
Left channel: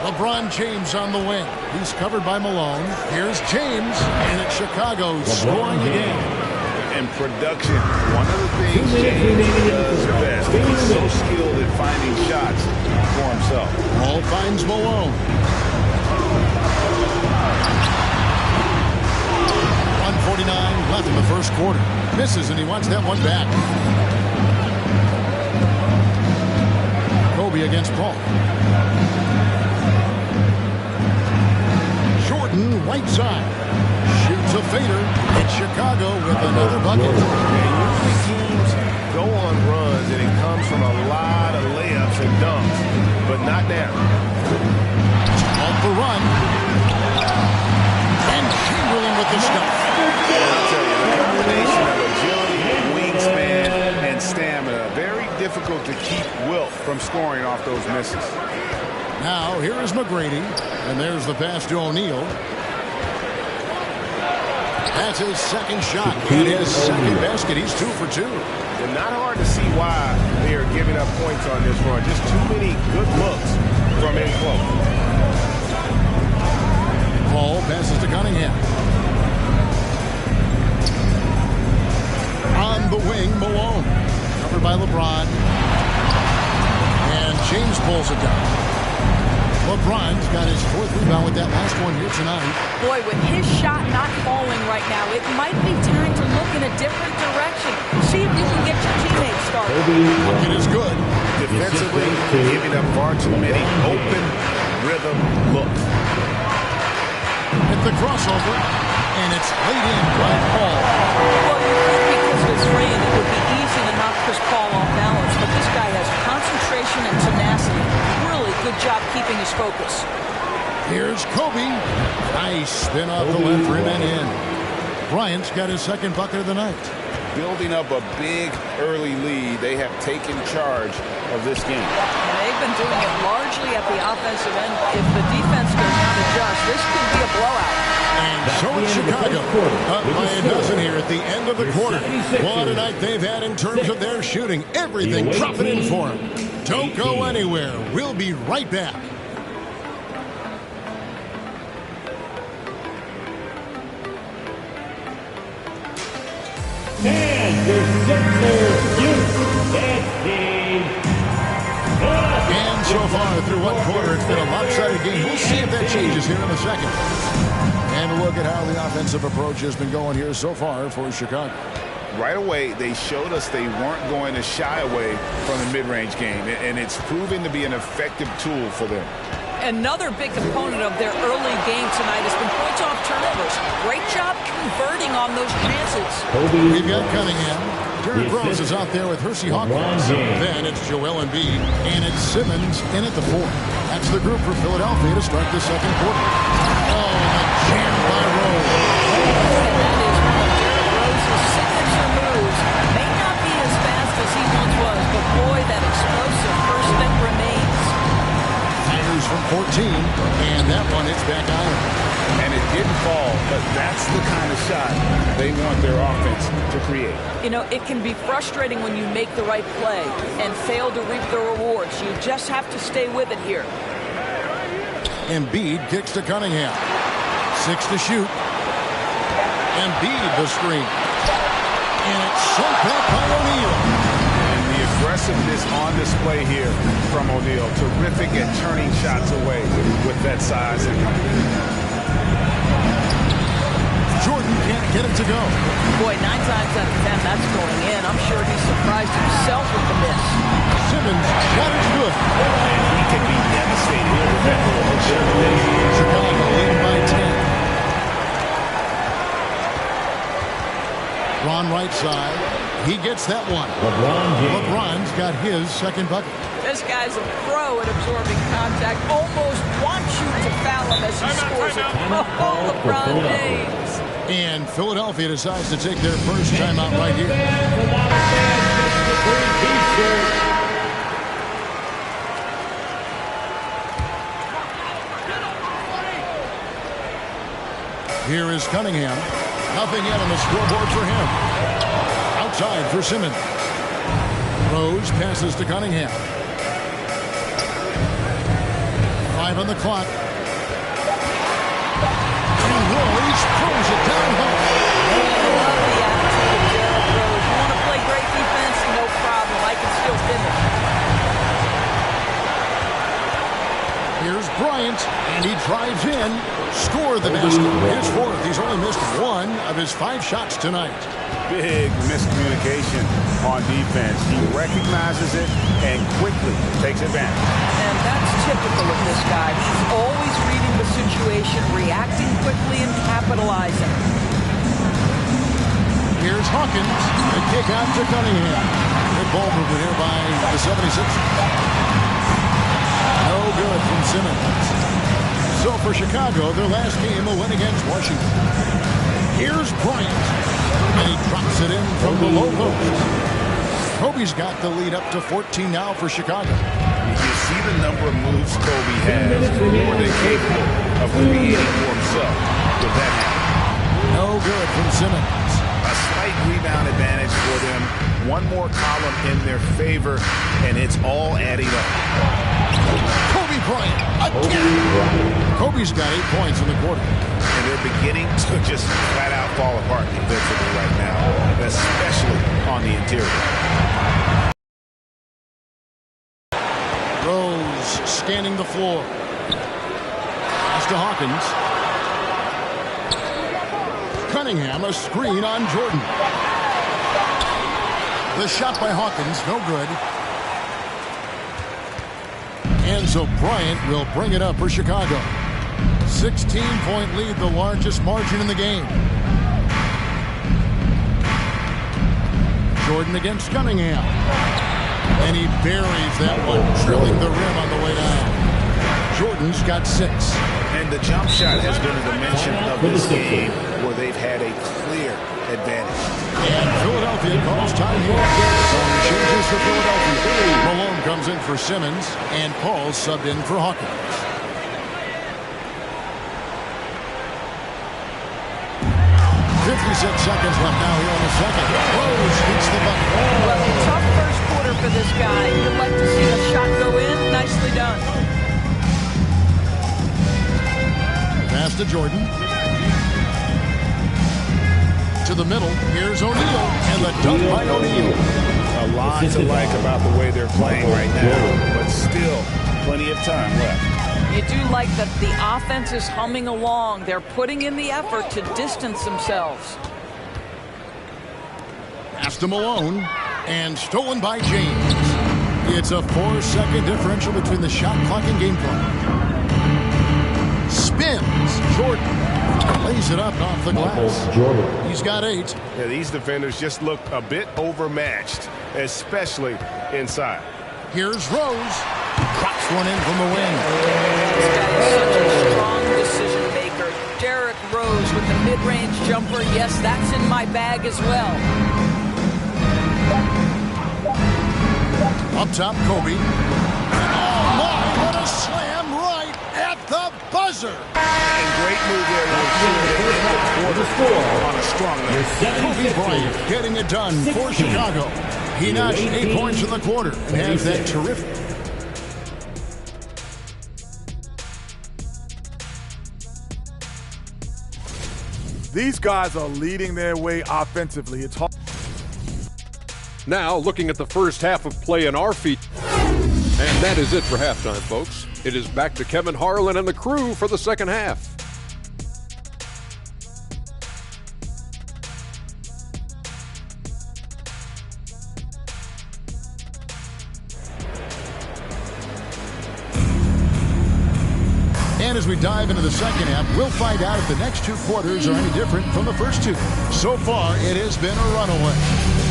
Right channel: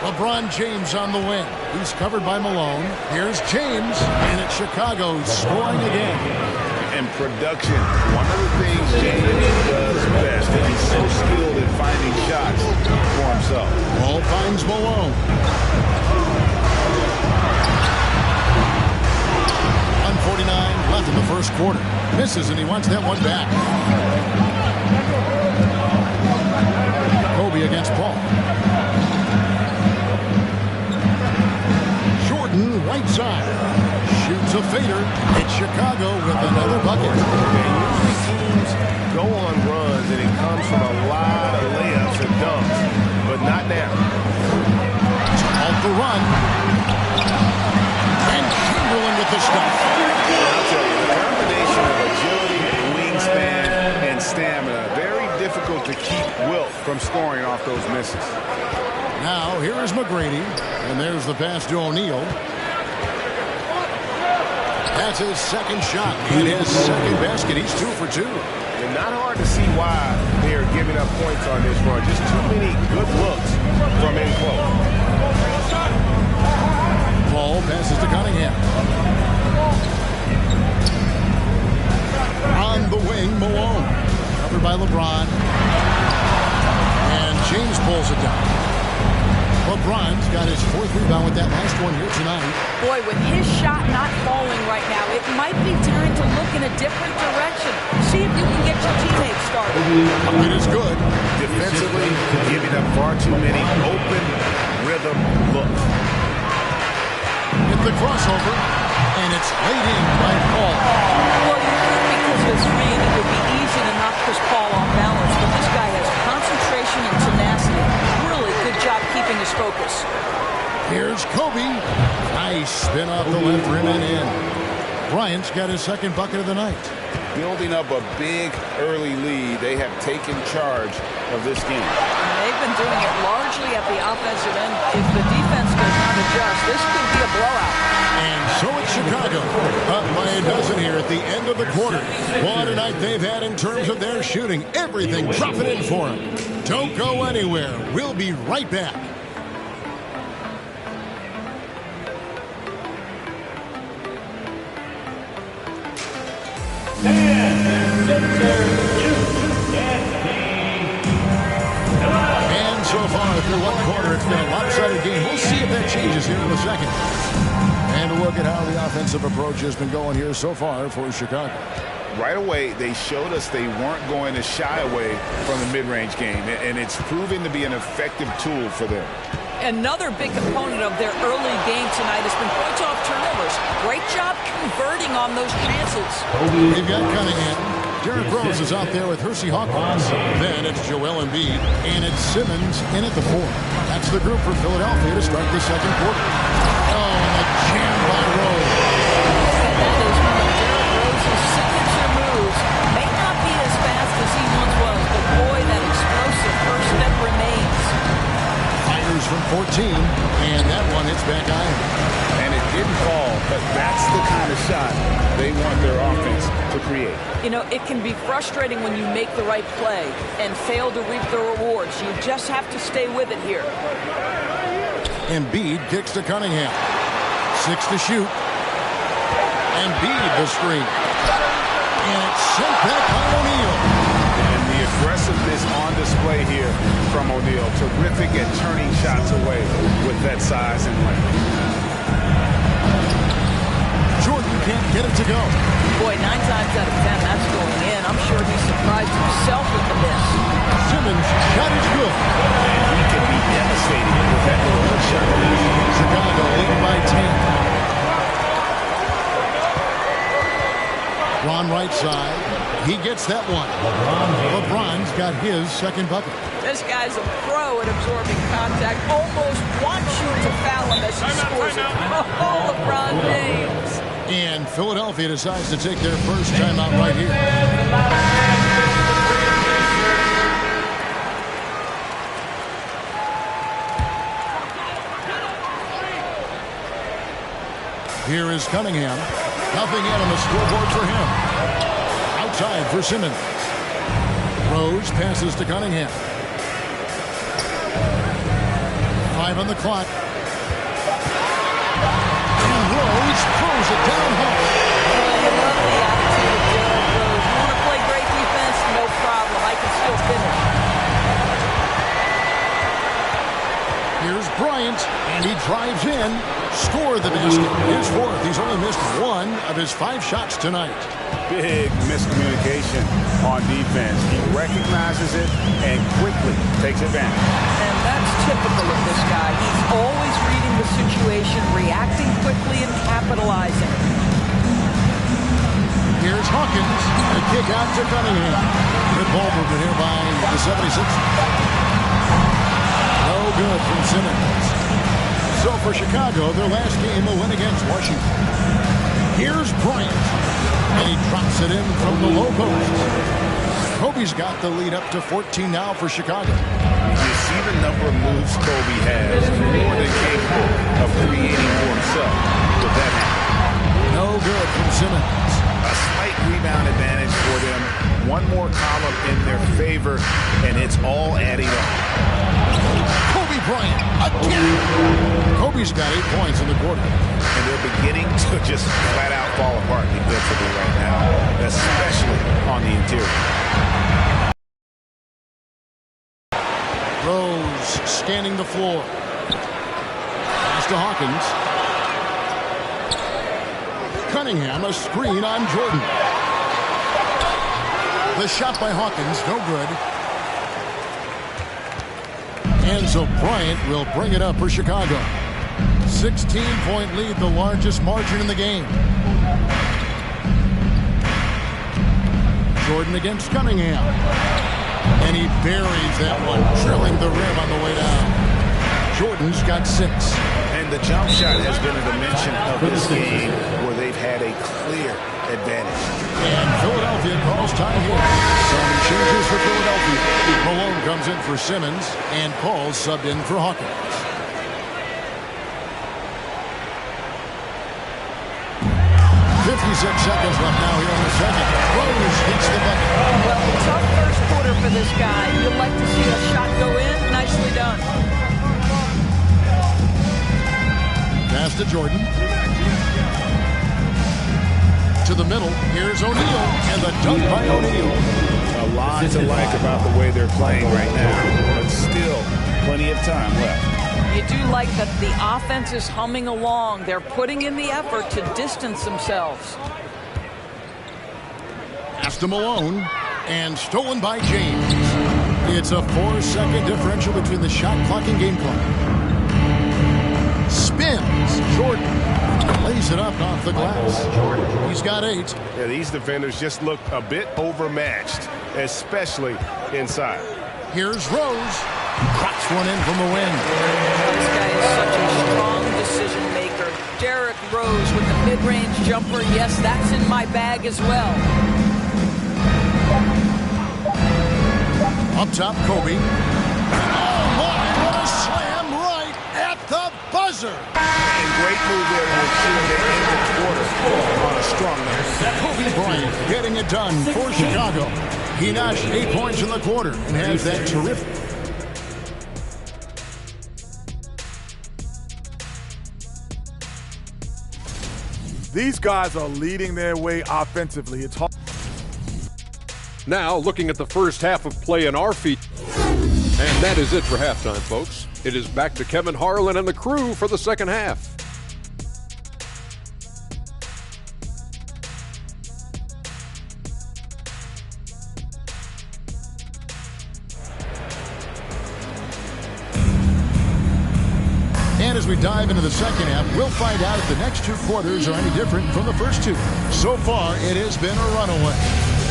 LeBron James on the wing. He's covered by Malone. Here's James, and it's Chicago scoring again. And production, one of the things James does best. He's so skilled at finding shots for himself. Ball finds Malone. 1:49 left in the first quarter. Misses, and he wants that one back. Kobe against Paul. Jordan, right side. Shoots a fader. It's Chicago with another bucket. And usually teams go on runs, and it comes from a lot of layups and dunks, but not now. Off the run. And Chamberlain with the stuff. And I'll tell you, the combination of agility, wingspan, and stamina, very difficult to keep Wilt from scoring off those misses. Now, here is McGrady, and there's the pass to O'Neal. That's his second shot and his second basket. He's 2 for 2. And not hard to see why they are giving up points on this run. Just too many good looks from in close. Paul passes to Cunningham. On the wing, Malone. Covered by LeBron. And James pulls it down. LeBron's got his 4th rebound with that last one here tonight. Boy, with his shot not falling right now, it might be time to look in a different direction. See if you can get your teammates started. Bucket is good. Defensively, giving up far too many open rhythm looks. At the crossover, and it's laid in by Paul. Well, you think because of his frame, it would be easy to knock Chris Paul off balance, but this guy has concentration and tenacity. Really good job keeping his focus. Here's Kobe. Nice spin off the left rim and in. Bryant's got his second bucket of the night. Building up a big early lead, they have taken charge of this game. And they've been doing it largely at the offensive end. If the defense does not adjust, this could be a blowout. And so it's Chicago, up by a dozen here at the end of the quarter. What a night they've had in terms of their shooting. Everything dropping in for them. Don't go anywhere. We'll be right back. And the Sixers youth dance team. And so far through one quarter, it's been a lopsided game. We'll see if that changes here in a second. And a look at how the offensive approach has been going here so far for Chicago. right away, they showed us they weren't going to shy away from the mid-range game, and it's proven to be an effective tool for them. Another big component of their early game tonight has been points off turnovers. Great job converting on those chances. We've got Cunningham. Derrick Rose is out there with Hersey Hawkins. Then it's Joel Embiid, and it's Simmons in at the 4. That's the group for Philadelphia to start the second quarter. Oh, and the jam by Rose. And that is one of Derrick Rose's signature moves. May not be as fast as he once was, but boy, that explosive first step remains. Fires from 14, and that one hits back iron. And it didn't fall, but that's the kind of shot they want their offense to create. You know, it can be frustrating when you make the right play and fail to reap the rewards. You just have to stay with it here. Embiid kicks to Cunningham. 6 to shoot. Embiid the screen. And it's sent back by O'Neal. And the aggressiveness on display here from O'Neal. Terrific at turning shots away with that size and length. Jordan can't get it to go. Boy, 9 times out of 10, that's going in. I'm sure he surprised himself with the miss. Simmons' shot is good. And he can be devastating with that little hook shot. Chicago leading by 10. Ron right side. He gets that one. LeBron's got his second bucket. This guy's a pro at absorbing contact. Almost wants you to foul him as he scores it. Oh, LeBron James. And Philadelphia decides to take their first timeout right here. Here is Cunningham. Nothing yet on the scoreboard for him. Outside for Simmons. Rose passes to Cunningham. 5 on the clock. And Rose throws it down home. Well, you love the attitude of Derrick Rose. You want to play great defense? No problem. I can still finish. Here's Bryant, and he drives in. Scored the basket. His 4th. He's only missed 1 of his 5 shots tonight. Big miscommunication on defense. He recognizes it and quickly takes advantage. And that's typical of this guy. He's always reading the situation, reacting quickly, and capitalizing. Here's Hawkins. The kick out to Cunningham. Good ball movement here by the 76ers. No good from Simmons. So for Chicago, their last game will win against Washington. Here's Bryant. And he drops it in from the low post. Kobe's got the lead up to 14 now for Chicago. You see the number of moves Kobe has, more than capable of creating for himself with that hand. No good from Simmons. A slight rebound advantage for them. One more column in their favor, and it's all adding up. Kobe Bryant again. Kobe's got 8 points in the quarter. And they're beginning to just flat out fall apart defensively right now, especially on the interior. Rose scanning the floor. Pass to Hawkins. Cunningham, a screen on Jordan. The shot by Hawkins, no good. And so Bryant will bring it up for Chicago. 16-point lead, the largest margin in the game. Jordan against Cunningham. And he buries that one, drilling the rim on the way down. Jordan's got 6. And the jump shot has been a dimension of this game where they've had a clear advantage. And Philadelphia calls time here. Some changes for Philadelphia. Malone comes in for Simmons, and Paul's subbed in for Hawkins. 56 seconds left now here on the second. Rose hits the bucket. Well, a tough first quarter for this guy. You'd like to see a shot go in. Nicely done. Pass to Jordan. To the middle. Here's O'Neal. And the dunk by O'Neal. A lot to like about the way they're playing right now, but still plenty of time left. You do like that the offense is humming along. They're putting in the effort to distance themselves. Pass to Malone. And stolen by James. It's a 4-second differential between the shot clock and game clock. Spins. Jordan lays it up off the glass. He's got 8. Yeah, these defenders just look a bit overmatched, especially inside. Here's Rose. Crops one in from the wing. This guy is such a strong decision maker. Derrick Rose with the mid-range jumper. Yes, that's in my bag as well. Up top, Kobe. Oh, my, what a slam right at the buzzer. And great move there to ensure they end the quarter on a strong note. Kobe Bryant getting it done for Chicago. He notched 8 points in the quarter and has that terrific. These guys are leading their way offensively. It's hard. Now, looking at the first half of play in our feet. And that is it for halftime, folks. It is back to Kevin Harlan and the crew for the second half. And as we dive into the second half, we'll find out if the next 2 quarters are any different from the first 2. So far, it has been a runaway.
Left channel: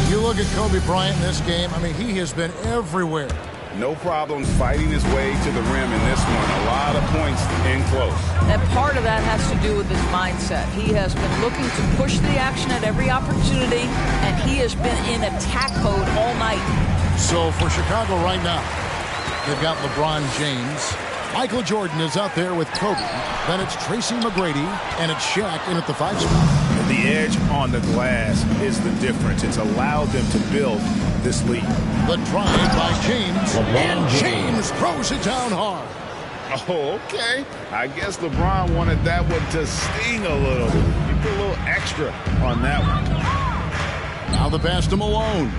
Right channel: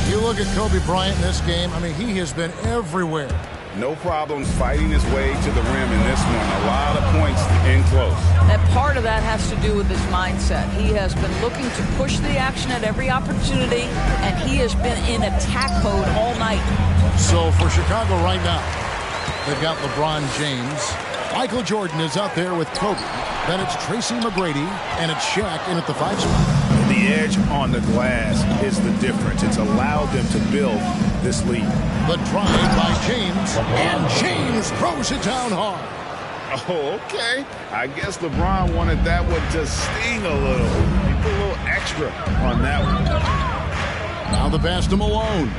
You look at Kobe Bryant in this game, I mean, he has been everywhere. No problems fighting his way to the rim in this one. A lot of points in close. And part of that has to do with his mindset. He has been looking to push the action at every opportunity, and he has been in attack mode all night. So for Chicago right now, they've got LeBron James. Michael Jordan is out there with Kobe. Then it's Tracy McGrady, and it's Shaq in at the 5 spot. The edge on the glass is the difference. It's allowed them to build this lead. The drive by James, and James throws it down hard. Oh, okay. I guess LeBron wanted that one to sting a little. He put a little extra on that one. Now the pass to Malone.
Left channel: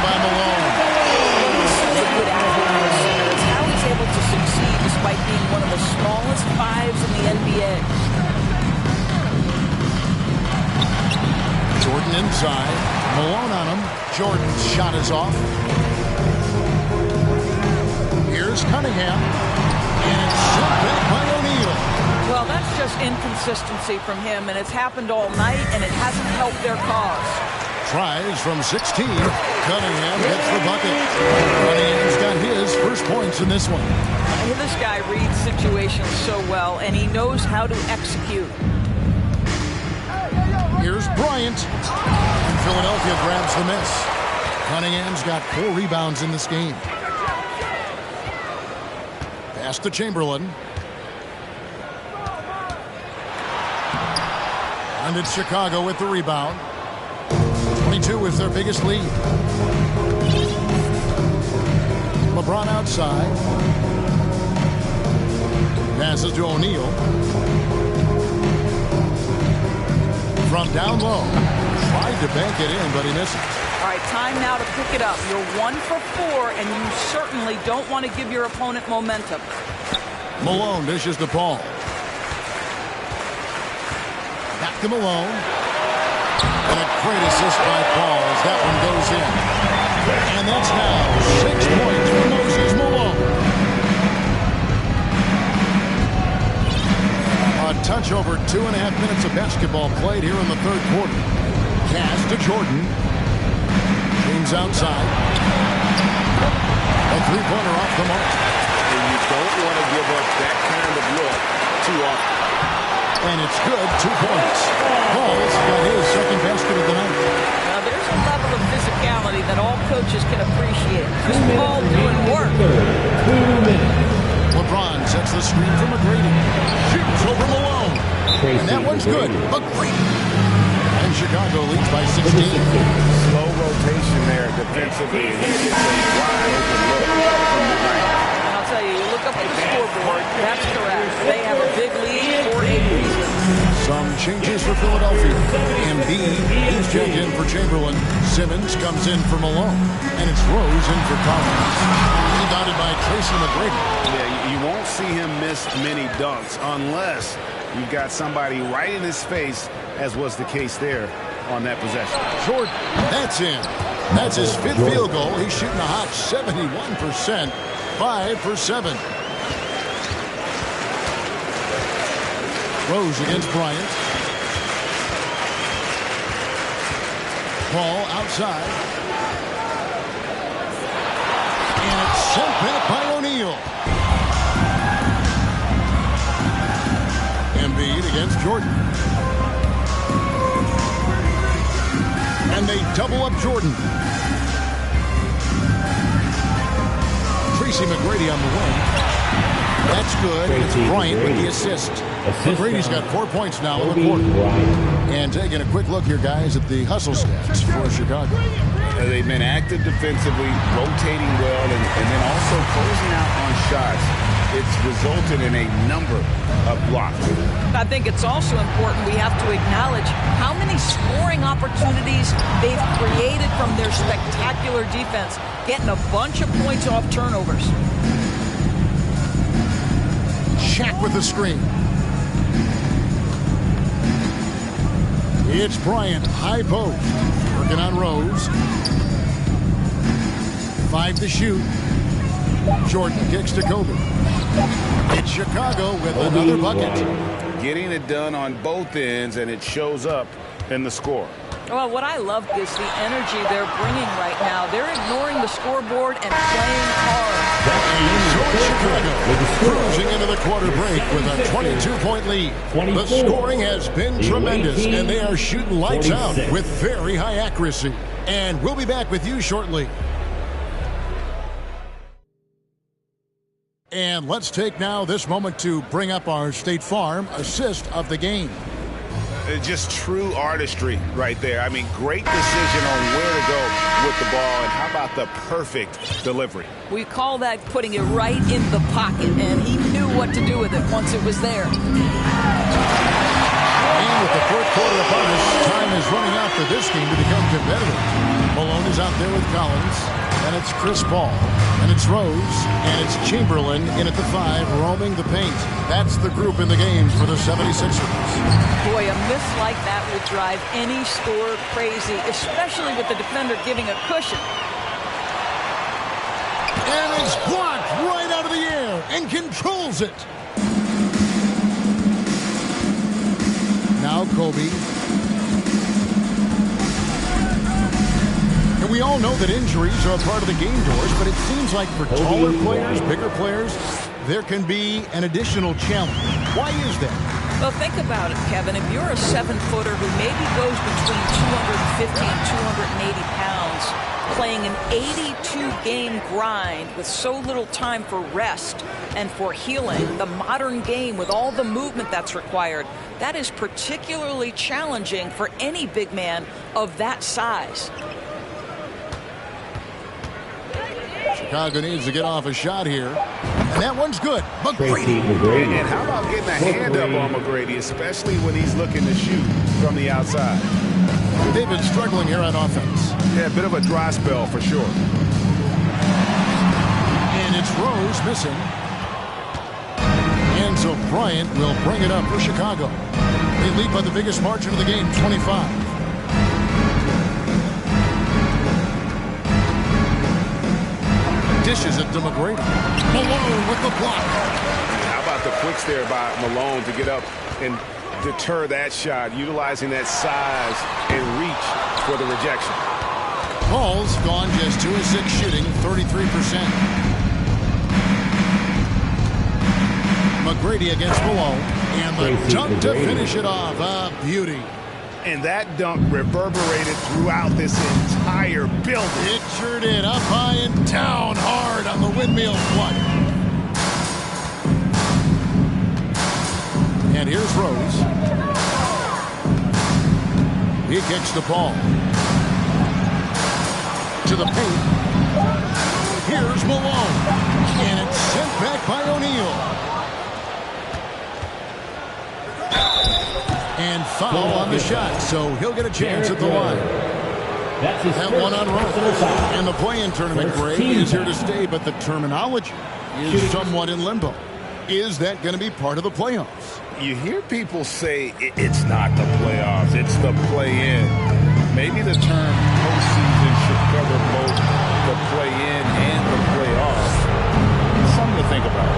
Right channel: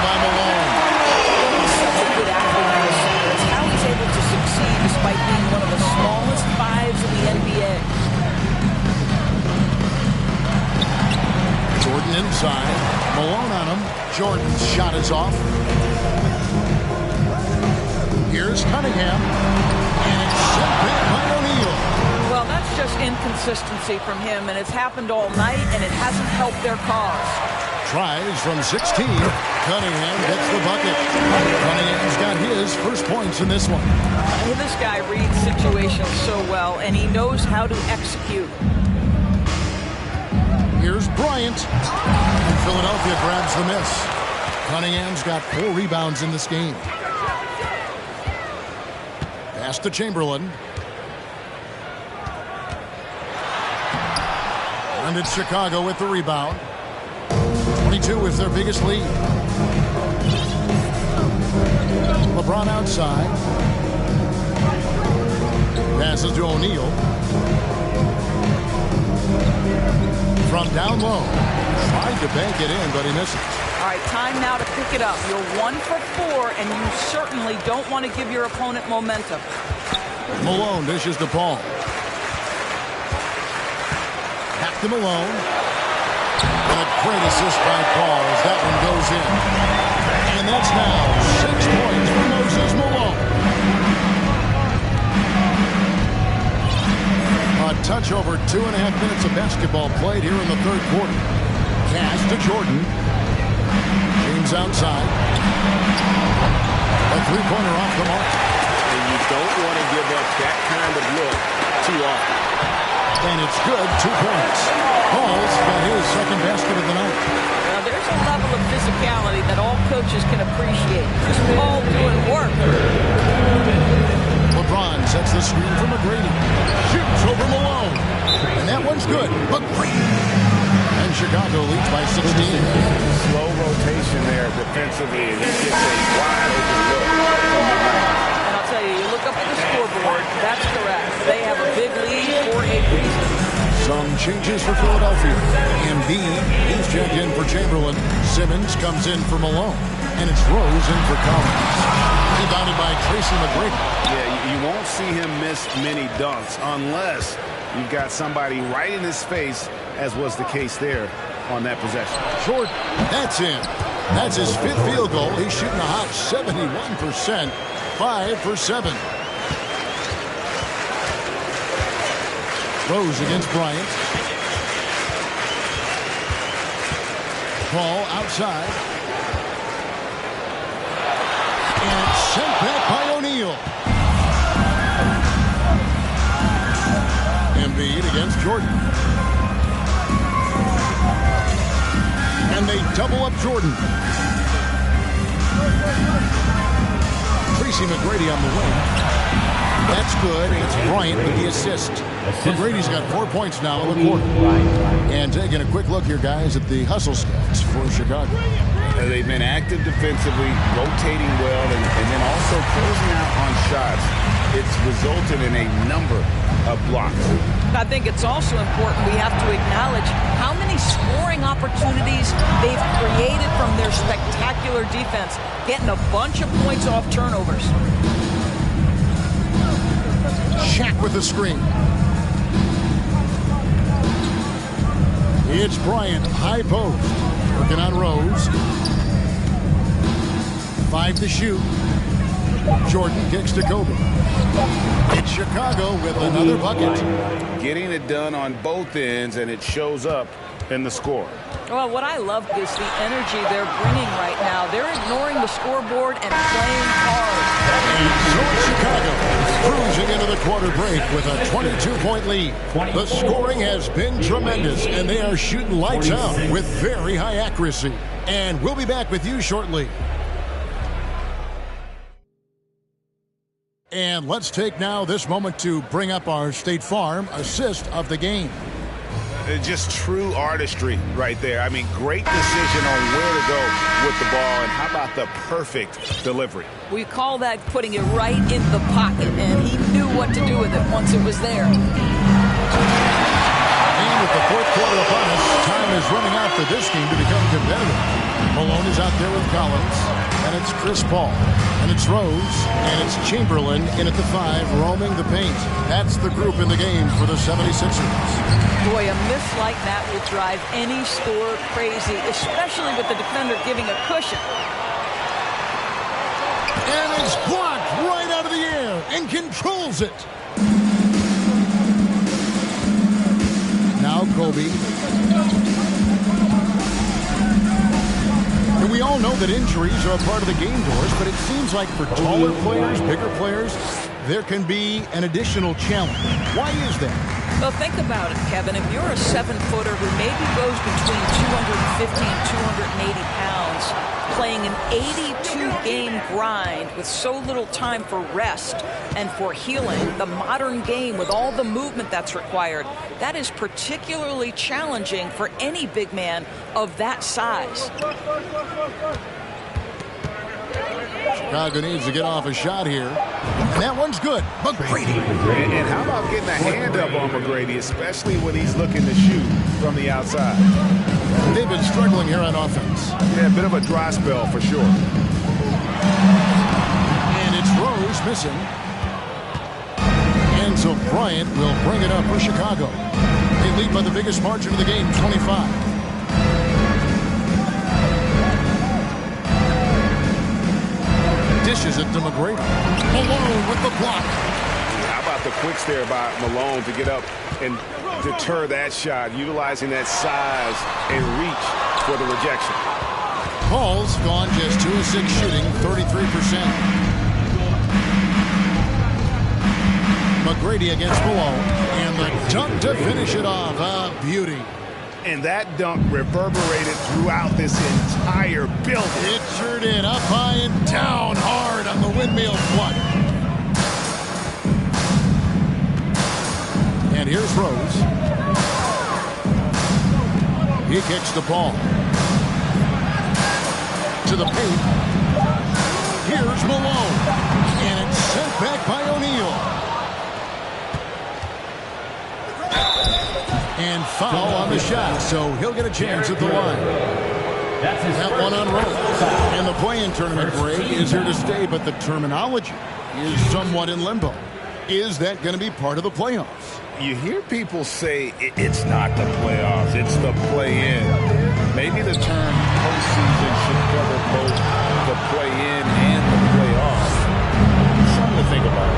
By Malone. Well, he's such a good athlete in the center. It's how he's able to succeed despite being one of the smallest 5s in the NBA. Jordan inside. Malone on him. Jordan's shot is off. Here's Cunningham. And it's sent back by O'Neal. Well, that's just inconsistency from him, and it's happened all night, and it hasn't helped their cause. Tries from 16. Cunningham gets the bucket. Cunningham's got his first points in this one. This guy reads situations so well, and he knows how to execute. Here's Bryant. And Philadelphia grabs the miss. Cunningham's got 4 rebounds in this game. Pass to Chamberlain. And it's Chicago with the rebound. 22 is their biggest lead. LeBron outside. Passes to O'Neal. From down low. Tried to bank it in, but he misses. All right, time now to pick it up. You're 1 for 4, and you certainly don't want to give your opponent momentum. Malone dishes to Paul. Back to Malone. And a great assist by Paul as that one goes in. And that's now 6 points for Moses Malone. A touch over 2.5 minutes of basketball played here in the third quarter. Pass to Jordan. James outside. A 3-pointer off the mark. And you don't want to give up that kind of look too often. And it's good, 2 points. Paul's got his second basket of the night. Now, there's a level of physicality that all coaches can appreciate. Just Paul doing work. LeBron sets the screen for McGrady. Shoots over Malone. And that one's good. McGrady. And Chicago leads by 16. Slow rotation there defensively, and he gets a wide open look from mid-range. And I'll tell you, you look up at the scoreboard, that's correct. They have a big lead for a reason. Some changes for Philadelphia. Embiid, he's checked in for Chamberlain. Simmons comes in for Malone. And it's Rose in for Collins. Rebounded by Tracy McGrady. Yeah, you won't see him miss many dunks unless you've got somebody right in his face, as was the case there on that possession. Jordan, that's in. That's his 5th field goal. He's shooting a hot 71%, 5 for 7. Rose against Bryant. Paul outside. And it's sent back by O'Neal. Embiid against Jordan. And they double up Jordan. Tracy McGrady on the wing. That's good. It's Bryant with the assist. McGrady's got 4 points now in the quarter. And taking a quick look here, guys, at the hustle stats for Chicago. They've been active defensively, rotating well, and then also closing out on shots. It's resulted in a number of blocks. I think it's also important we have to acknowledge how many scoring opportunities they've created from their spectacular defense, getting a bunch of points off turnovers. Shaq with the screen. It's Bryant, high post. Working on Rose. 5 to shoot. Jordan kicks to Kobe. It's Chicago with another bucket. Getting it done on both ends, and it shows up in the score. Well, what I love is the energy they're bringing right now. They're ignoring the scoreboard and playing hard. So it's Chicago cruising into the quarter break with a 22-point lead. The scoring has been tremendous, and they are shooting lights out with very high accuracy. And we'll be back with you shortly. And let's take now this moment to bring up our State Farm assist of the game. Just true artistry right there. I mean, great decision on where to go with the ball, and how about the perfect delivery? We call that putting it right in the pocket, and he knew what to do with it once it was there. And with the fourth quarter upon us, time is running out for this game to become competitive. Malone is out there with Collins, and it's Chris Paul, and it's Rose, and it's Chamberlain in at the 5, roaming the paint. That's the group in the game for the 76ers. Boy, a miss like that will drive any scorer crazy, especially with the defender giving a cushion. And it's blocked right out of the air and controls it. Now Kobe. And we all know that injuries are a part of the game, Doris, but it seems like for taller players, bigger players, there can be an additional challenge. Why is that? Well, think about it, Kevin. If you're a 7-footer who maybe goes between 250 and 280 pounds, playing an 82-game grind with so little time for rest and for healing, the modern game with all the movement that's required, that is particularly challenging for any big man of that size. Chicago needs to get off a shot here. And that one's good. McGrady. And how about getting a hand up on McGrady, especially when he's looking to shoot from the outside? They've been struggling here on offense. Yeah, a bit of a dry spell for sure. And it's Rose missing. And so Bryant will bring it up for Chicago. They lead by the biggest margin of the game, 25. Dishes it to McGrady. Malone with the block. How about the quicks there by Malone to get up and deter that shot, utilizing that size and reach for the rejection. Paul's gone just 2 of 6 shooting, 33%. McGrady against Malone, and the dunk to finish it off. A beauty. And that dunk reverberated throughout this entire building. It sure did. Up high and down hard on the windmill flood. And here's Rose. He kicks the ball to the paint. Here's Malone. And it's sent back by O'Neal. And foul on the shot, so he'll get a chance at the line. That one on roll. And the play-in tournament break is here to stay, but the terminology is somewhat in limbo. Is that going to be part of the playoffs? You hear people say it's not the playoffs, it's the play-in. Maybe the term postseason should cover both the play-in and the playoffs. Something to think about.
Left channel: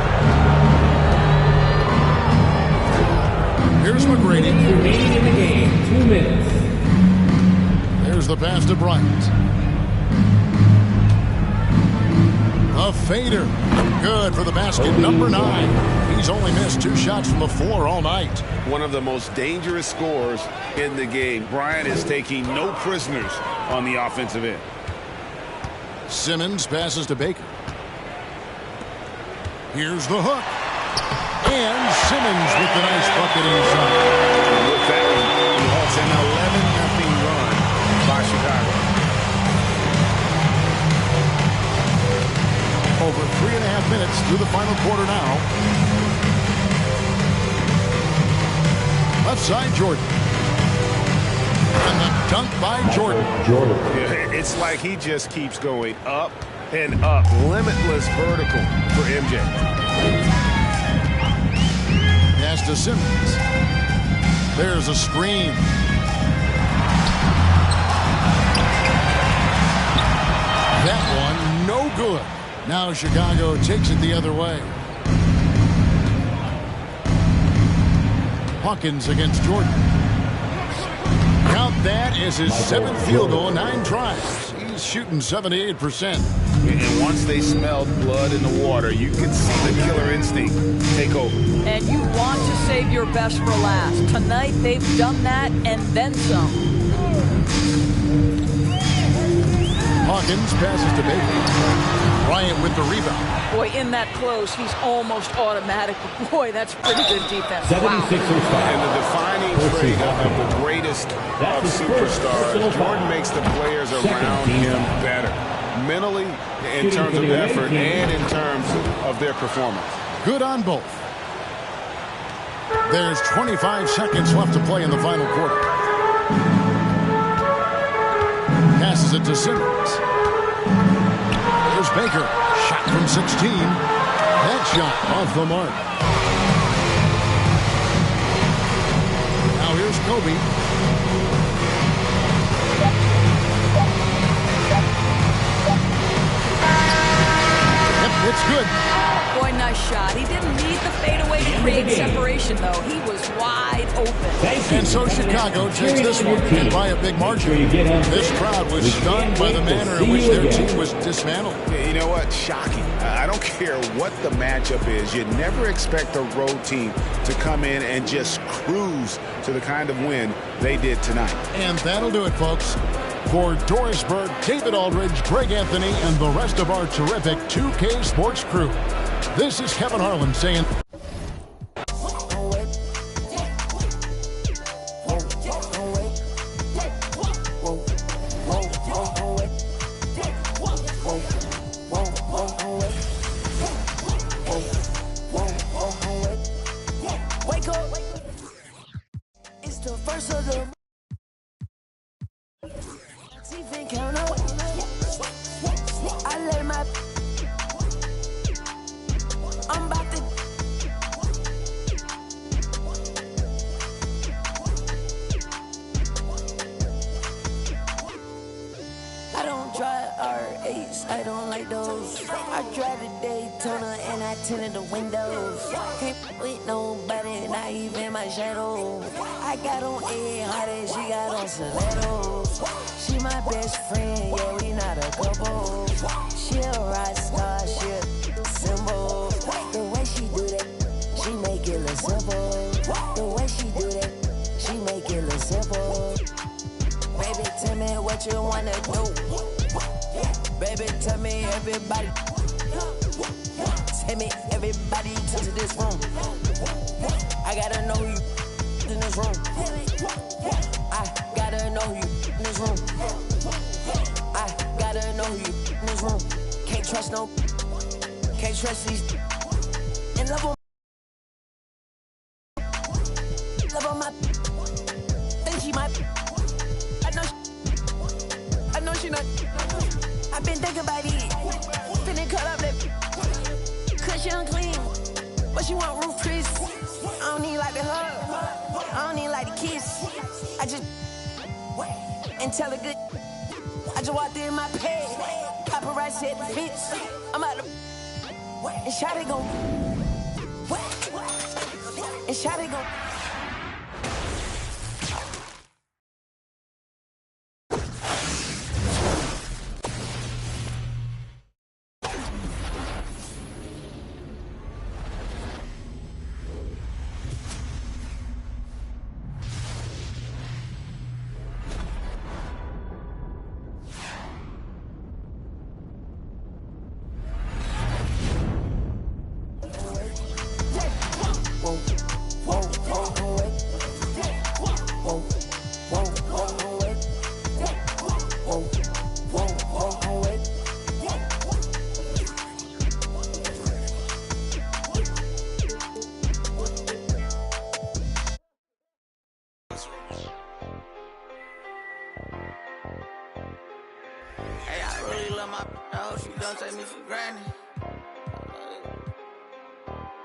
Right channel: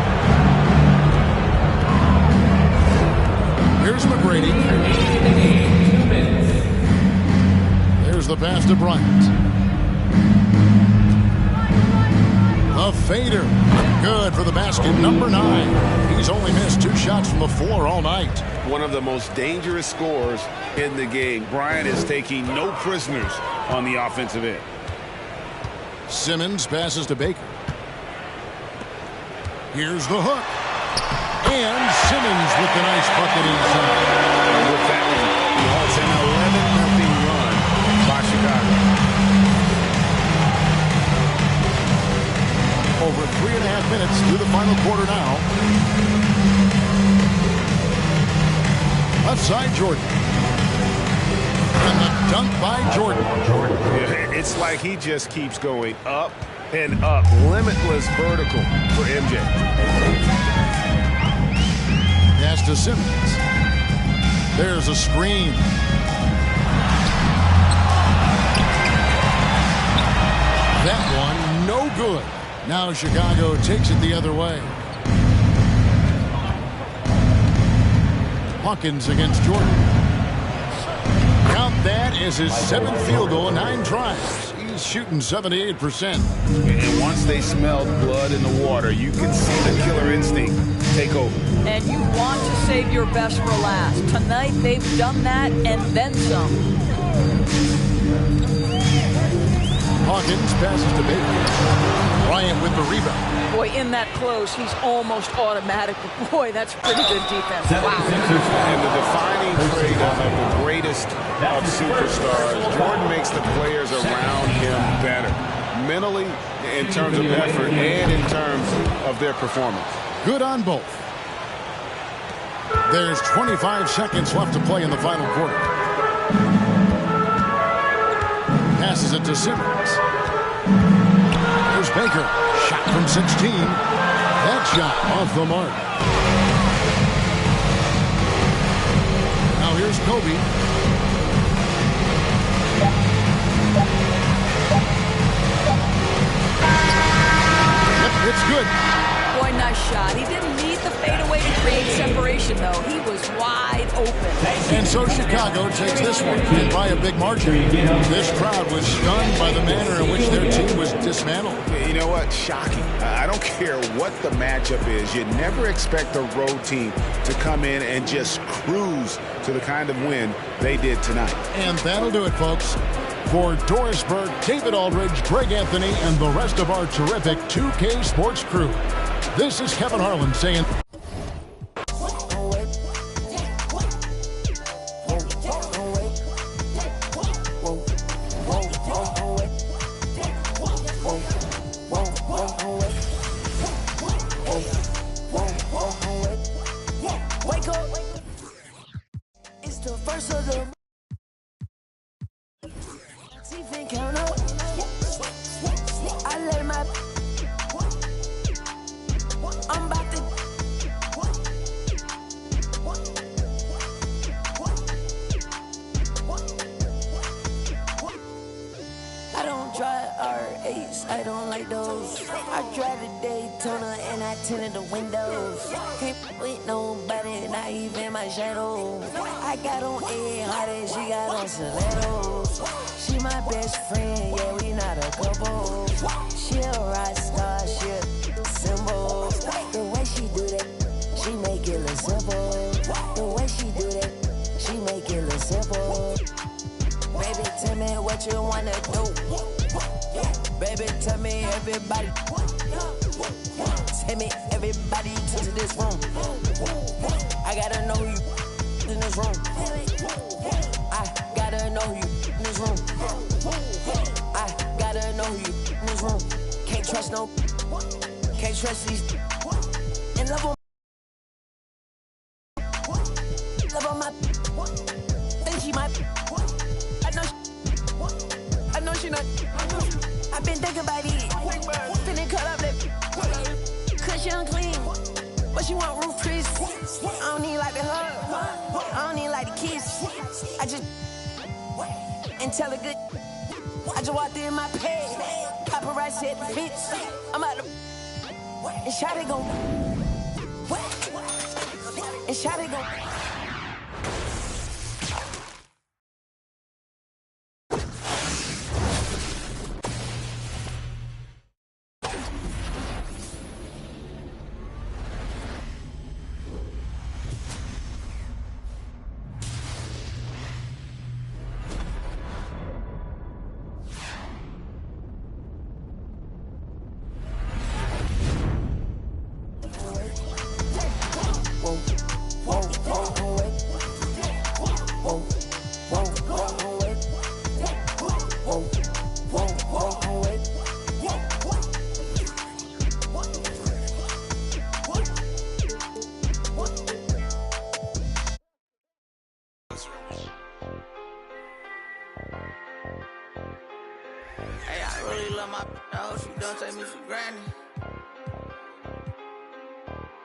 Here's McGrady. Remaining in the game, 2 minutes. There's the pass to Bryant. The fader. Good for the basket, number 9. He's only missed 2 shots from the floor all night. One of the most dangerous scorers in the game. Bryant is taking no prisoners on the offensive end. Simmons passes to Baker. Here's the hook. And Simmons with the nice bucket inside. And with that one, he halts an 11-0 run by Chicago. Over 3.5 minutes through the final quarter now. Left side, Jordan. And the dunk by Jordan. Yeah, it's like he just keeps going up and up. Limitless vertical for MJ. Pass to Simmons. There's a screen. That one, no good. Now Chicago takes it the other way. Hawkins against Jordan. Count that as his 7th field goal in 9 tries. He's shooting 78%. And once they smelled blood in the water, you could see the killer instinct take over. And you want to save your best for last. Tonight, they've done that and then some. Hawkins passes to Baker. Bryant with the rebound. Boy, in that close, he's almost automatic. But boy, that's pretty good defense. Wow. And the defining trait of the greatest of superstars, Jordan makes the players around him better. Mentally, in terms of effort, and in terms of their performance. Good on both. There's 25 seconds left to play in the final quarter. Passes it to Simmons. There's Baker. Shot from 16. That shot off the mark. Now here's Kobe. Yep, it's good. Boy, nice shot. He didn't need the fadeaway to create separation, though. He was wide open. And so Chicago takes this one, and by a big margin. This crowd was stunned by the manner in which their team was dismantled. You know what? Shocking. I don't care what the matchup is. You never expect a road team to come in and just cruise to the kind of win they did tonight. And that'll do it, folks. For Doris Burke, David Aldridge, Greg Anthony, and the rest of our terrific 2K Sports crew, this is Kevin Harlan saying... I don't like those. I drive the Daytona and I tinted the windows. Can't with nobody, not even my shadow. I got on A hard she got on stilettos. She my best friend, yeah, we not a couple. She a rock star, she a symbol. The way she do that, she make it look simple. The way she do that, she make it look simple. Baby, tell me what you wanna do. Baby, tell me everybody. Tell me everybody to this room. I gotta know you in this room. I gotta know you in this room. I gotta know you in this room. Can't trust these. And love on my. Think she might. I think about it. Finna cut up that cause she unclean. But she want roof Chris. I don't need like the hug. I don't need like the kiss. I just and tell her good. I just walked in my pad. Paparazzi at the fence. I'm out the and Shotty gon' and Shotty gon' Hey, I really love my hope she don't take me for granted.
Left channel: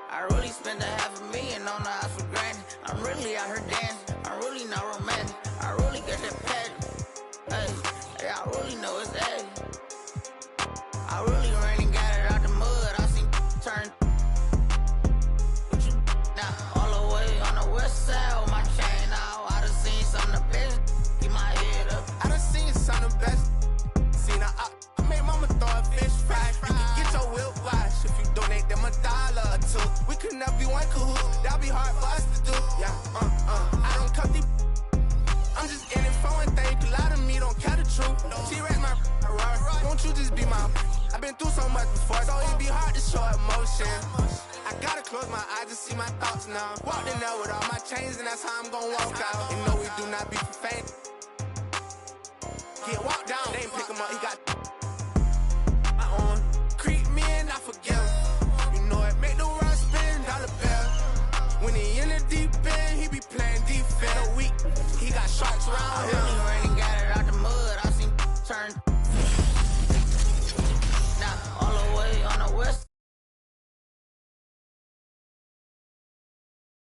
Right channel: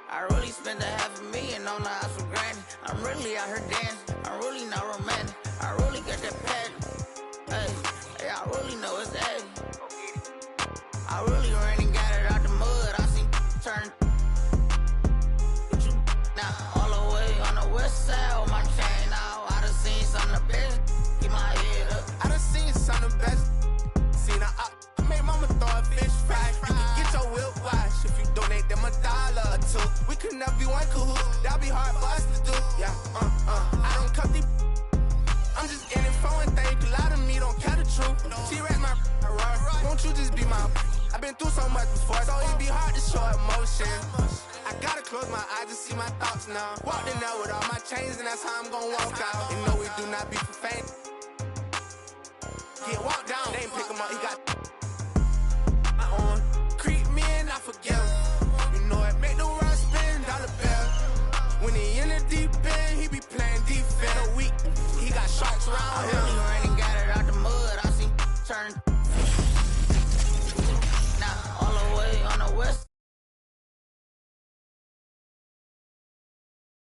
I really spent $500,000 on the house for granted. I'm really out here dancing. I'm really not romantic. I really get that pattern. Hey, I really know it's A. I really ran and got it out the mud. I seen turn. But you now all the way on the west side with my chain out. I done seen some of the best. Keep my head up. I done seen some of the best. I made mama throw a fish fry. You can get your whip wash if you donate them $1 or $2. We could never be one cahoot. That'll be hard for us to do. Yeah, I don't cut these. I'm just in it for one thing. A lot of me don't care the truth. T-Rex my right. Won't you just be my? I've been through so much before, so it'd be hard to show emotion. I gotta close my eyes to see my thoughts now. Walked in there with all my chains, and that's how I'm gonna walk out. And no, we do not be for faint. Get walked down, they ain't pick him up, he got my on. Creep me and I forgive him. You know it, make the right.